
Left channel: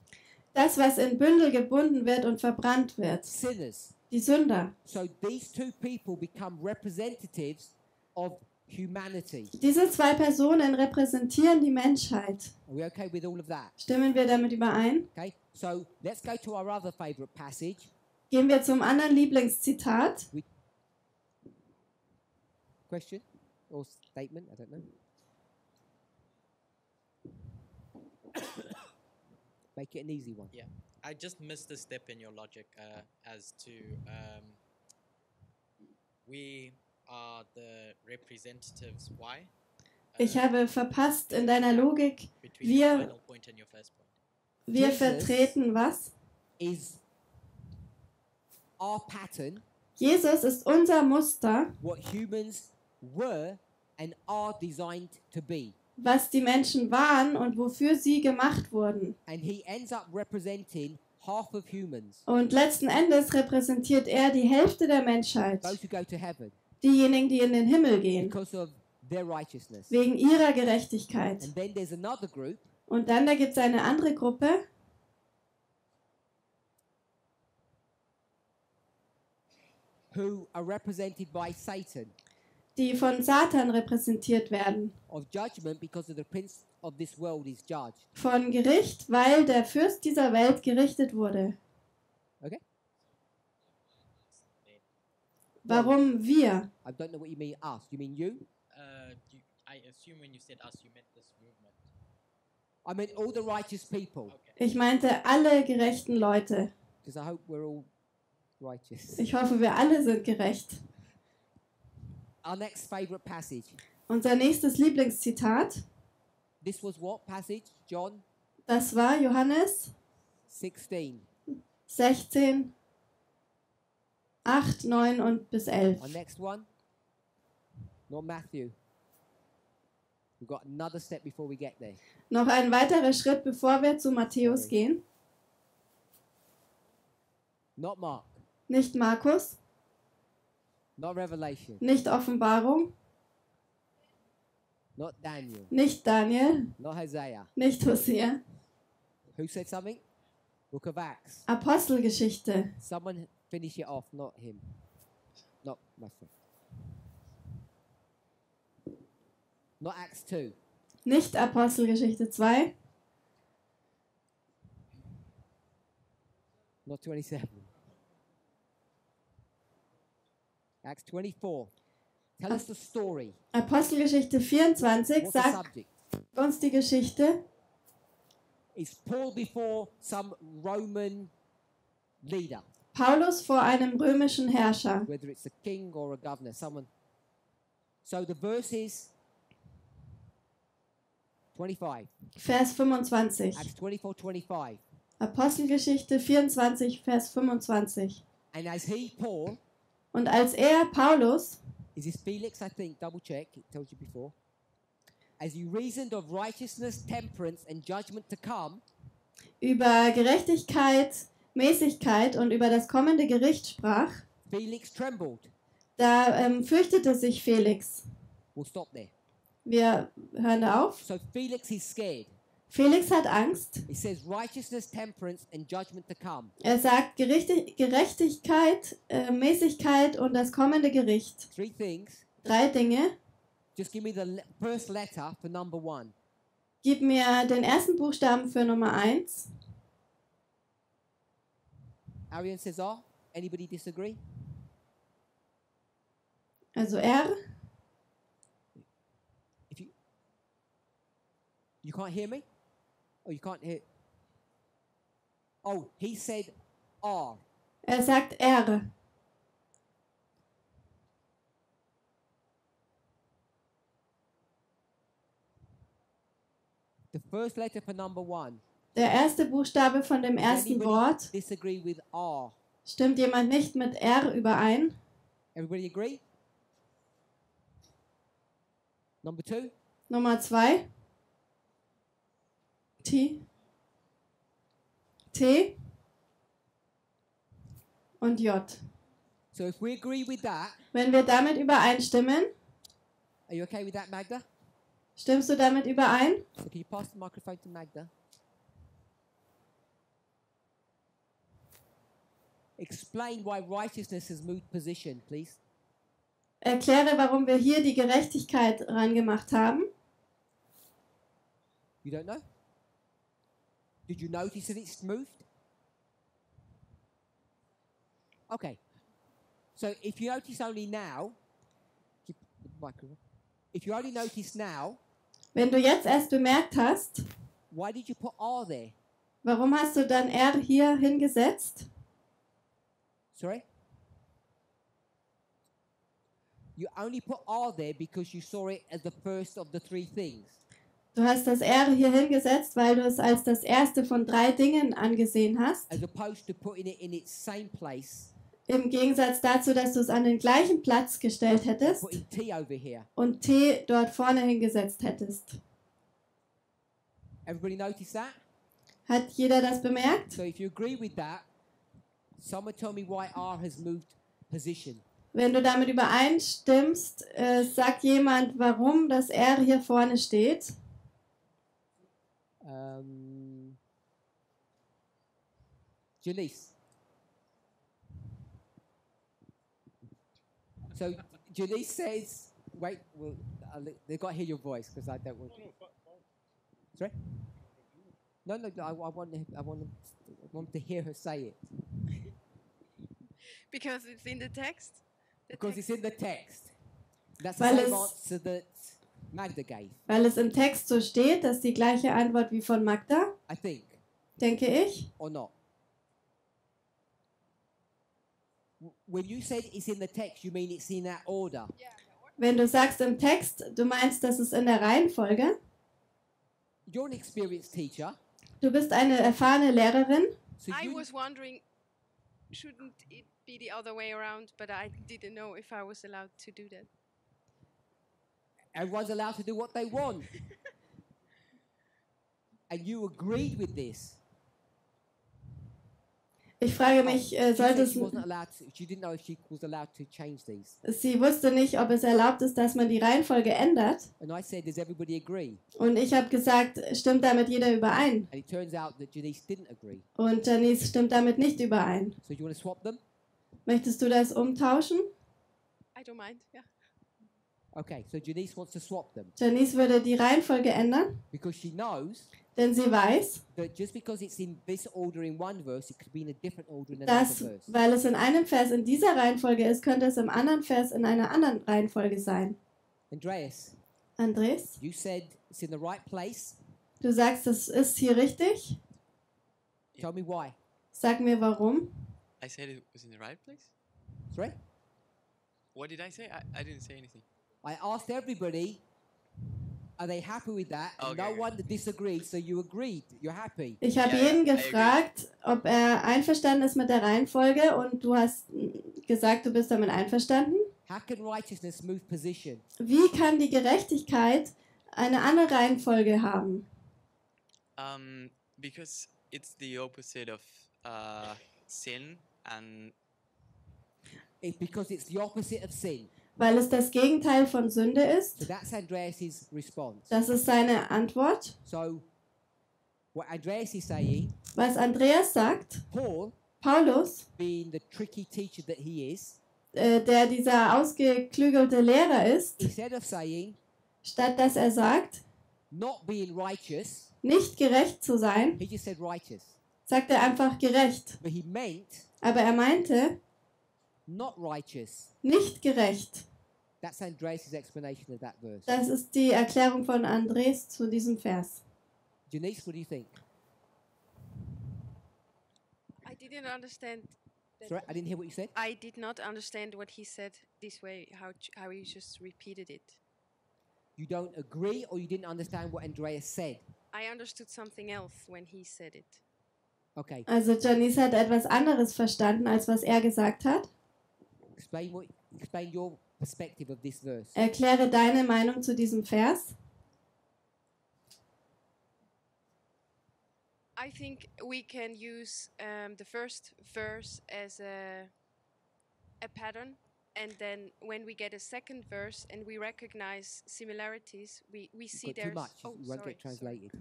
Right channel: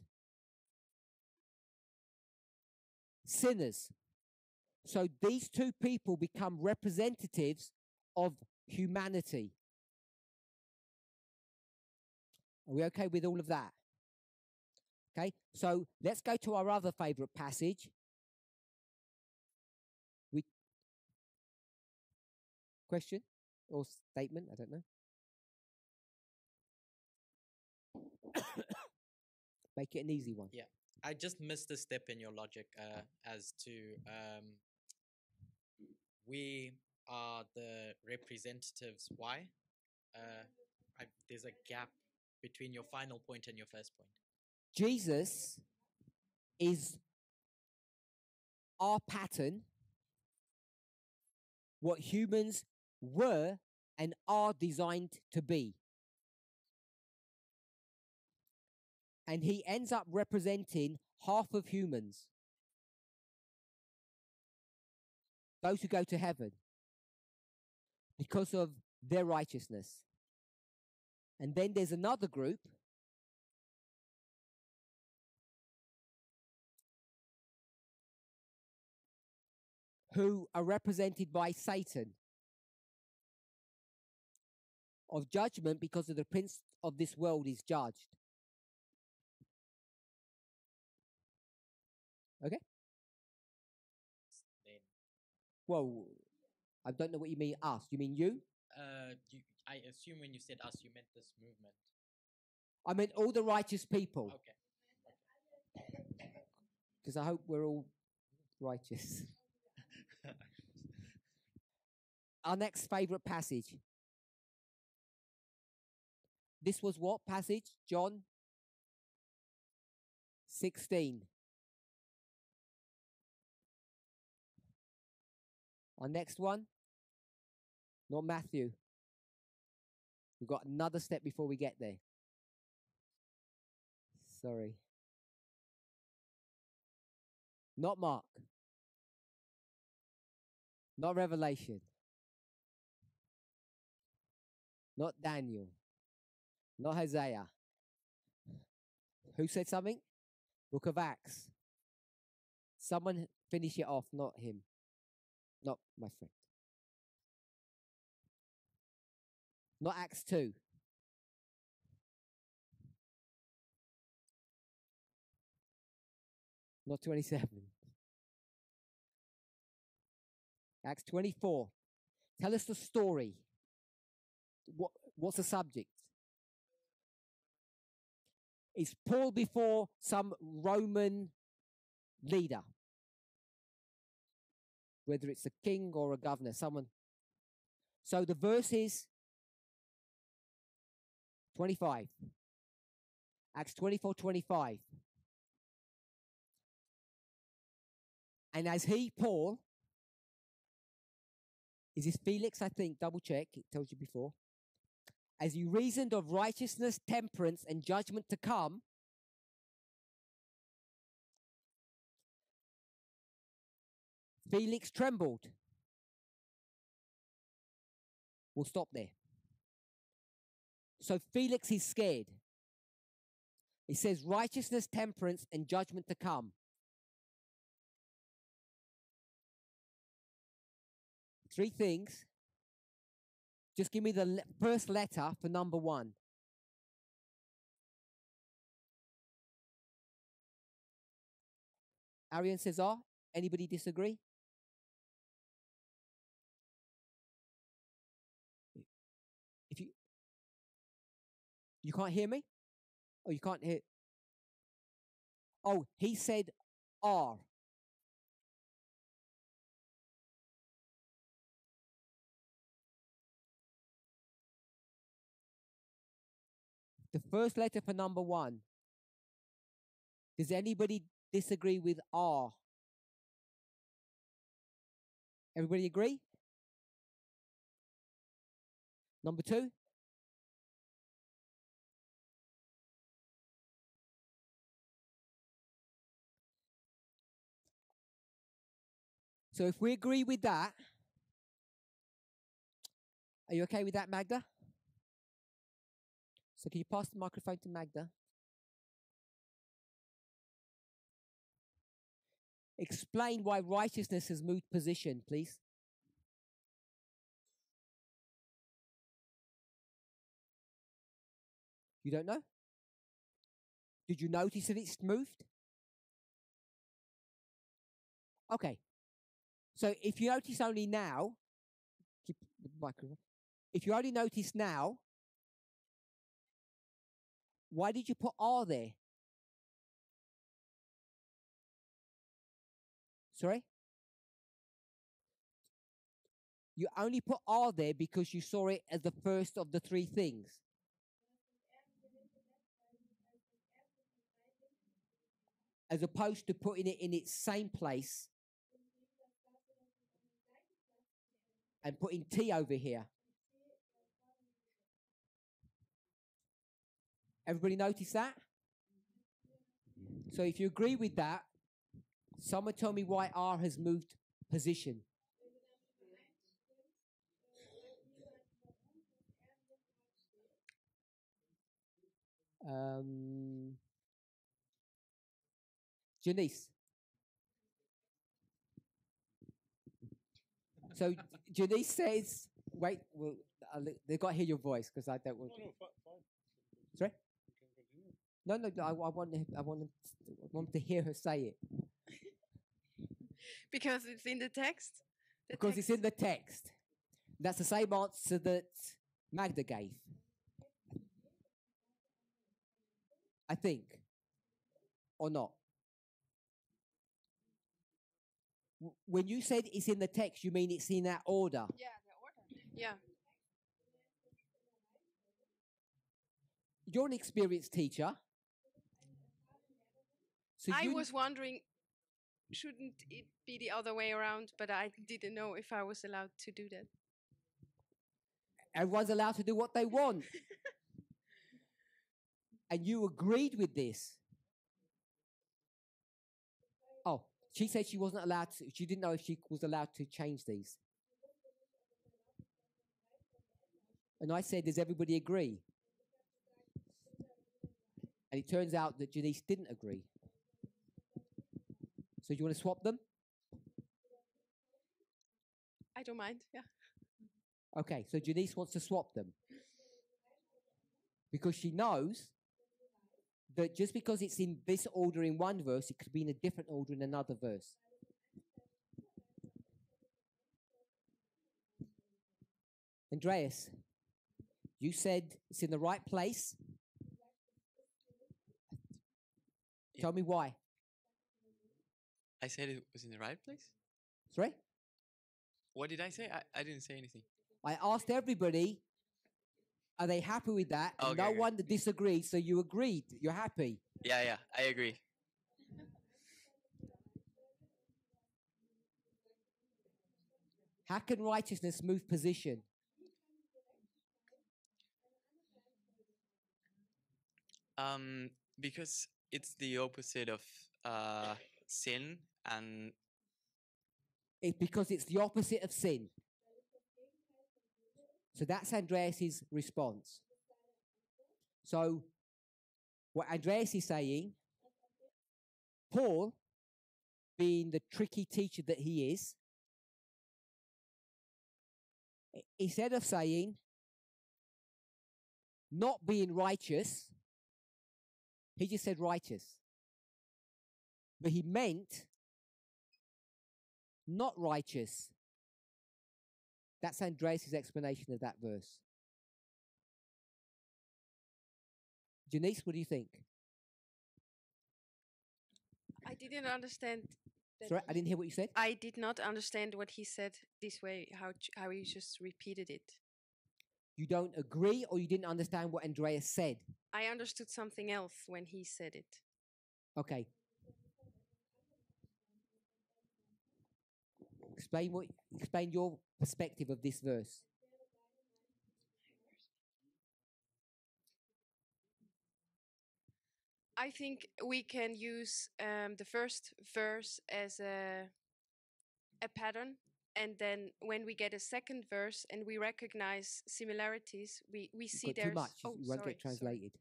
Das, was in Bündel gebunden wird und verbrannt wird. Sinners. Die Sünder. So these two people become representatives of humanity. Diese zwei Personen repräsentieren die Menschheit. Are we okay with all of that? Stimmen wir damit überein? Okay, so let's go to our other favorite passage. Gehen wir zum anderen Lieblingszitat. Question or statement? I don't know. Make it an easy one. Yeah, I just missed a step in your logic as to we are the representatives. Why? Ich habe verpasst in deiner Logik, Between your final point and your first point. wir Jesus vertreten was? Is our pattern, Jesus ist unser Muster, what humans were and are designed to be. was die Menschen waren und wofür sie gemacht wurden. And he ends up representing half of humans, Und letzten Endes repräsentiert er die Hälfte der Menschheit. those who go to heaven, Diejenigen, die in den Himmel gehen, because of their righteousness. wegen ihrer Gerechtigkeit. And then there's another group Und dann da gibt es eine andere Gruppe, who are represented by Satan, die von Satan repräsentiert werden. of judgment, because of the prince of this world is judged. Von Gericht, weil der Fürst dieser Welt gerichtet wurde. Okay? Warum wir? I don't know what you mean us. You mean you? I assume when you said us, you meant this movement. I meant all the righteous people. Ich meinte alle gerechten Leute. Because I hope we're all righteous. Ich hoffe, wir alle sind gerecht. Our next favorite passage. Unser nächstes Lieblingszitat, This was what passage? John das war Johannes 16. 16, 8, 9 und bis 11. Our next one. Not Matthew. We've got another step before we get there. Noch ein weiterer Schritt, bevor wir zu Matthäus Sorry. gehen. Not Mark. Nicht Markus, Not Revelation. nicht Offenbarung, Not Daniel. nicht Daniel, Not Hosea. nicht Hosea. Who said something? Book of Acts. Apostelgeschichte. Someone finish it off, not him. Not my friend. Not Acts 2. Nicht Apostelgeschichte 2. Not 27. Acts 24. Tell us the story. Apostelgeschichte 24 What's the sagt subject? uns die Geschichte. Is Paul before some Roman leader, Paulus vor einem römischen Herrscher. whether it's a king or a governor, someone. So the verse is 25. Vers 25. Acts 24:25. Apostelgeschichte 24, Vers 25. And as he, Paul, Und als er, Paulus, is this Felix, I think, double check, it tells you before. As he reasoned of righteousness, temperance, and judgment to come, über Gerechtigkeit, Mäßigkeit und über das kommende Gericht sprach, Felix trembled. da fürchtete sich Felix. We'll stop there. Wir hören da auf. So Felix is scared. Felix hat Angst. It says righteousness, temperance, and judgment to come. Er sagt Gerechtigkeit, Mäßigkeit und das kommende Gericht. 3 things. 3 Dinge. Just give me the first letter for number 1. Gib mir den ersten Buchstaben für Nummer 1. Arian says R. Anybody disagree? Also R. If you can't hear me? Oh, you can't hear. Oh, he said R. Er sagt R. The first letter for number 1. Der erste Buchstabe von dem Does ersten anybody Wort. disagree with R? Stimmt jemand nicht mit R überein? Everybody agree? Number 2. Nummer 2. T. T. Und J. So if we agree with that, Wenn wir damit übereinstimmen, are you okay with that, Magda? stimmst du damit überein? So can you pass the microphone to Magda? Explain why righteousness has moved position, please. Erkläre, warum wir hier die Gerechtigkeit rangemacht haben. You don't know? Did you notice that it's moved? Okay. So if you notice only now, keep the microphone. If you only notice now, Wenn du jetzt erst bemerkt hast, why did you put R there? warum hast du dann R hier hingesetzt? Sorry? You only put R there because you saw it as the first of the 3 things. Du hast das R hier hingesetzt, weil du es als das erste von 3 Dingen angesehen hast. As opposed to putting it in its same place. Im Gegensatz dazu, dass du es an den gleichen Platz gestellt hättest Putting T over here. und T dort vorne hingesetzt hättest. Everybody notice that? Hat jeder das bemerkt? So if you agree with that, someone tell me why R has moved position. Wenn du damit übereinstimmst, sagt jemand, warum das R hier vorne steht. Janice. So Janice says, wait, well, they've got to hear your voice because I don't want to. Sorry? No, I want to hear her say it. Because it's in the text? Because it's in the text. That's the Weil same es- answer that Magda gave, Weil es im Text so steht, das ist die gleiche Antwort wie von Magda, I think, denke ich. or not. When you said it's in the text, you mean it's in that order. Wenn du sagst im Text, du meinst, das ist in der Reihenfolge. You're an experienced teacher. Du bist eine erfahrene Lehrerin. So I you, was wondering, shouldn't it be the other way around? But I didn't know if I was allowed to do that. everyone's allowed to do what they want. And you agreed with this. Ich frage mich, She said sollte she wasn't allowed to, she didn't know if she was allowed to change these. sie wusste nicht, ob es erlaubt ist, dass man die Reihenfolge ändert. And I said, does everybody agree? Und ich habe gesagt, stimmt damit jeder überein? And it turns out that Janice didn't agree. Und Janice stimmt damit nicht überein. So you want to swap them? Möchtest du das umtauschen? I don't mind. Yeah. Okay, so Janice wants to swap them Janice würde die Reihenfolge ändern, because she knows denn sie weiß, that just because it's in this order in one verse, it could be in a different order in another dass, verse. weil es in einem Vers in dieser Reihenfolge ist, könnte es im anderen Vers in einer anderen Reihenfolge sein. Andreas, Andres, you said it's in the right place. du sagst, es ist hier richtig. Tell me why. Sag mir warum. I said it was in the right place. Sorry? What did I say? I didn't say anything. I asked everybody, are they happy with that? And no Okay. one disagreed, so you agreed. You're happy. Ich habe Ja, jeden ja, I agree. gefragt, ob er einverstanden ist mit der Reihenfolge und du hast gesagt, du bist damit einverstanden. How can righteousness move position? Wie kann die Gerechtigkeit eine andere Reihenfolge haben? Because it's the opposite of sin, and Because it's the opposite of sin. Weil es das Gegenteil von Sünde ist. So that's Andreas' response. Das ist seine Antwort. So what Andreas is saying, Was Andreas sagt, Paulus, being the tricky teacher that he is, der dieser ausgeklügelte Lehrer ist, instead of saying, statt dass er sagt, not being righteous, nicht gerecht zu sein, he just said righteous. sagt er einfach gerecht. But he meant Aber er meinte, not righteous. nicht gerecht. That's Andreas' explanation of that verse. Das ist die Erklärung von Andres zu diesem Vers. Janice, what do you think? I didn't understand. that- Sorry, I didn't hear what you said. I did not understand what he said this way. How he just repeated it. You don't agree or you didn't understand what Andreas said? I understood something else when he said it. Okay. Also Janice hat etwas anderes verstanden, als was er gesagt hat. Explain your perspective of this verse. Erkläre deine Meinung zu diesem Vers. I think we can use the first verse as a pattern, and then when we get a second verse and we recognize similarities, we see Got too there's. much. Oh, You won't sorry, get translated.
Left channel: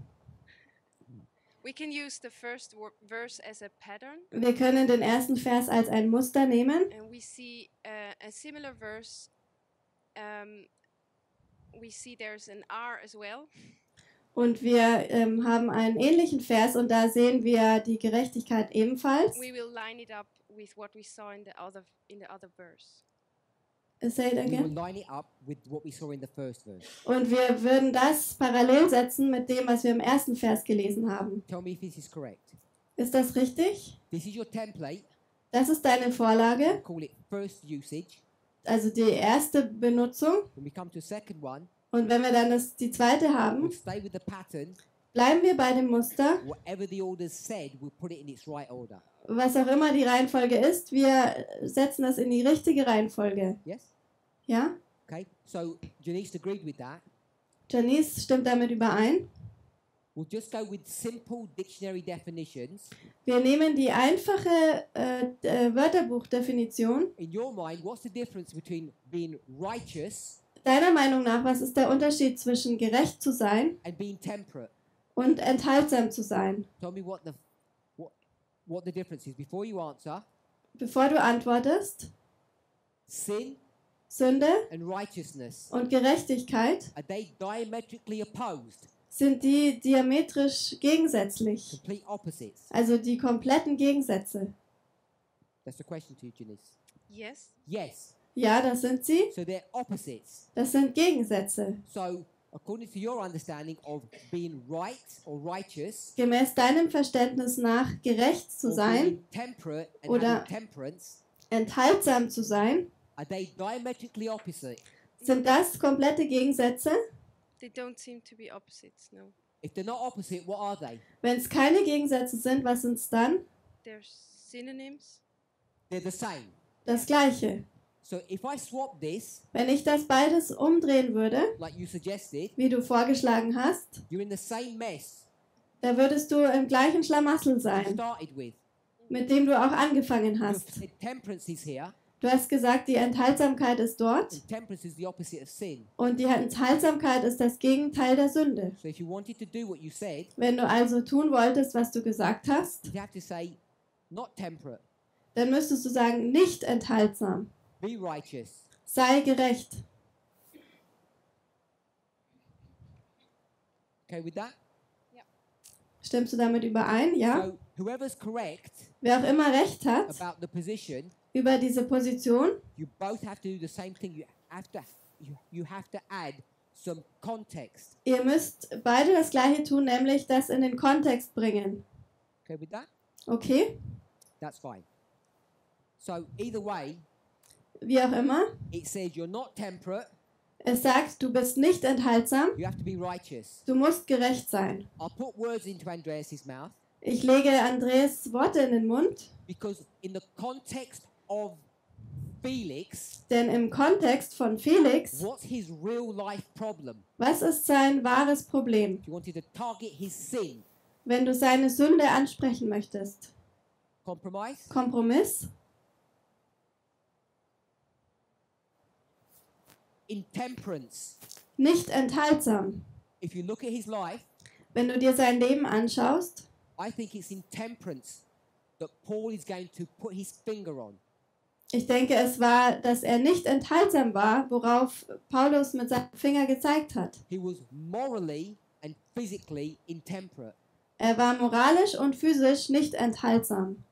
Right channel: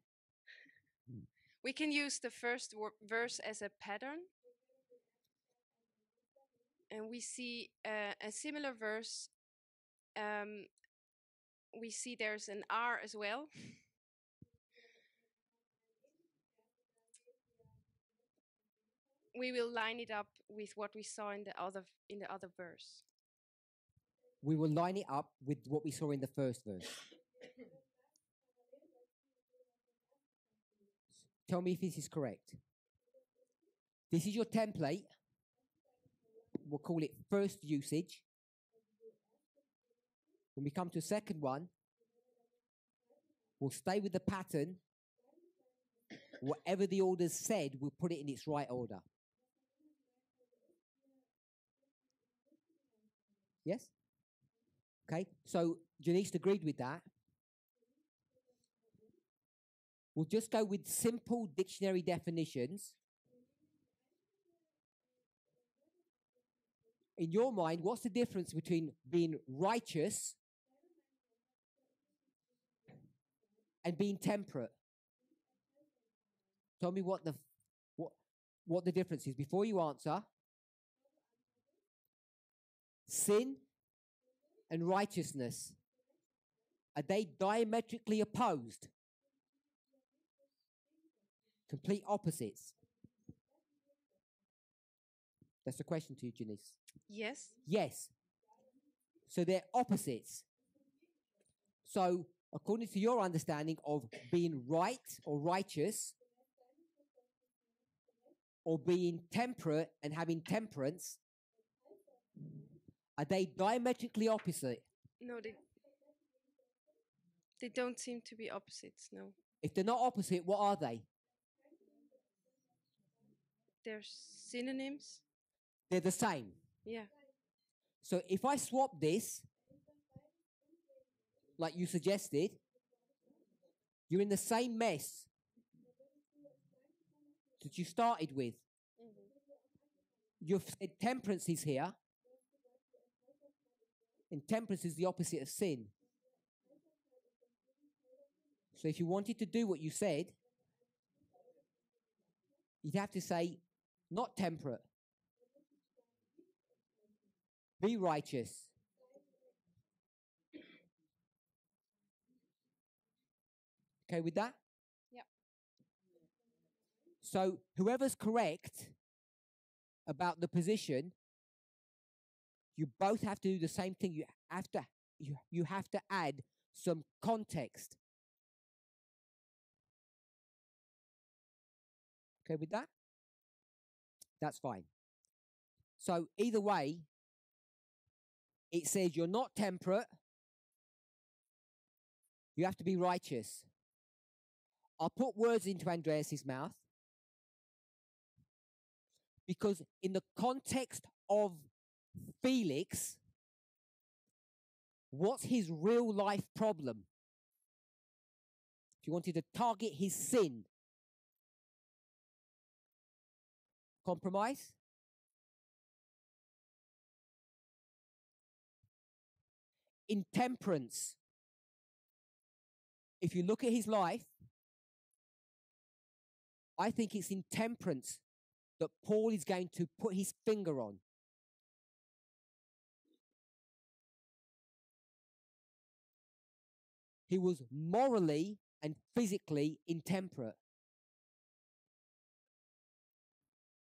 We can use the first verse as a pattern, Wir können den ersten Vers als ein Muster nehmen. and we see a similar verse. We see there's an R as well. Und wir haben einen ähnlichen Vers und da sehen wir die Gerechtigkeit ebenfalls. We will line it up with what we saw in the other verse. Say it We will again. line it up with what we saw in the first verse. Und wir würden das parallel setzen mit dem, was wir im ersten Vers gelesen haben. Tell me if this is correct. Ist das richtig? This is your template. Das ist deine Vorlage, We'll call it first usage. also die erste Benutzung. When we come to the second one, Und wenn wir dann die zweite we'll haben, stay with the pattern. bleiben wir bei dem Muster. Whatever the order's said, we'll put it in its right order. Was auch immer die Reihenfolge ist, wir setzen das in die richtige Reihenfolge. Yes? Ja? Okay. So Janice agreed with that. Janice stimmt damit überein. We'll just go with simple dictionary definitions. Wir nehmen die einfache Wörterbuchdefinition. In your mind, what's the difference between being righteous Deiner Meinung nach, was ist der Unterschied zwischen gerecht zu sein and being temperate? und enthaltsam zu sein? Tell me what the difference is. Before you answer, Bevor du antwortest, sin Sünde and righteousness, und Gerechtigkeit, are they diametrically opposed? sind die diametrisch gegensätzlich, Complete opposites? also die kompletten Gegensätze. That's the question to you, Janice. Yes. Yes. Ja, das sind sie. So they're opposites. Das sind Gegensätze. So according to your understanding of being right or righteous, Gemäß deinem Verständnis nach gerecht zu or sein being temperate and oder having temperance, enthaltsam zu sein, are they diametrically opposite? sind das komplette Gegensätze? They don't seem to be opposites. No. If they're not opposite, what are they? Wenn es keine Gegensätze sind, was sind es dann? They're synonyms. They're the same. Das Gleiche. So if I swap this, Wenn ich das beides umdrehen würde, like you suggested, wie du vorgeschlagen hast, you're in the same mess da würdest du im gleichen Schlamassel you sein, started with. mit dem du auch angefangen You've hast. said temperance is here, Du hast gesagt, die Enthaltsamkeit ist dort and temperance is the opposite of sin. und die Enthaltsamkeit ist das Gegenteil der Sünde. So if you wanted to do what you said, Wenn du also tun wolltest, was du gesagt hast, you'd have to say, not temperate, dann müsstest du sagen, nicht enthaltsam. be righteous. sei gerecht. Okay with that? Stimmst du damit überein? Ja. So whoever's correct Wer auch immer recht hat about the position, über diese Position, you both have to do the same thing. You have to add some context. ihr müsst beide das Gleiche tun, nämlich das in den Kontext bringen. Okay with that? Okay? That's fine. So either way, Wie auch immer, it says you're not temperate. es sagt, du bist nicht enthaltsam, You have to be righteous. du musst gerecht sein. I'll put words into Andreas's mouth Ich lege Andreas Worte in den Mund, because in the context of Felix, denn im Kontext von Felix, what's his real life problem? was ist sein wahres Problem? If you wanted to target his sin, Wenn du seine Sünde ansprechen möchtest. compromise, Kompromiss, intemperance. nicht enthaltsam. If you look at his life, Wenn du dir sein Leben anschaust, I think it's intemperance that Paul is going to put his finger on. ich denke, es war, dass er nicht enthaltsam war, worauf Paulus mit seinem Finger gezeigt hat. He was morally and physically intemperate. Er war moralisch und physisch nicht enthaltsam.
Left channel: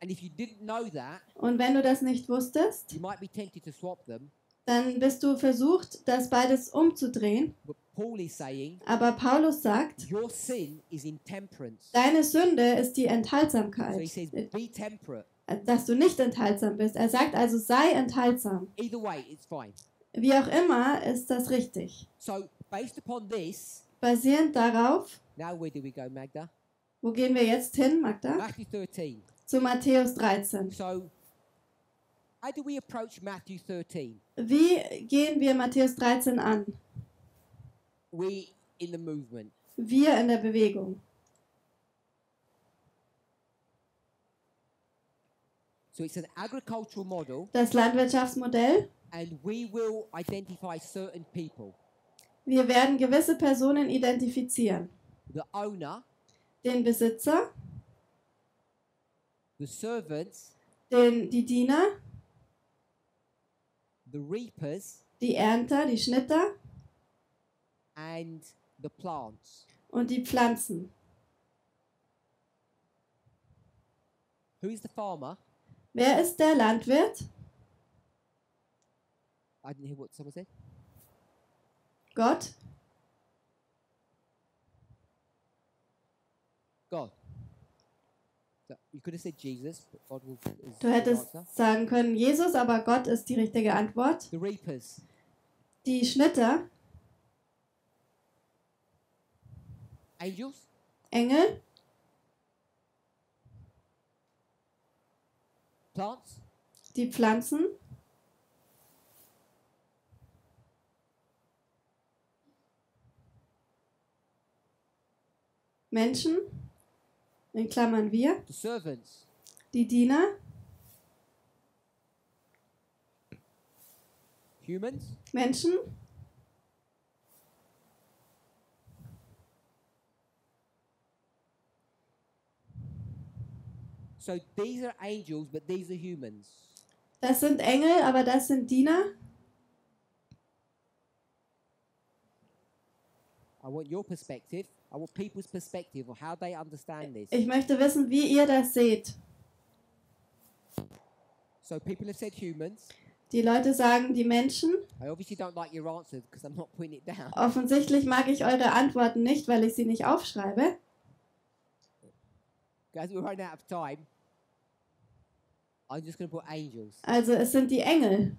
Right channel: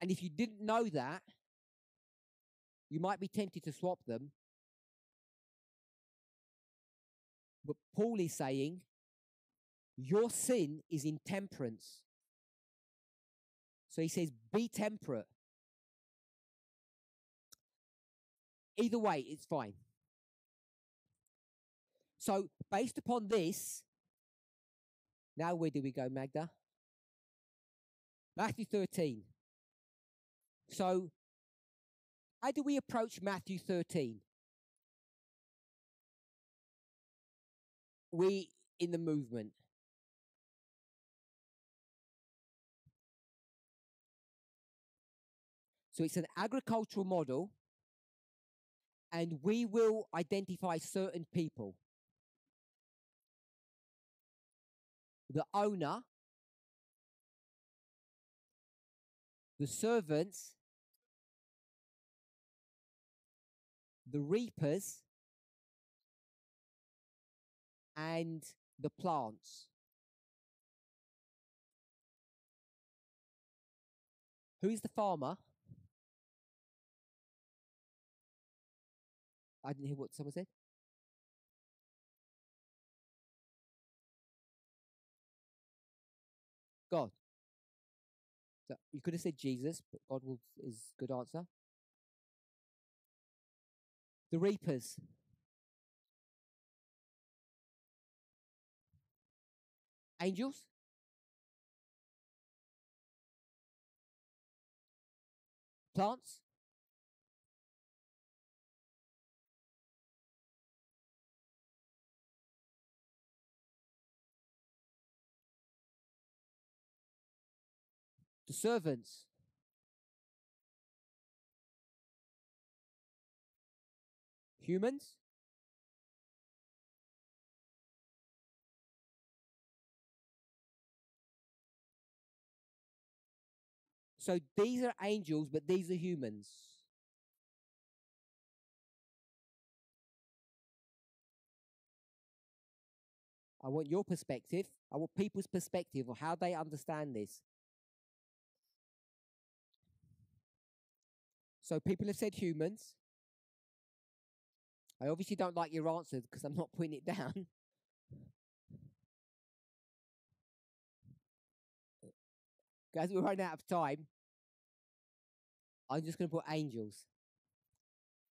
And if you didn't know that, Und wenn du das nicht wusstest, you might be tempted to swap them. dann bist du versucht, das beides umzudrehen. But Paul is saying, Aber Paulus sagt, your sin is intemperance. deine Sünde ist die So he Enthaltsamkeit, says, be temperate. dass du nicht enthaltsam bist. Er sagt also, sei enthaltsam. Either way, it's fine. Wie auch immer, ist das richtig. So, based upon this, Basierend darauf, now where do we go, Magda? wo gehen wir jetzt hin, Magda? Matthew 13. Zu Matthäus 13. So, how do we approach Matthew 13? Wie gehen wir Matthäus 13 an? We in the movement. Wir in der Bewegung. So it's an agricultural model, Das Landwirtschaftsmodell. and we will identify certain people. Wir werden gewisse Personen identifizieren. The owner, Den Besitzer, the servants, die Diener, the reapers, die Ernter, die Schnitter and the plants. und die Pflanzen. Who is the farmer? Wer ist der Landwirt? I didn't hear what someone said. Gott. God. So you could have said Jesus, but God is Du the hättest answer. sagen können Jesus, aber Gott ist die richtige Antwort. The reapers, Die Schnitter, angels, Engel, plants, die Pflanzen, Menschen, in Klammern wir, the servants, die Diener, humans, Menschen, so these are angels, but these are humans. das sind Engel, aber das sind Diener. I want your perspective. I want people's perspective of how they understand this. Ich möchte wissen, wie ihr das seht. So people have said humans. Die Leute sagen die Menschen. I obviously don't like your answer because I'm not putting it down. Offensichtlich mag ich eure Antworten nicht, weil ich sie nicht aufschreibe. Guys, we're running out of time. I'm just going to put angels. Also es sind die Engel.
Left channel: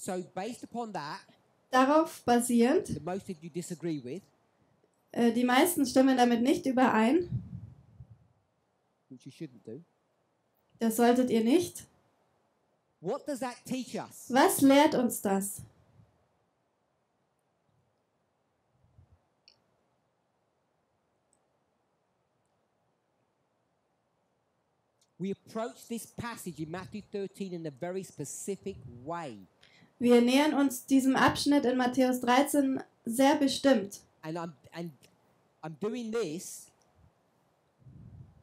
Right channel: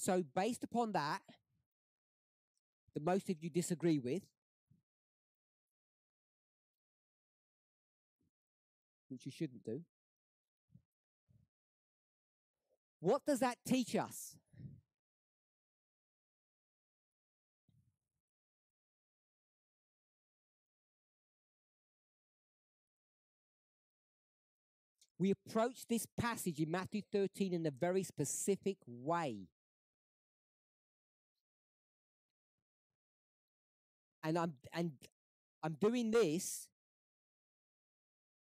So based upon that, Darauf basierend, that most of you disagree with, die meisten stimmen damit nicht überein. which you shouldn't do. Das solltet ihr nicht. What does that teach us? Was lehrt uns das? We approach this passage in Matthew 13 in a very specific way. Wir nähern uns diesem Abschnitt in Matthäus 13 sehr bestimmt. And I'm doing this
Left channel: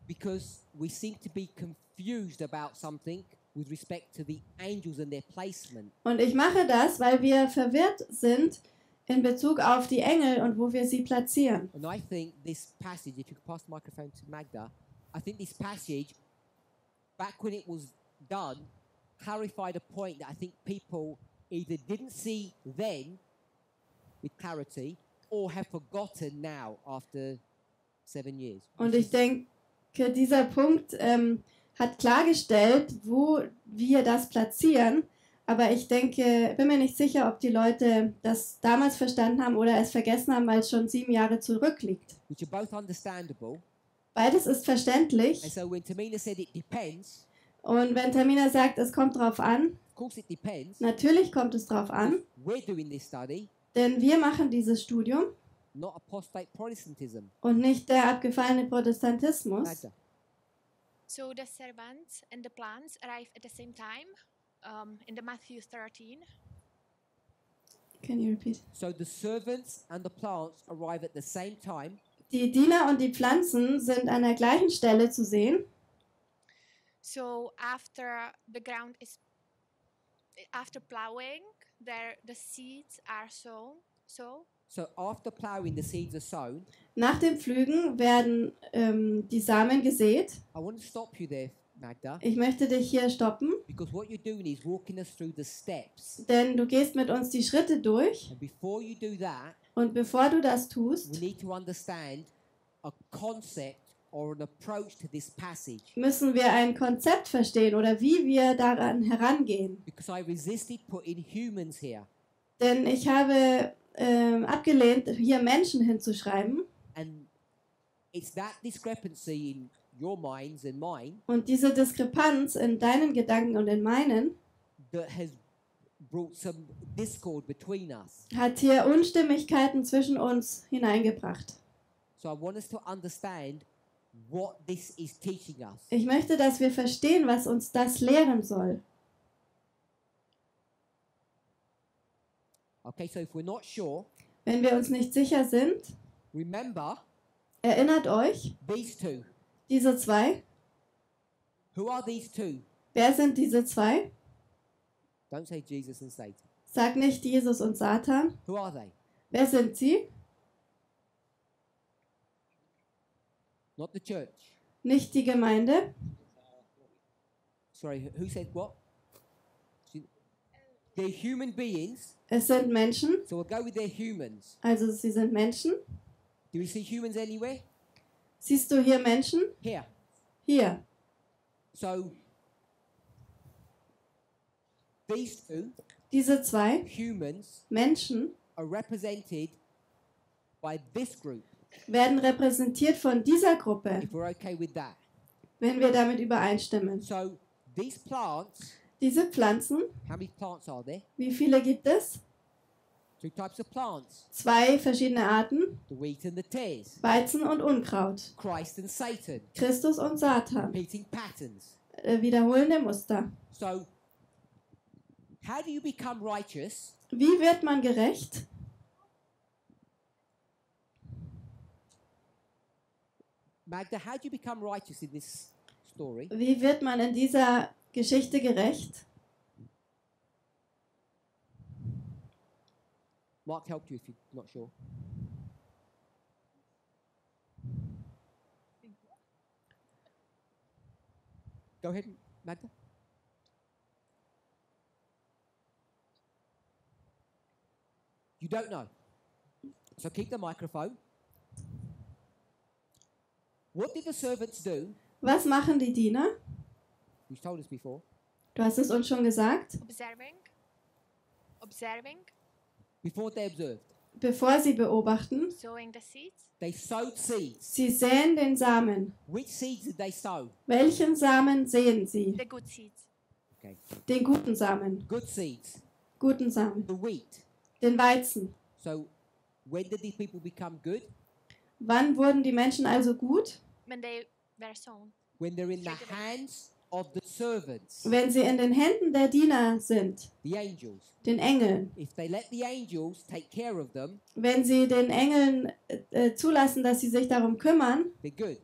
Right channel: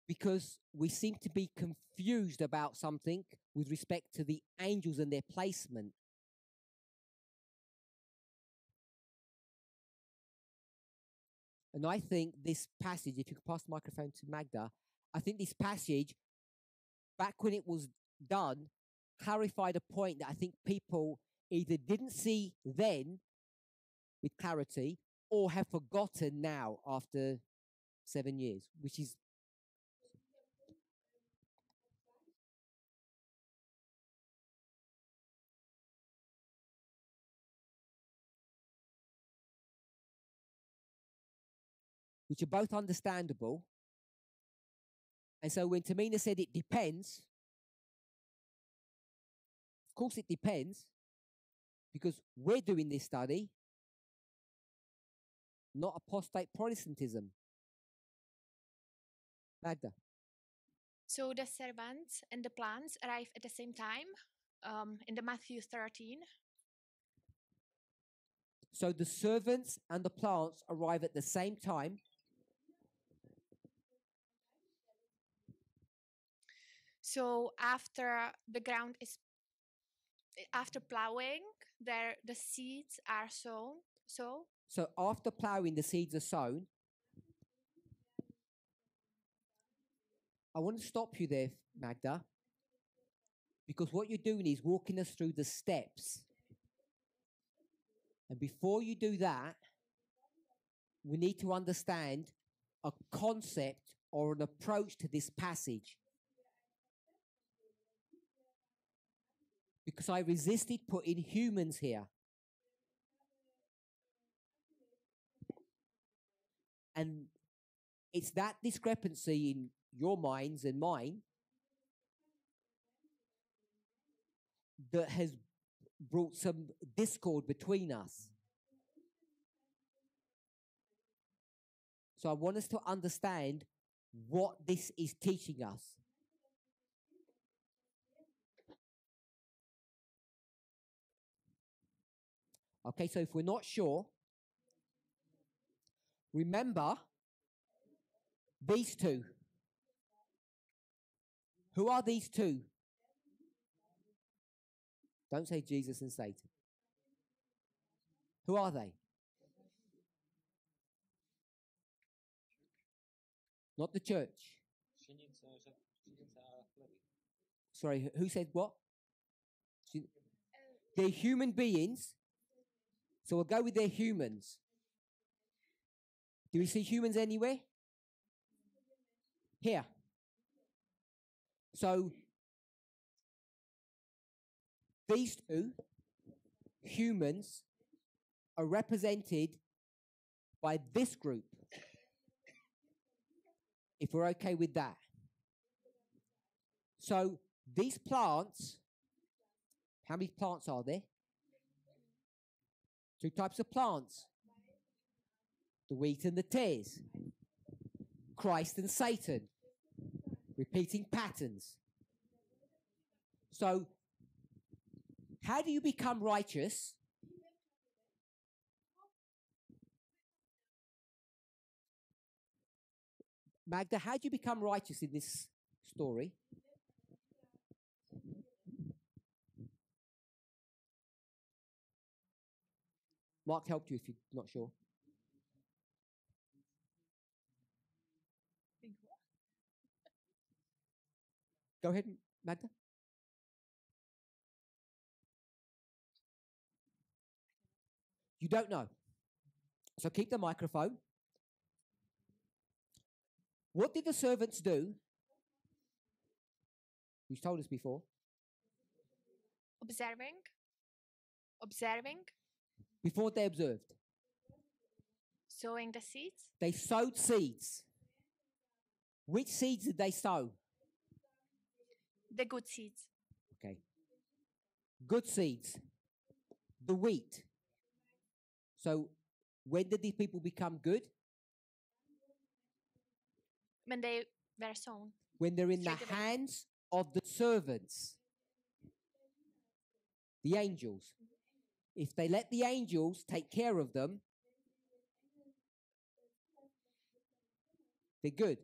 because we seem to be confused about something with respect to the angels and their placement. Und ich mache das, weil wir verwirrt sind in Bezug auf die Engel und wo wir sie platzieren. And I think this passage, if you could pass the microphone to Magda, I think this passage, back when it was done, clarified a point that I think people either didn't see then with clarity or have forgotten now after 7 years. Und ich denke, dieser Punkt hat klargestellt, wo wir das platzieren. Aber ich denke, bin mir nicht sicher, ob die Leute das damals verstanden haben oder es vergessen haben, weil es schon 7 Jahre zurückliegt. Which are both understandable. Beides ist verständlich. And so when Tamina said it depends, und wenn Tamina sagt, es kommt drauf an, of course it depends. Natürlich kommt es drauf an. We're doing this study. Denn wir machen dieses Studium. Not apostate Protestantism. Und nicht der abgefallene Protestantismus. Magda. So the servants and the plants arrive at the same time in the Matthew 13. Can you repeat? So the servants and the plants arrive at the same time. Die Diener und die Pflanzen sind an der gleichen Stelle zu sehen. So after the ground is after plowing, the seeds are sown. So after plowing, the seeds are sown. Nach dem Pflügen werden die Samen gesät. I want to stop you there, Magda. Ich möchte dich hier stoppen. Because what you're doing is walking us through the steps. Denn du gehst mit uns die Schritte durch. And before you do that, und bevor du das tust, we need to understand a concept or an approach to this passage. Müssen wir ein Konzept verstehen oder wie wir daran herangehen. Because I resisted putting humans here. Denn ich habe abgelehnt, hier Menschen hinzuschreiben. And it's that discrepancy in your minds and mine. Und diese Diskrepanz in deinen Gedanken und in meinen that has brought some discord between us. Hat hier Unstimmigkeiten zwischen uns hineingebracht. So I want us to understand what this is teaching us. Ich möchte, dass wir verstehen, was uns das lehren soll. Okay, so if we're not sure, wenn wir uns nicht sicher sind, remember, erinnert euch, these two. Diese zwei. Who are these two? Wer sind diese zwei? Don't say Jesus and Satan. Sag nicht Jesus und Satan. Who are they? Wer sind sie? Not the church. Nicht die Gemeinde. Sorry, who said what? They're human beings. Es sind Menschen. So we'll go with their humans. Also sie sind Menschen. Do we see humans anywhere? Siehst du hier Menschen? Here. Hier. So these two, diese zwei humans, Menschen, are represented by this group. Werden repräsentiert von dieser Gruppe. If we're okay with that. Wenn wir damit übereinstimmen. So these plants. Diese Pflanzen. How many plants are there? Wie viele gibt es? Two types of plants. Zwei verschiedene Arten. The wheat and the tares. Weizen und Unkraut. Christ and Satan. Christus und Satan. Repeating patterns. Wiederholende Muster. So, how do you become righteous? Wie wird man gerecht? Magda, how do you become righteous in this story? Wie wird man in dieser Geschichte gerecht? Mark helped you if you're not sure. Go ahead, Magda. You don't know. So keep the microphone. What did the servants do? Was machen die Diener? You've told us before. Du hast es uns schon gesagt. Observing. Before they observed. Bevor sie beobachten. Sowing the seeds. They sowed seeds. Sie säen den Samen. Which seeds did they sow? Welchen Samen säen sie? The good seeds. Okay. Den guten Samen. Good seeds. Guten Samen. The wheat. Den Weizen. So, when did these people become good? Wann wurden die Menschen also gut? When they were sown. When they're in the hands of the servants. Wenn sie in den Händen der Diener sind. The angels. Den Engeln. If they let the angels take care of them. Wenn sie den Engeln zulassen, dass sie sich darum kümmern. They're good.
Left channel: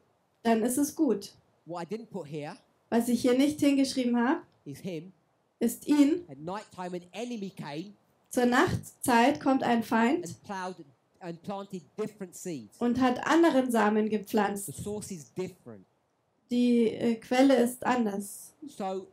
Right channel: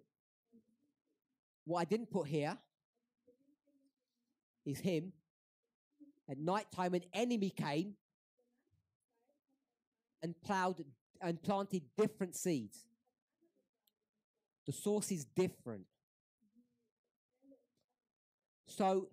dann ist es gut. What I didn't put here Was ich hier nicht hingeschrieben habe, is him. ist ihn. At night time, an enemy came Zur Nachtzeit kommt ein Feind and plowed and planted different seeds. und hat anderen Samen gepflanzt. The source is different. Die Quelle ist anders. So,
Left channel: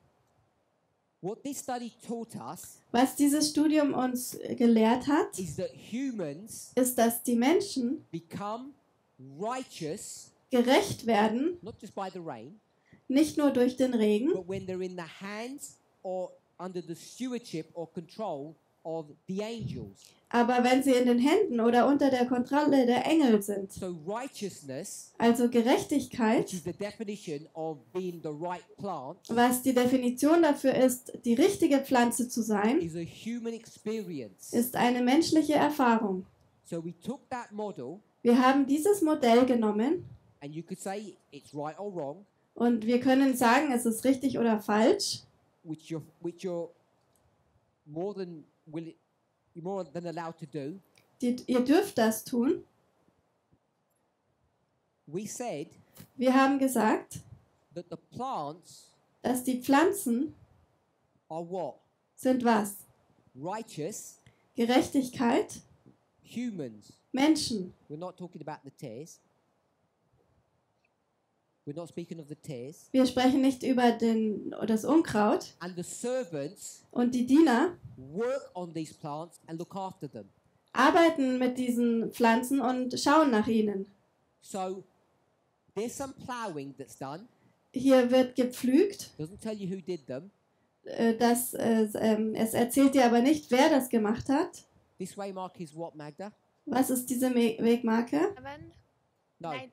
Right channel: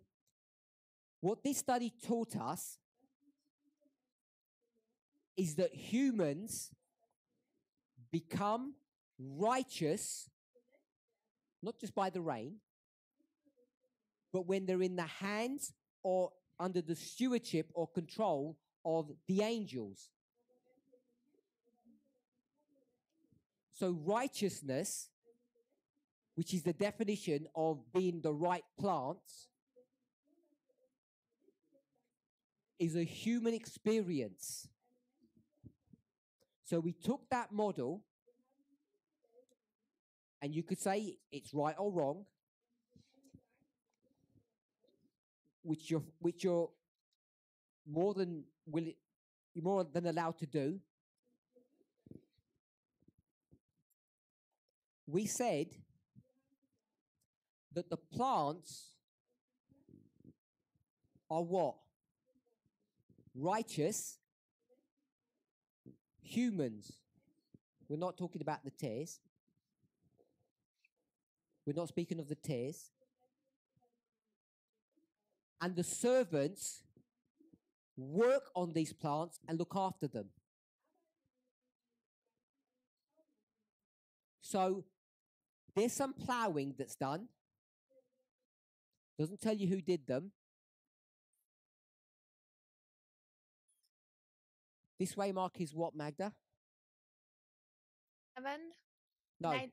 what this study taught us Was dieses Studium uns gelehrt hat, is that humans ist, dass die Menschen become righteous gerecht werden, not just by the rain, nicht nur durch den Regen, but when they're in the hands or under the stewardship or control of the angels. aber wenn sie in den Händen oder unter der Kontrolle der Engel sind. So righteousness, Also Gerechtigkeit, which is the definition of being the right plant, was die Definition dafür ist, die richtige Pflanze zu sein, is a human experience. ist eine menschliche Erfahrung. So we took that model, Wir haben dieses Modell genommen and you could say it's right or wrong, und wir können sagen, es ist richtig oder falsch, which you're more than you're more than allowed to do. Ihr dürft das tun. We said Wir haben gesagt, that the plants dass die Pflanzen are what? sind was? Righteous Gerechtigkeit, humans. Menschen. We're not talking about the tares. We're not speaking of the tares. Wir sprechen nicht über das Unkraut. And the servants Und die Diener work on these plants and look after them. arbeiten mit diesen Pflanzen und schauen nach ihnen. So there's some plowing that's done. Hier wird gepflügt. Doesn't tell you who did them. Es erzählt dir aber nicht, wer das gemacht hat. This waymark is what, Magda? Was ist diese Wegmarke? No, Nine.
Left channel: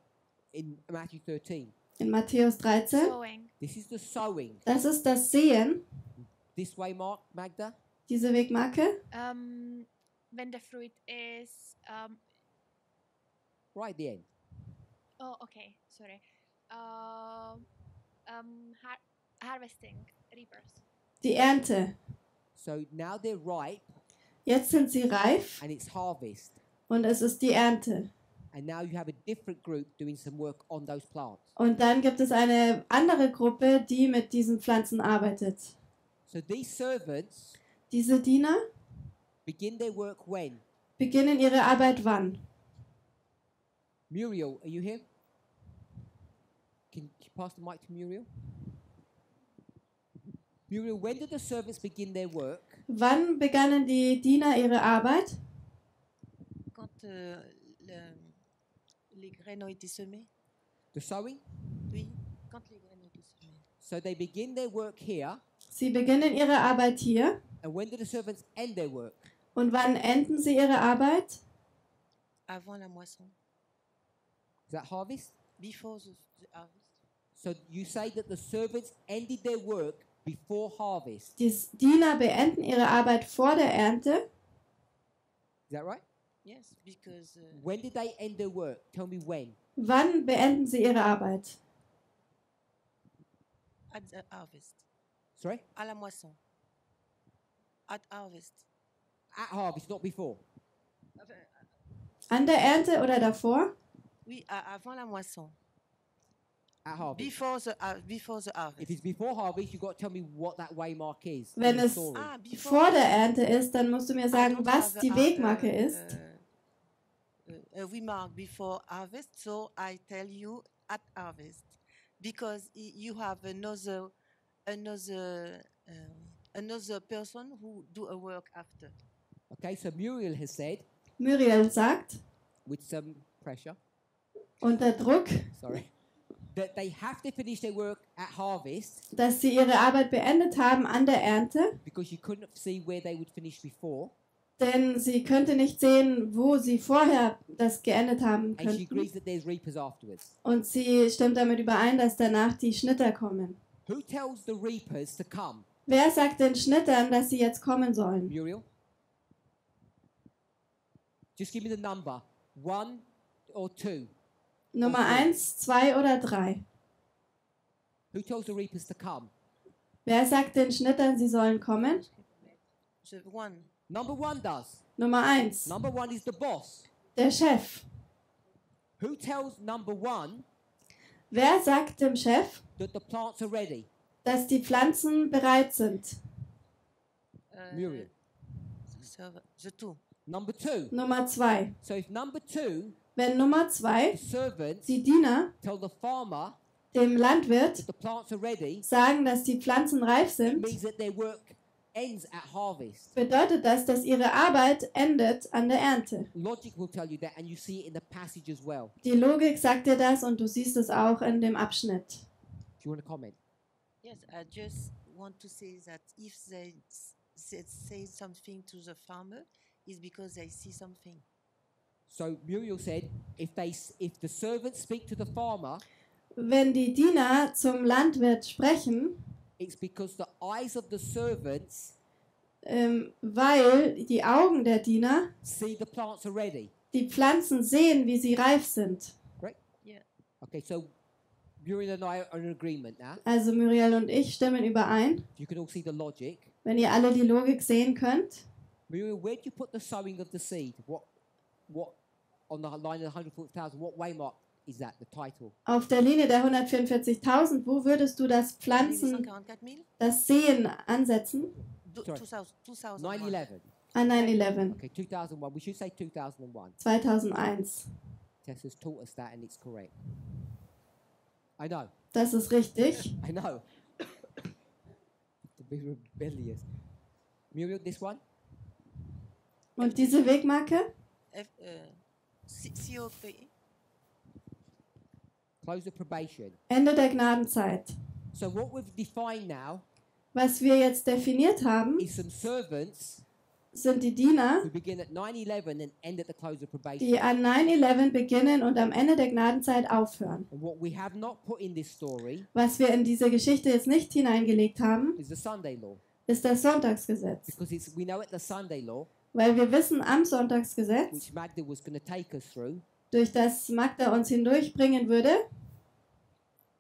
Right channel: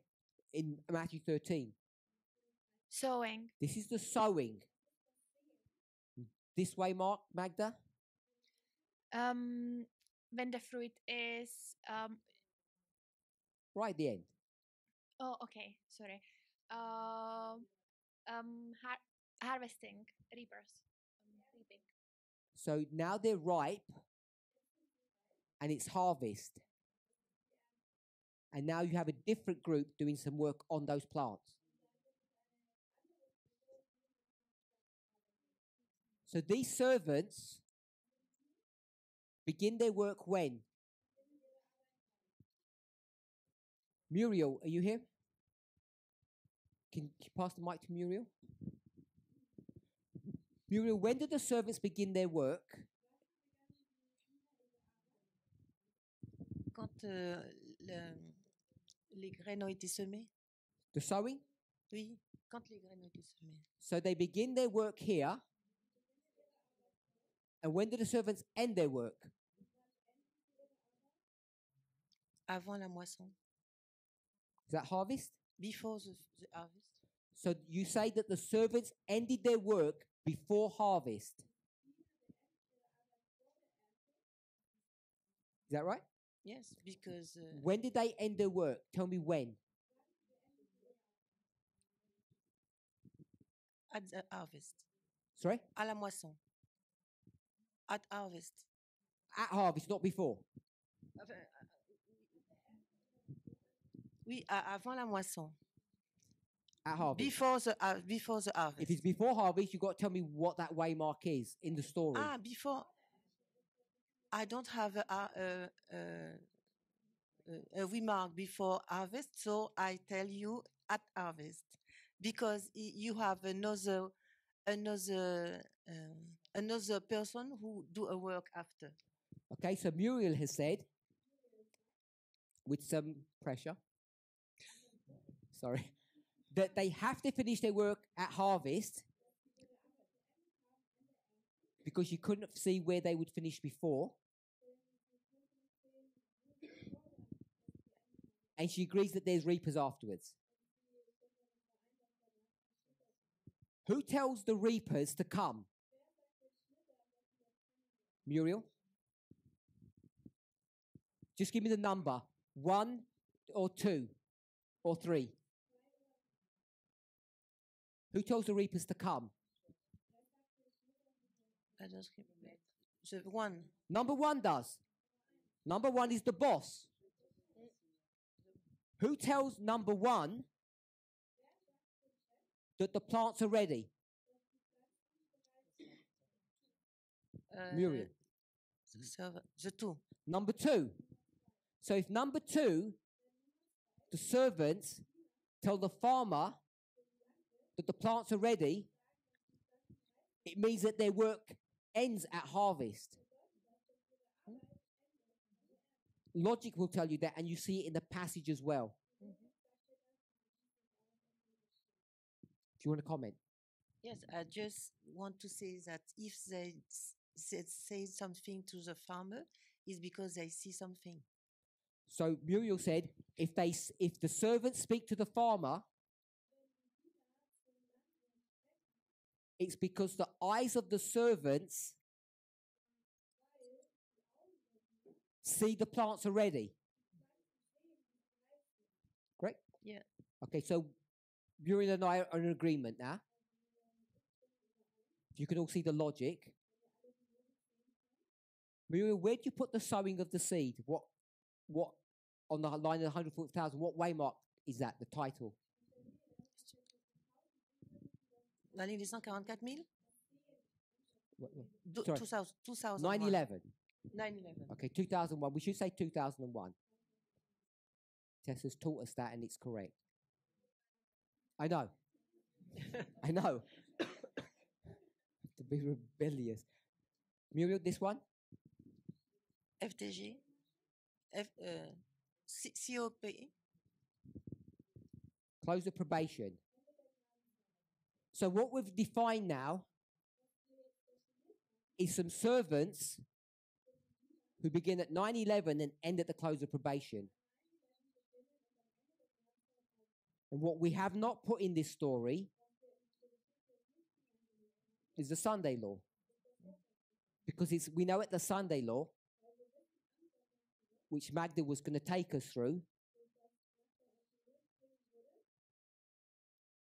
in Matthew 13. In Matthäus 13. Sowing. This is the sowing. Das ist das Sehen, This waymark, Magda? diese Wegmarke. When the fruit is Right at the end. oh, okay, sorry. Harvesting, reapers. Die Ernte. So now they're ripe Jetzt sind sie reif and it's harvest. und es ist die Ernte. And now you have a different group doing some work on those plants. Und dann gibt es eine andere Gruppe, die mit diesen Pflanzen arbeitet. So these servants Diese Diener begin their work when? beginnen ihre Arbeit wann? Muriel, are you here? Can you pass the mic to Muriel? Muriel, when did the servants begin their work? Wann begannen die Diener ihre Arbeit? Quand les graines ont été semées. The sowing? Oui, quand les graines ont été semées. So they begin their work here. Sie beginnen ihre Arbeit hier. And when do the servants end their work? Und wann enden sie ihre Arbeit? Avant la moisson. Is that harvest? Before the harvest. So you say that the servants ended their work before harvest. Die Diener beenden ihre Arbeit vor der Ernte. Is that right? Yes, because. When did they end their work? Tell me when. Wann beenden sie ihre Arbeit? At the harvest. Sorry? À la moisson. At harvest. At harvest, not before. An der Ernte oder davor? Oui, avant la moisson. At harvest. Before the harvest. If it's before harvest, you've got to tell me what that waymark is. Wenn in the es story. vor der Ernte ist, dann musst du mir sagen, was die Wegmarke ist. Waymark before harvest, so I tell you at harvest, because you have another person who do a work after. Okay, so Muriel has said, Muriel sagt, with some pressure, unter Druck, sorry, that they have to finish their work at harvest dass sie ihre Arbeit beendet haben an der Ernte, because you couldn't see where they would finish before. denn sie könnte nicht sehen, wo sie vorher das geendet haben And she agrees könnten. that there's reapers afterwards. Und sie stimmt damit überein, dass danach die Schnitter kommen. Who tells the reapers to come? Wer sagt den Schnittern, dass sie jetzt kommen sollen? Muriel? Just give me the number. 1 or 2. Nummer or 3. 1, 2 oder 3. Who tells the reapers to come? Wer sagt den Schnittern, sie sollen kommen? The one. Number 1 does. Nummer 1. Number 1 is the boss. Der Chef. Who tells number 1 Wer sagt dem Chef, that the plants are ready? dass die Pflanzen bereit sind? Muriel. The two. Number 2. Nummer 2. So if number 2, Wenn Nummer 2 the servants die Diener tell the farmer dem Landwirt that the plants are ready, sagen, dass die Pflanzen reif it sind, means that their work ends at harvest. bedeutet das, dass ihre Arbeit endet an der Ernte. Logic will tell you that, and you see it in the passage as well. Die Logik sagt dir das und du siehst es auch in dem Abschnitt. Do you want to comment? Yes, I just want to say that if they say something to the farmer, it's because they see something. So Muriel said, if the servants speak to the farmer, Wenn die Diener zum Landwirt sprechen, it's because the eyes of the servants weil die Augen der Diener see the plants are ready. die Pflanzen sehen, wie sie reif sind. Correct? Yeah. Okay, so Muriel and I are in agreement now. Also Muriel und ich stimmen überein. You can all see the logic. Wenn ihr alle die Logik sehen könnt. Muriel, where do you put the sowing of the seed? What on the line of 140,000? What waymark is that? The title? Auf der Linie der 144.000, wo würdest du das Pflanzen, das Sehen ansetzen? 9/11. An 9/11. Okay, 2001. We should say 2001. 2001. Tess has taught us that, and it's correct. I know. Das ist richtig. I know. To be rebellious. Muriel, this one? Und diese Wegmarke? COP. Close of probation. Ende der Gnadenzeit. So what we've defined now Was wir jetzt definiert haben, is some servants sind die Diener, who begin at 9/11 and end at the close of probation. die an 9/11 beginnen und am Ende der Gnadenzeit aufhören. And what we have not put in this story Was wir in diese Geschichte jetzt nicht hineingelegt haben, is the Sunday law. ist das Sonntagsgesetz. Because we know at the Sunday law, Weil wir wissen am Sonntagsgesetz, which Magda was going to take us through, durch das Magda uns hindurchbringen würde,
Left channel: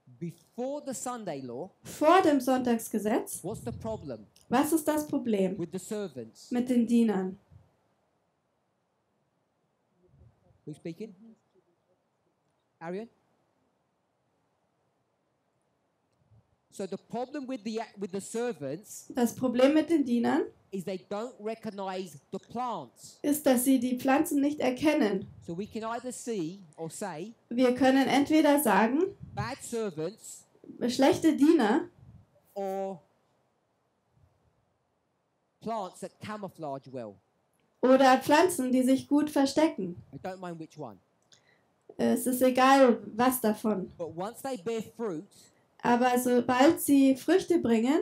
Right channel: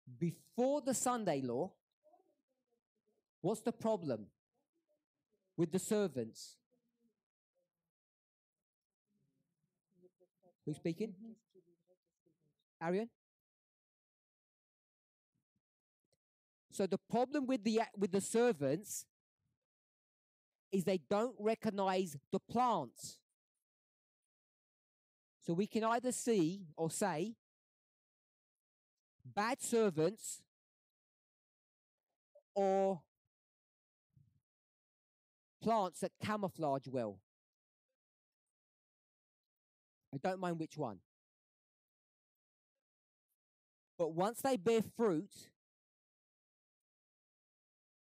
before the Sunday law, vor dem Sonntagsgesetz, what's the problem was ist das Problem with the servants? mit den Dienern? Who's speaking? Arian? So the problem with the servants Das Problem mit den Dienern is they don't recognize the plants. ist, dass sie die Pflanzen nicht erkennen. So we can either see or say Wir können entweder sagen, bad servants schlechte Diener or plants that camouflage well. oder Pflanzen, die sich gut verstecken. I don't mind which one. Es ist egal, was davon. But once they bear fruit, Aber sobald sie Früchte bringen,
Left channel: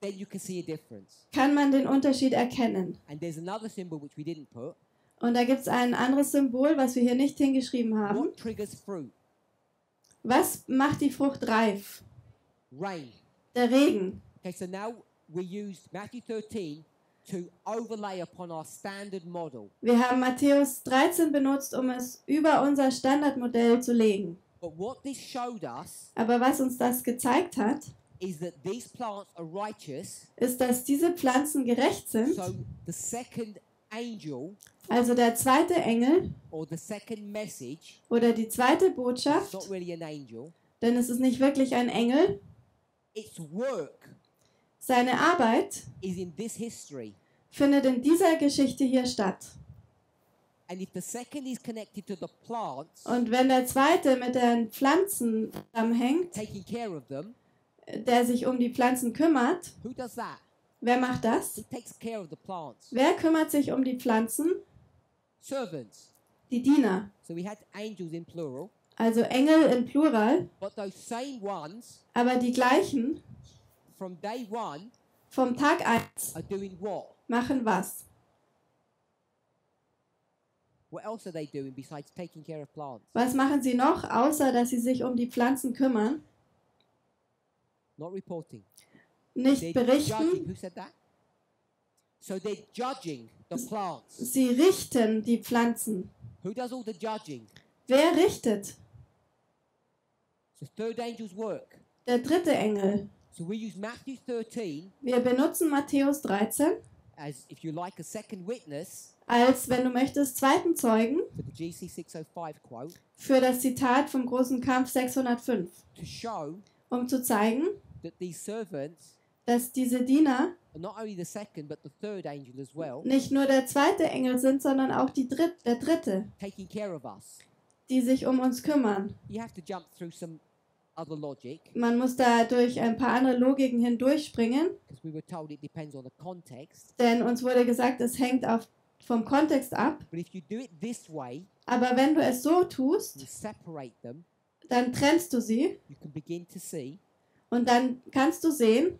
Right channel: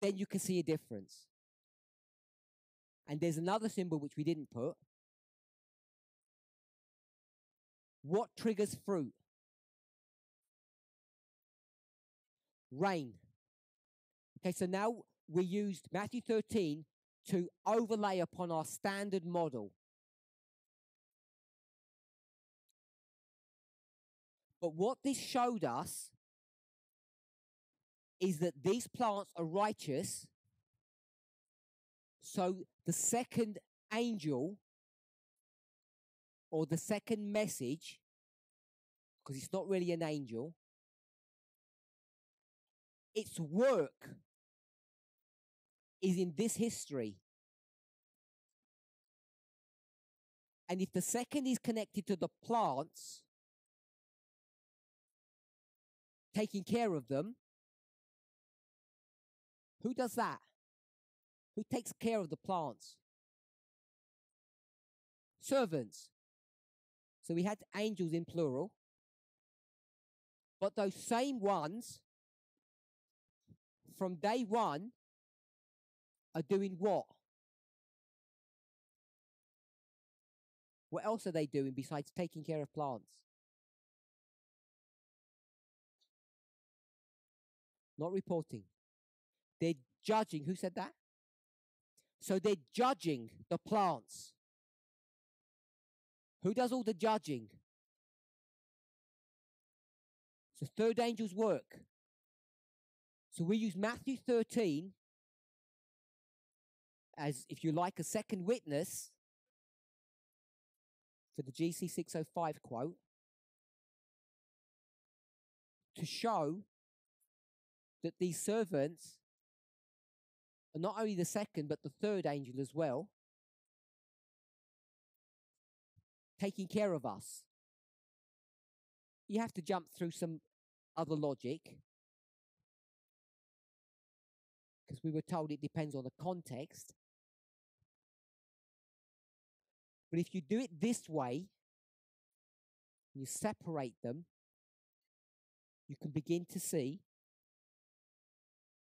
then you can see a difference. kann man den Unterschied erkennen. And there's another symbol which we didn't put. Und da gibt es ein anderes Symbol, was wir hier nicht hingeschrieben haben. What triggers fruit? Was macht die Frucht reif? Rain. Der Regen. Okay, so now we used Matthew 13 to overlay upon our standard model. Wir haben Matthäus 13 benutzt, um es über unser Standardmodell zu legen. But what this showed us Aber was uns das gezeigt hat, is that these plants are righteous. ist, dass diese Pflanzen gerecht sind. So the second angel Also der zweite Engel or the second message, oder die zweite it's Botschaft, not really an angel, denn es ist nicht wirklich ein Engel, its work seine Arbeit is in this history. findet in dieser Geschichte hier statt. And if the second is connected to the plants, Und wenn der zweite mit den Pflanzen zusammenhängt, taking care of them, der sich um die Pflanzen kümmert, who does that? wer macht das? Who takes care of the plants? Wer kümmert sich um die Pflanzen? Servants. Die Diener. So we had angels in plural, Also Engel in Plural, but those same ones aber die gleichen from day one vom Tag 1 are doing what? machen was? What else are they doing besides taking care of plants? Was machen sie noch, außer dass sie sich um die Pflanzen kümmern? Not reporting. Nicht They're berichten. judging. Who said that? So they're judging the plants. Sie richten die Pflanzen. Who does all the judging? Wer richtet? It's the third angel's work. Der dritte Engel. So we use Matthew 13 Wir benutzen Matthäus 13 as, if you like, a second witness als, wenn du möchtest, zweiten Zeugen for the GC 605 quote für das Zitat vom großen Kampf 605, to show zu zeigen, that these servants dass diese Diener are not only the second but the third angel as well, nicht nur der zweite Engel sind, sondern auch der dritte, taking care of us. die sich um uns kümmern. You have to jump through some other logic Man muss da durch ein paar andere Logiken hindurchspringen, because we were told it depends on the context. denn uns wurde gesagt, es hängt vom Kontext ab. But if you do it this way, Aber wenn du es so tust, you separate them, dann trennst du sie you can begin to see und dann kannst du sehen,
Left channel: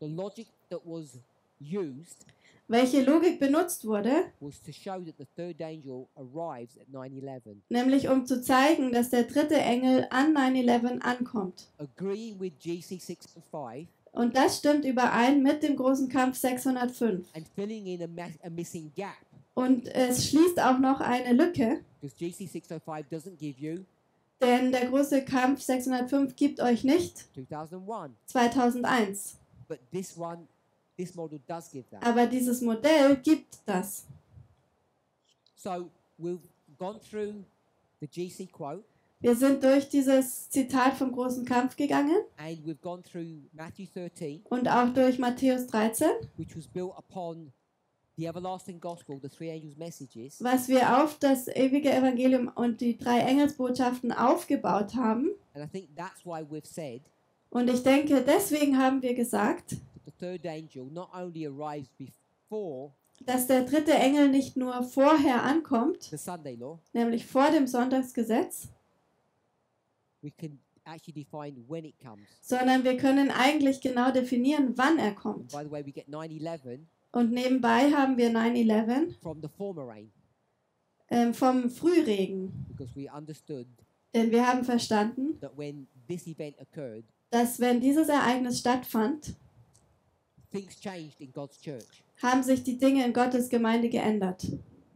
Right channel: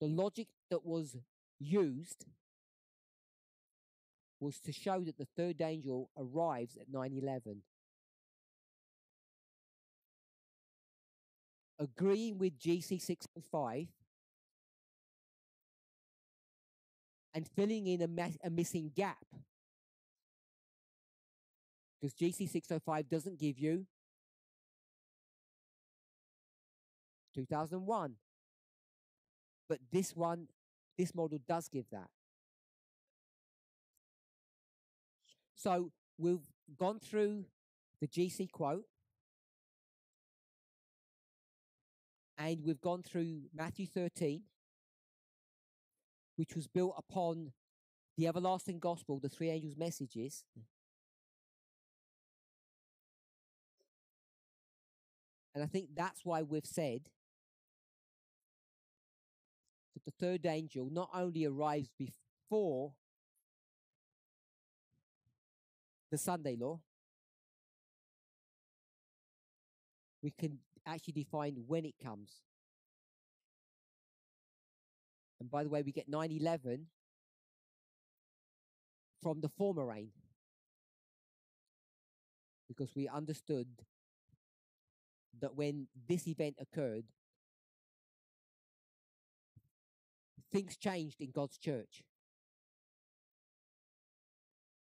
the logic that was used welche Logik benutzt wurde, was to show that the third angel arrives at 9/11, nämlich um zu zeigen, dass der dritte Engel an 9/11 ankommt. agreeing with GC 605 Und das stimmt überein mit dem großen Kampf 605. and filling in a missing gap, Und es schließt auch noch eine Lücke, because GC 605 doesn't give you denn der große Kampf 605 gibt euch nicht 2001, 2001. but this model does give that. Aber dieses Modell gibt das. So we've gone through the GC quote Wir sind durch dieses Zitat vom großen Kampf gegangen and we've gone through Matthew 13, und auch durch Matthäus 13, which was built upon the everlasting gospel, the three angels' messages, was wir auf das ewige Evangelium und die drei Engelsbotschaften aufgebaut haben. and I think that's why we've said Und ich denke, deswegen haben wir gesagt, that the third angel not only arrives before dass der dritte Engel nicht nur vorher ankommt, the Sunday law, nämlich vor dem Sonntagsgesetz, we can actually define when it comes. sondern wir können eigentlich genau definieren, wann er And kommt. by the way, we get 9/11 Und nebenbei haben wir 9/11 from the former rain vom Frühregen, because we understood denn wir haben verstanden, that when this event occurred, dass wenn dieses Ereignis stattfand, things changed in God's church, haben sich die Dinge in Gottes Gemeinde geändert.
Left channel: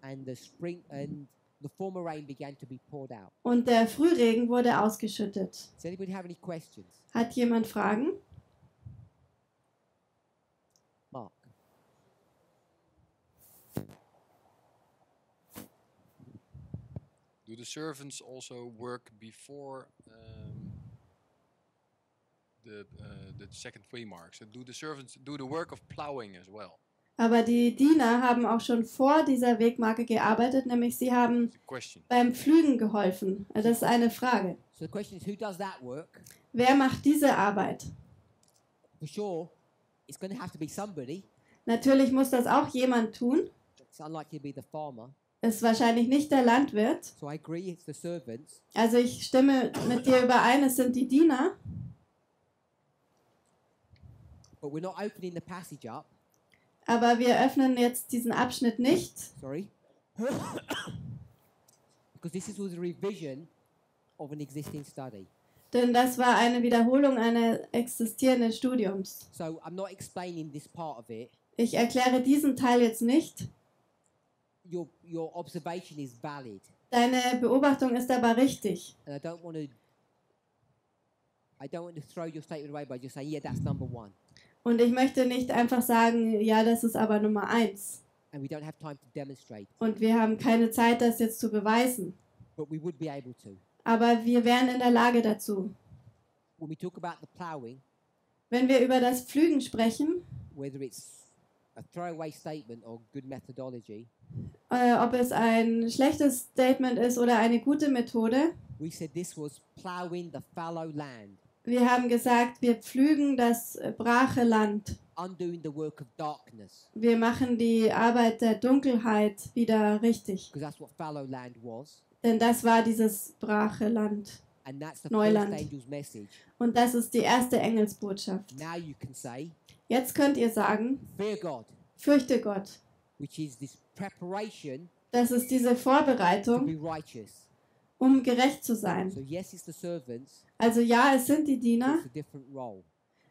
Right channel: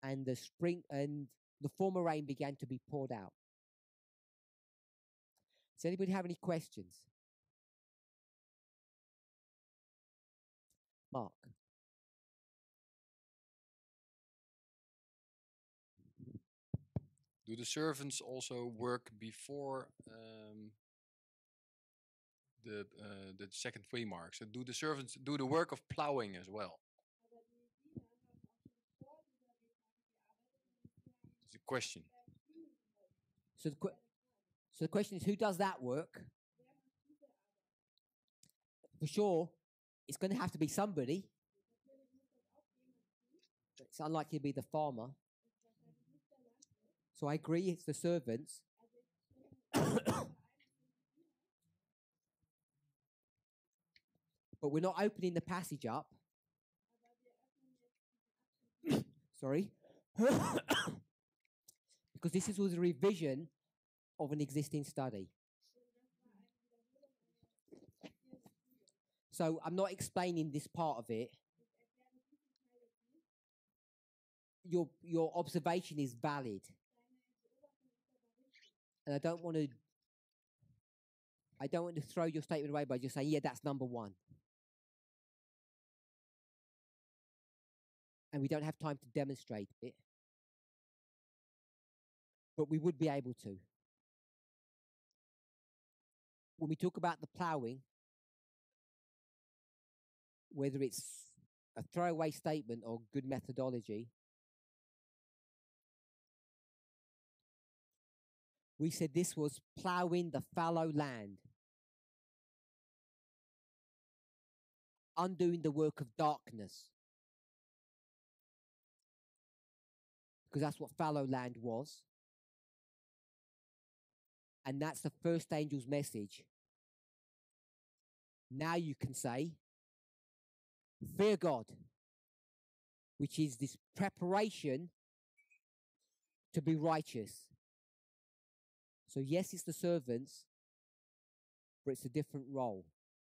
and the former rain began to be poured out. Und der Frühregen wurde ausgeschüttet. Does anybody have any questions? Hat jemand Fragen? Mark. Do the servants also work before the second waymark? So do the servants do the work of plowing as well? Aber die Diener haben auch schon vor dieser Wegmarke gearbeitet, nämlich sie haben beim Pflügen geholfen. Das ist eine Frage. So the question is, who does that work? Wer macht diese Arbeit? For sure, it's going to have to be somebody. Natürlich muss das auch jemand tun. It's unlikely to be the farmer. Es ist wahrscheinlich nicht der Landwirt. So I agree, it's the servants. Also ich stimme mit dir überein, es sind die Diener. But we're not opening the passage up. Aber wir öffnen jetzt diesen Abschnitt nicht. Sorry. Because this was a revision of an existing study. Denn das war eine Wiederholung eines existierenden Studiums. So I'm not explaining this part of it. Ich erkläre diesen Teil jetzt nicht. Your observation is valid. Deine Beobachtung ist aber richtig. And I don't want to throw your statement away by just saying, yeah, that's number one. Und ich möchte nicht einfach sagen, ja, das ist aber Nummer 1. And we don't have time to demonstrate. Und wir haben keine Zeit, das jetzt zu beweisen. But we would be able to. Aber wir wären in der Lage dazu. When we talk about the plowing, wenn wir über das Pflügen sprechen, whether it's a throwaway statement or good methodology, ob es ein schlechtes Statement ist oder eine gute Methode, we said this was plowing the fallow land. Wir haben gesagt, wir pflügen das brache Land. Undoing the work of darkness. Wir machen die Arbeit der Dunkelheit wieder richtig. Because that's what fallow land was. Denn das war dieses brache Land. And that's the Neuland. first angel's message. Und das ist die erste Engelsbotschaft. Now you can say, jetzt könnt ihr sagen, fear God. Fürchte Gott. Which is this preparation das ist diese Vorbereitung, to be righteous. Gerecht zu sein. So yes, it's the servants. Also ja, es sind die Diener. It's a different role.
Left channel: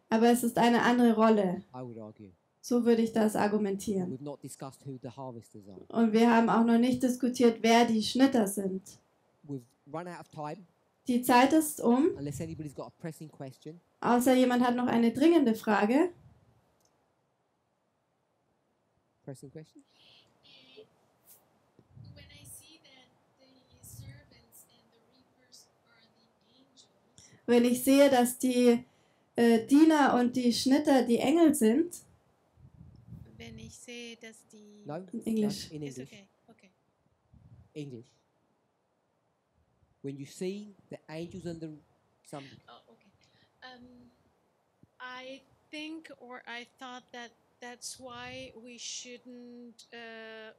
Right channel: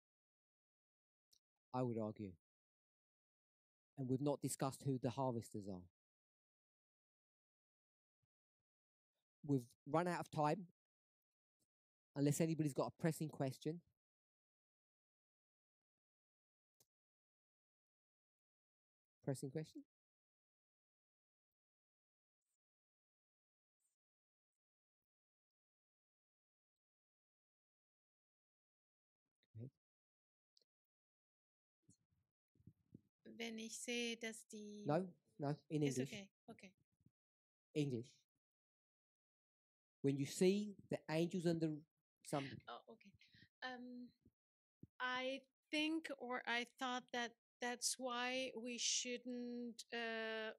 Aber es ist eine andere Rolle. I would argue. So würde ich das argumentieren. We've not discussed who the harvesters are. Und wir haben auch noch nicht diskutiert, wer die Schnitter sind. We've run out of time. Die Zeit ist um. Unless anybody's got a pressing question. Außer jemand hat noch eine dringende Frage. Pressing question? Wenn ich sehe, dass die Diener und die Schnitter die Engel sind, Wenn ich sehe, dass die... No, English. no, in It's English. okay, okay. English. When you see the angels and the some. Oh, okay. I think, or I thought that that's why we shouldn't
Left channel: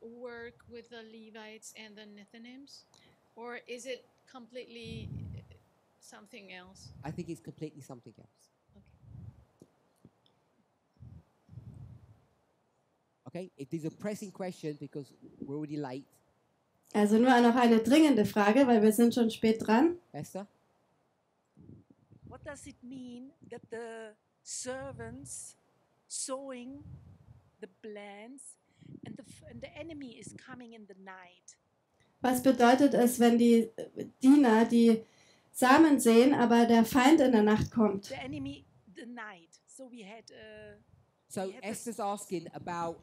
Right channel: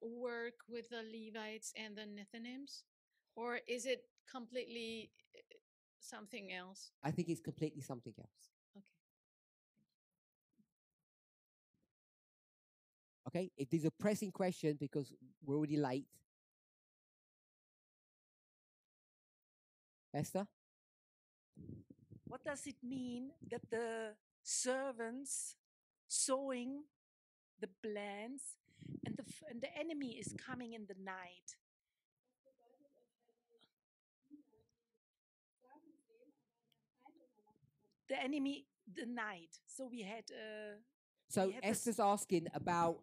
work with the Levites and the Nethinims, or is it completely something else? I think it's completely something else. Okay, it is a pressing question because we're already late. also nur noch eine dringende Frage, weil wir sind schon spät dran. Esther? What does it mean that the servants sowing the plants and the enemy is coming in the night? Was bedeutet es, wenn die Diener die Samen sehen, aber der Feind in der Nacht kommt? The enemy, the night. So we had. So Esther's asking about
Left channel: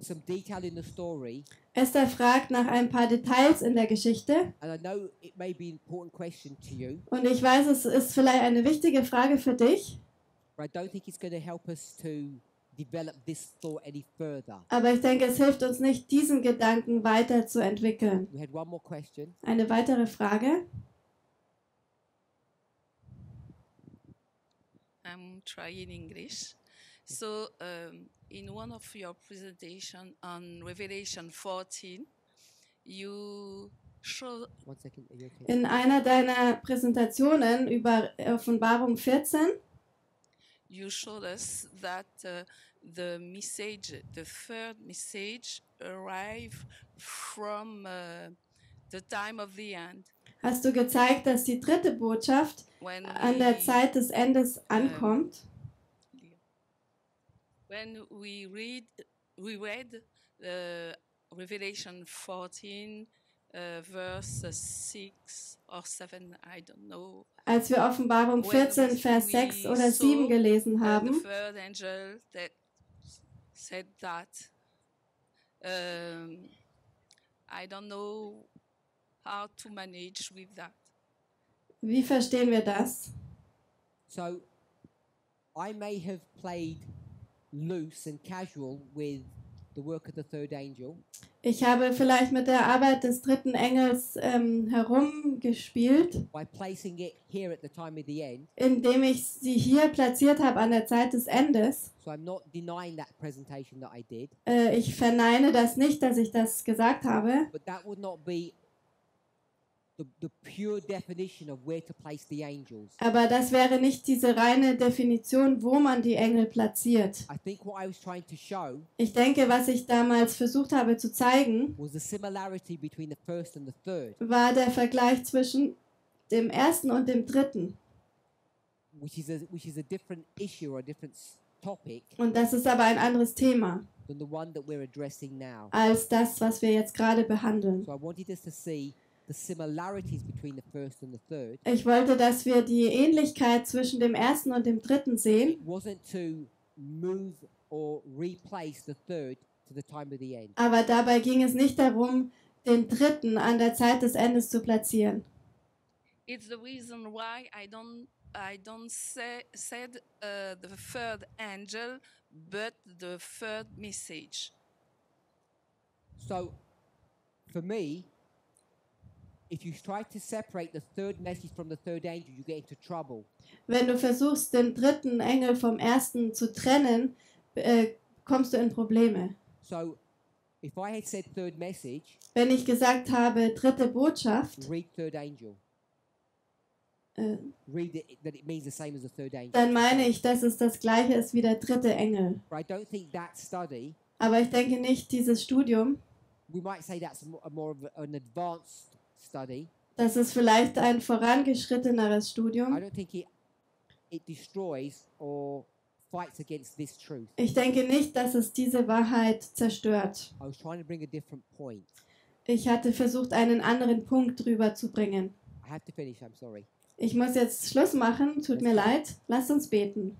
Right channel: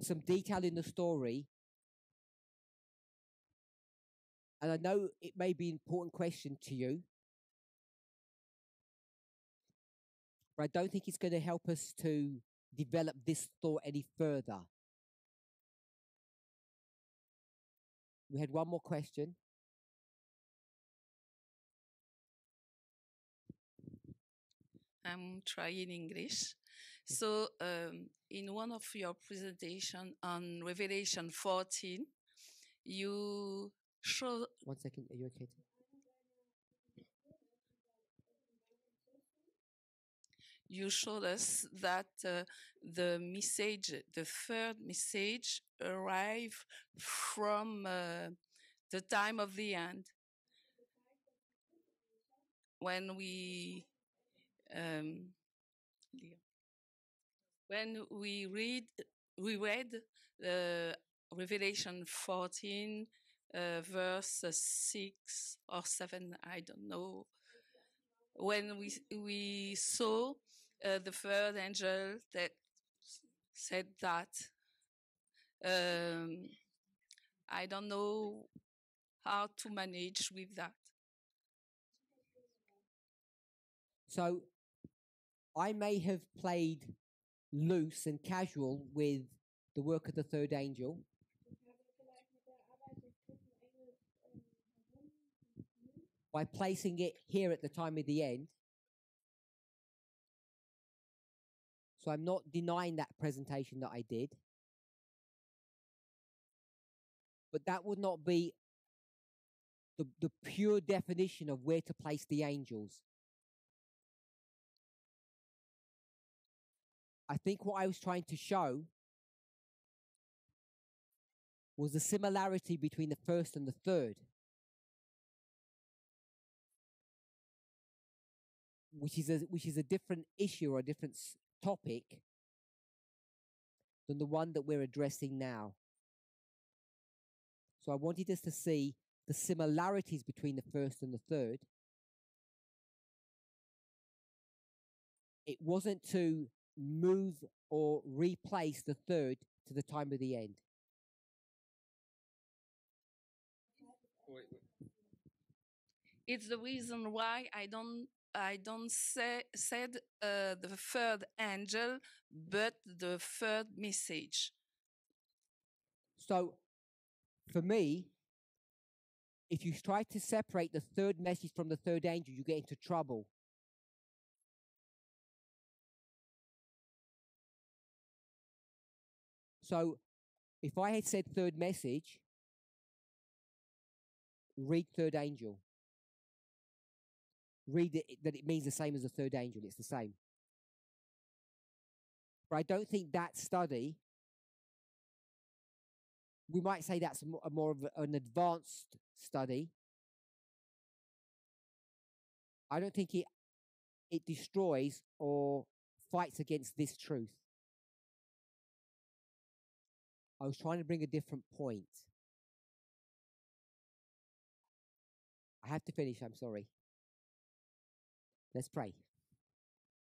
some detail in the story. Esther fragt nach ein paar Details in der Geschichte. And I know it may be an important question to you. Und ich weiß, es ist vielleicht eine wichtige Frage für dich. But I don't think it's going to help us to develop this thought any further. Aber ich denke, es hilft uns nicht, diesen Gedanken weiterzuentwickeln. We had one more question. Eine weitere Frage. I'm trying English. So, in one of your presentation on Revelation 14, you show. 1 second, are you okay? In einer deiner Präsentationen über Offenbarung 14 You showed us that the message, the third message, arrived from the time of the end. hast du gezeigt, dass die dritte Botschaft an der Zeit des Endes ankommt. When we read Revelation 14, verse 6 or 7, I don't know. Als wir Offenbarung 14, Vers 6 oder 7 gelesen haben, The third angel that said that, I don't know how to manage with that. wie verstehen wir das? So I may have played loose and casual with the work of the third angel. Ich habe vielleicht mit der Arbeit des dritten Engels herumgespielt, By placing it here at the time of the end. indem ich sie hier platziert habe an der Zeit des Endes. So I'm not denying that presentation that I did. Ich verneine das nicht, dass ich das gesagt habe. But that would not be the pure definition of where to place the angels. Aber das wäre nicht diese reine Definition, wo man die Engel platziert. I think what I was trying to show Ich denke, was ich damals versucht habe zu zeigen, was the similarity between the first and the third, war der Vergleich zwischen dem ersten und dem dritten. which is a different issue or a different topic Und das ist aber ein anderes Thema than the one that we're addressing now. als das, was wir jetzt gerade behandeln. So I wanted us to see the similarities between the first and the third. Ich wollte, dass wir die Ähnlichkeit zwischen dem ersten und dem dritten sehen. It wasn't to move or replace the third to the time of the end. Aber dabei ging es nicht darum, den dritten an der Zeit des Endes zu platzieren. It's the reason why I don't said the third angel, but the third message. So for me, if you try to separate the third message from the third angel, you get into trouble. Wenn du versuchst, den dritten Engel vom ersten zu trennen, kommst du in Probleme. So if I had said third message, Wenn ich gesagt habe, dritte Botschaft, read third angel. Read it, that it means the same as the third angel. dann It's the meine same. ich, dass es das gleiche ist wie der dritte Engel. But I don't think that study, Aber ich denke nicht, dieses Studium, we might say that's more of an advanced study. das ist vielleicht ein vorangeschritteneres I Studium. don't think it destroys or fights against this truth. Ich denke nicht, dass es diese Wahrheit zerstört. I was trying to bring a different point. Ich hatte versucht, einen anderen Punkt drüber zu bringen. I have to finish, I'm sorry. Ich muss jetzt Schluss machen, tut mir leid. Lasst uns beten.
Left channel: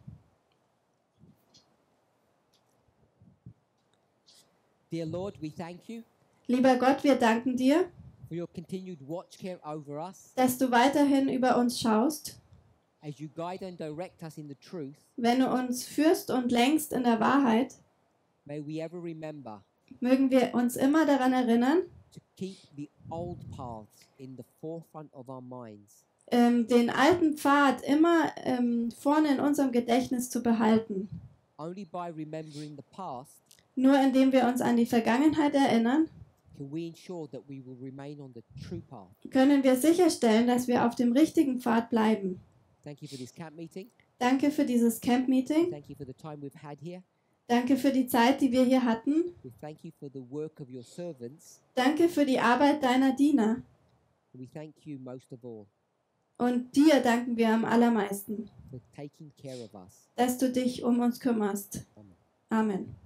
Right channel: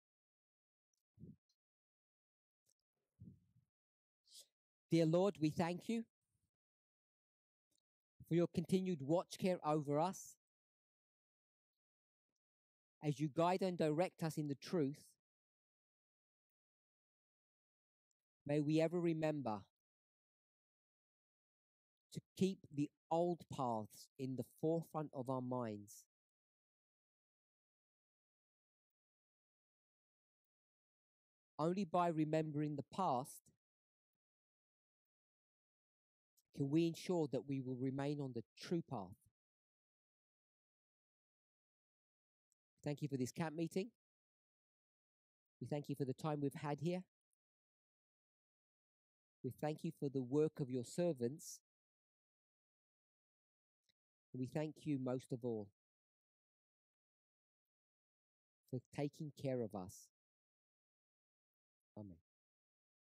Dear Lord, we thank you Lieber Gott, wir danken dir, for your continued watch care over us. dass du weiterhin über uns schaust. as you guide and direct us in the truth, wenn du uns führst und lenkst in der Wahrheit, may we ever remember mögen wir uns immer daran erinnern, to keep the old paths in the forefront of our minds, den alten Pfad immer vorne in unserem Gedächtnis zu behalten. only by remembering the past Nur indem wir uns an die Vergangenheit erinnern, can we ensure that we will remain on the true path. können wir sicherstellen, dass wir auf dem richtigen Pfad bleiben. Thank you for this camp meeting. Danke für dieses Camp-Meeting. Thank you for the time we've had here. Danke für die Zeit, die wir hier hatten. We thank you for the work of your servants. Danke für die Arbeit deiner Diener. We thank you most of all Und dir danken wir am allermeisten, for taking care of us. dass du dich um uns kümmerst. Amen. Amen.